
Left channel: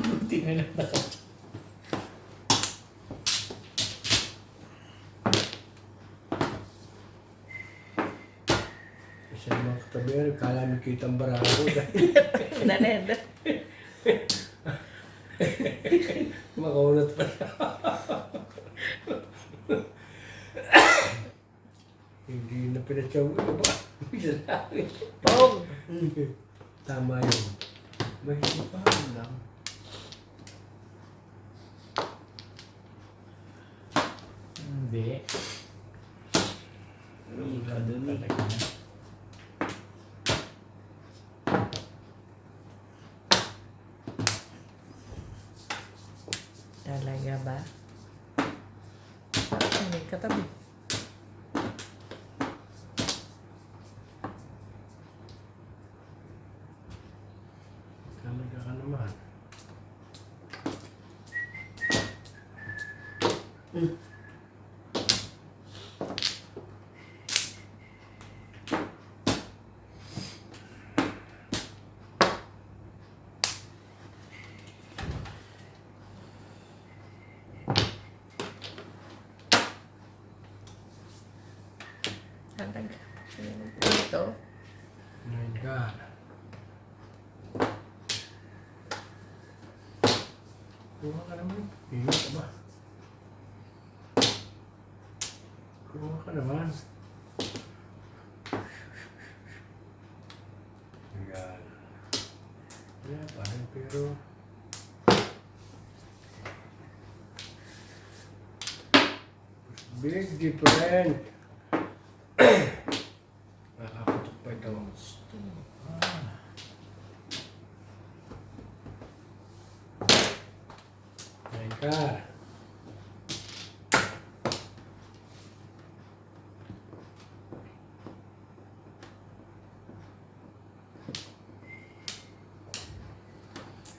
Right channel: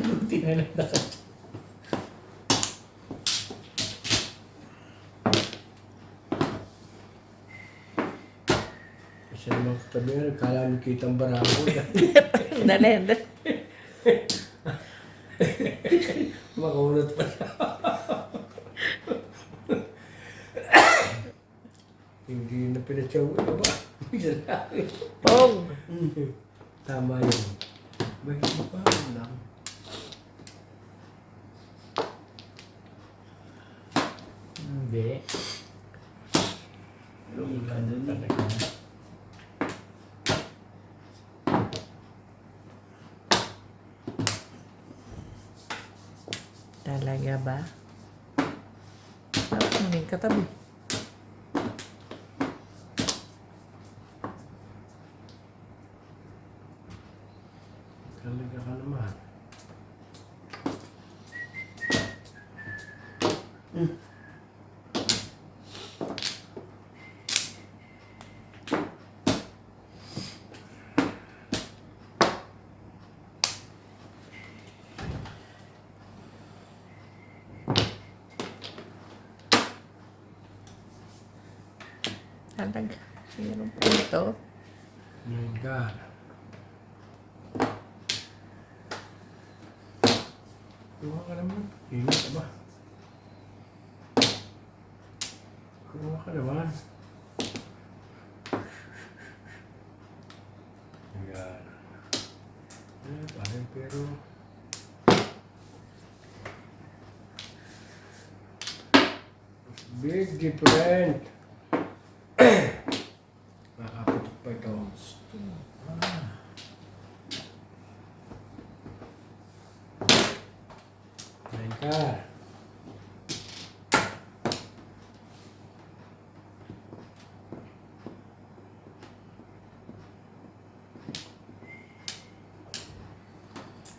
Buti na lang nakatya. Kasi naman katabi yun, kala mo kitang barahan ko. Dali, dali. Makaunat pa siya. Hindi na pinatsaw ko ba? Tog. Tama yun. Mahirap pa lang. Hindi. Ilan talaga. Talaga ba? Hindi katabi. Talaga ka naman. Talaga. Sino po ito? My God. Kuha ka naman. Hingi ka ba? Kuha ka naman. Pero big different. Makaputok pa ito. Kain ka.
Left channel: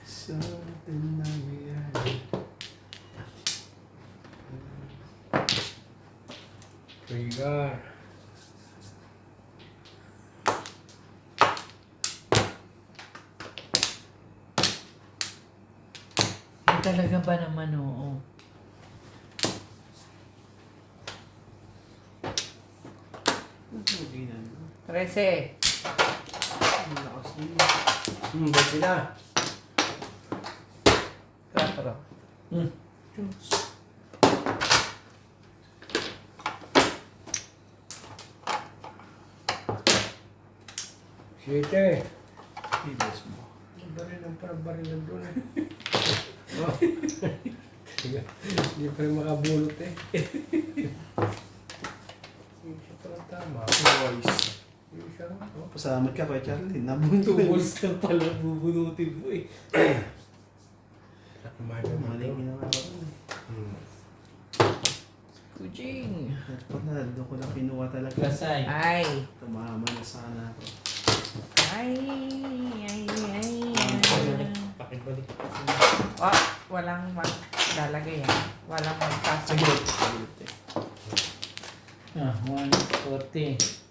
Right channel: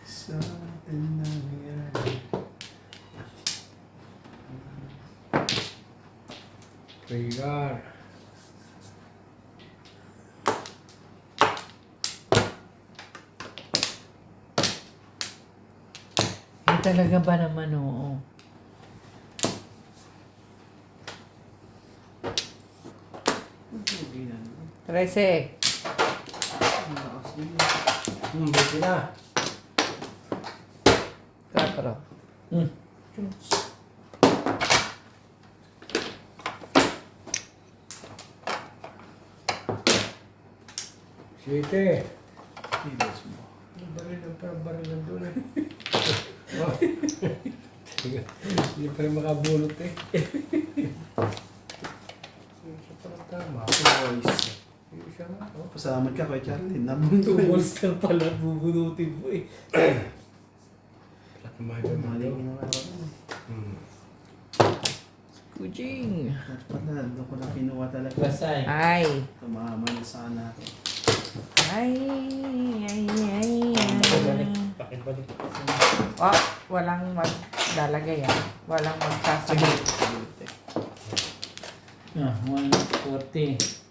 Sa atin nangyayari. Trigger. Talaga ba naman, oo. Hindi na. 13. Buti na. 4. Siyete. Tigas mo. Baril lang parang baril lang doon eh. Oh. Hindi pa rin makabulot eh. Yung isa parang tama. Twice. Yung isa nga. Oh. Pasalamat ka kay Charlie. Nabunto. 2 balls lang pala bubunutin mo eh. Kumain pa Mali ko mo. na nga ako. Kujing. Pala, doon ko na pinuha talaga. Basay. Ay. Tumama na sana ako. Ay. Pakibalik. Pakibalik. Oh, walang maglalagay yan. Walang magsasabi. Ah, 140.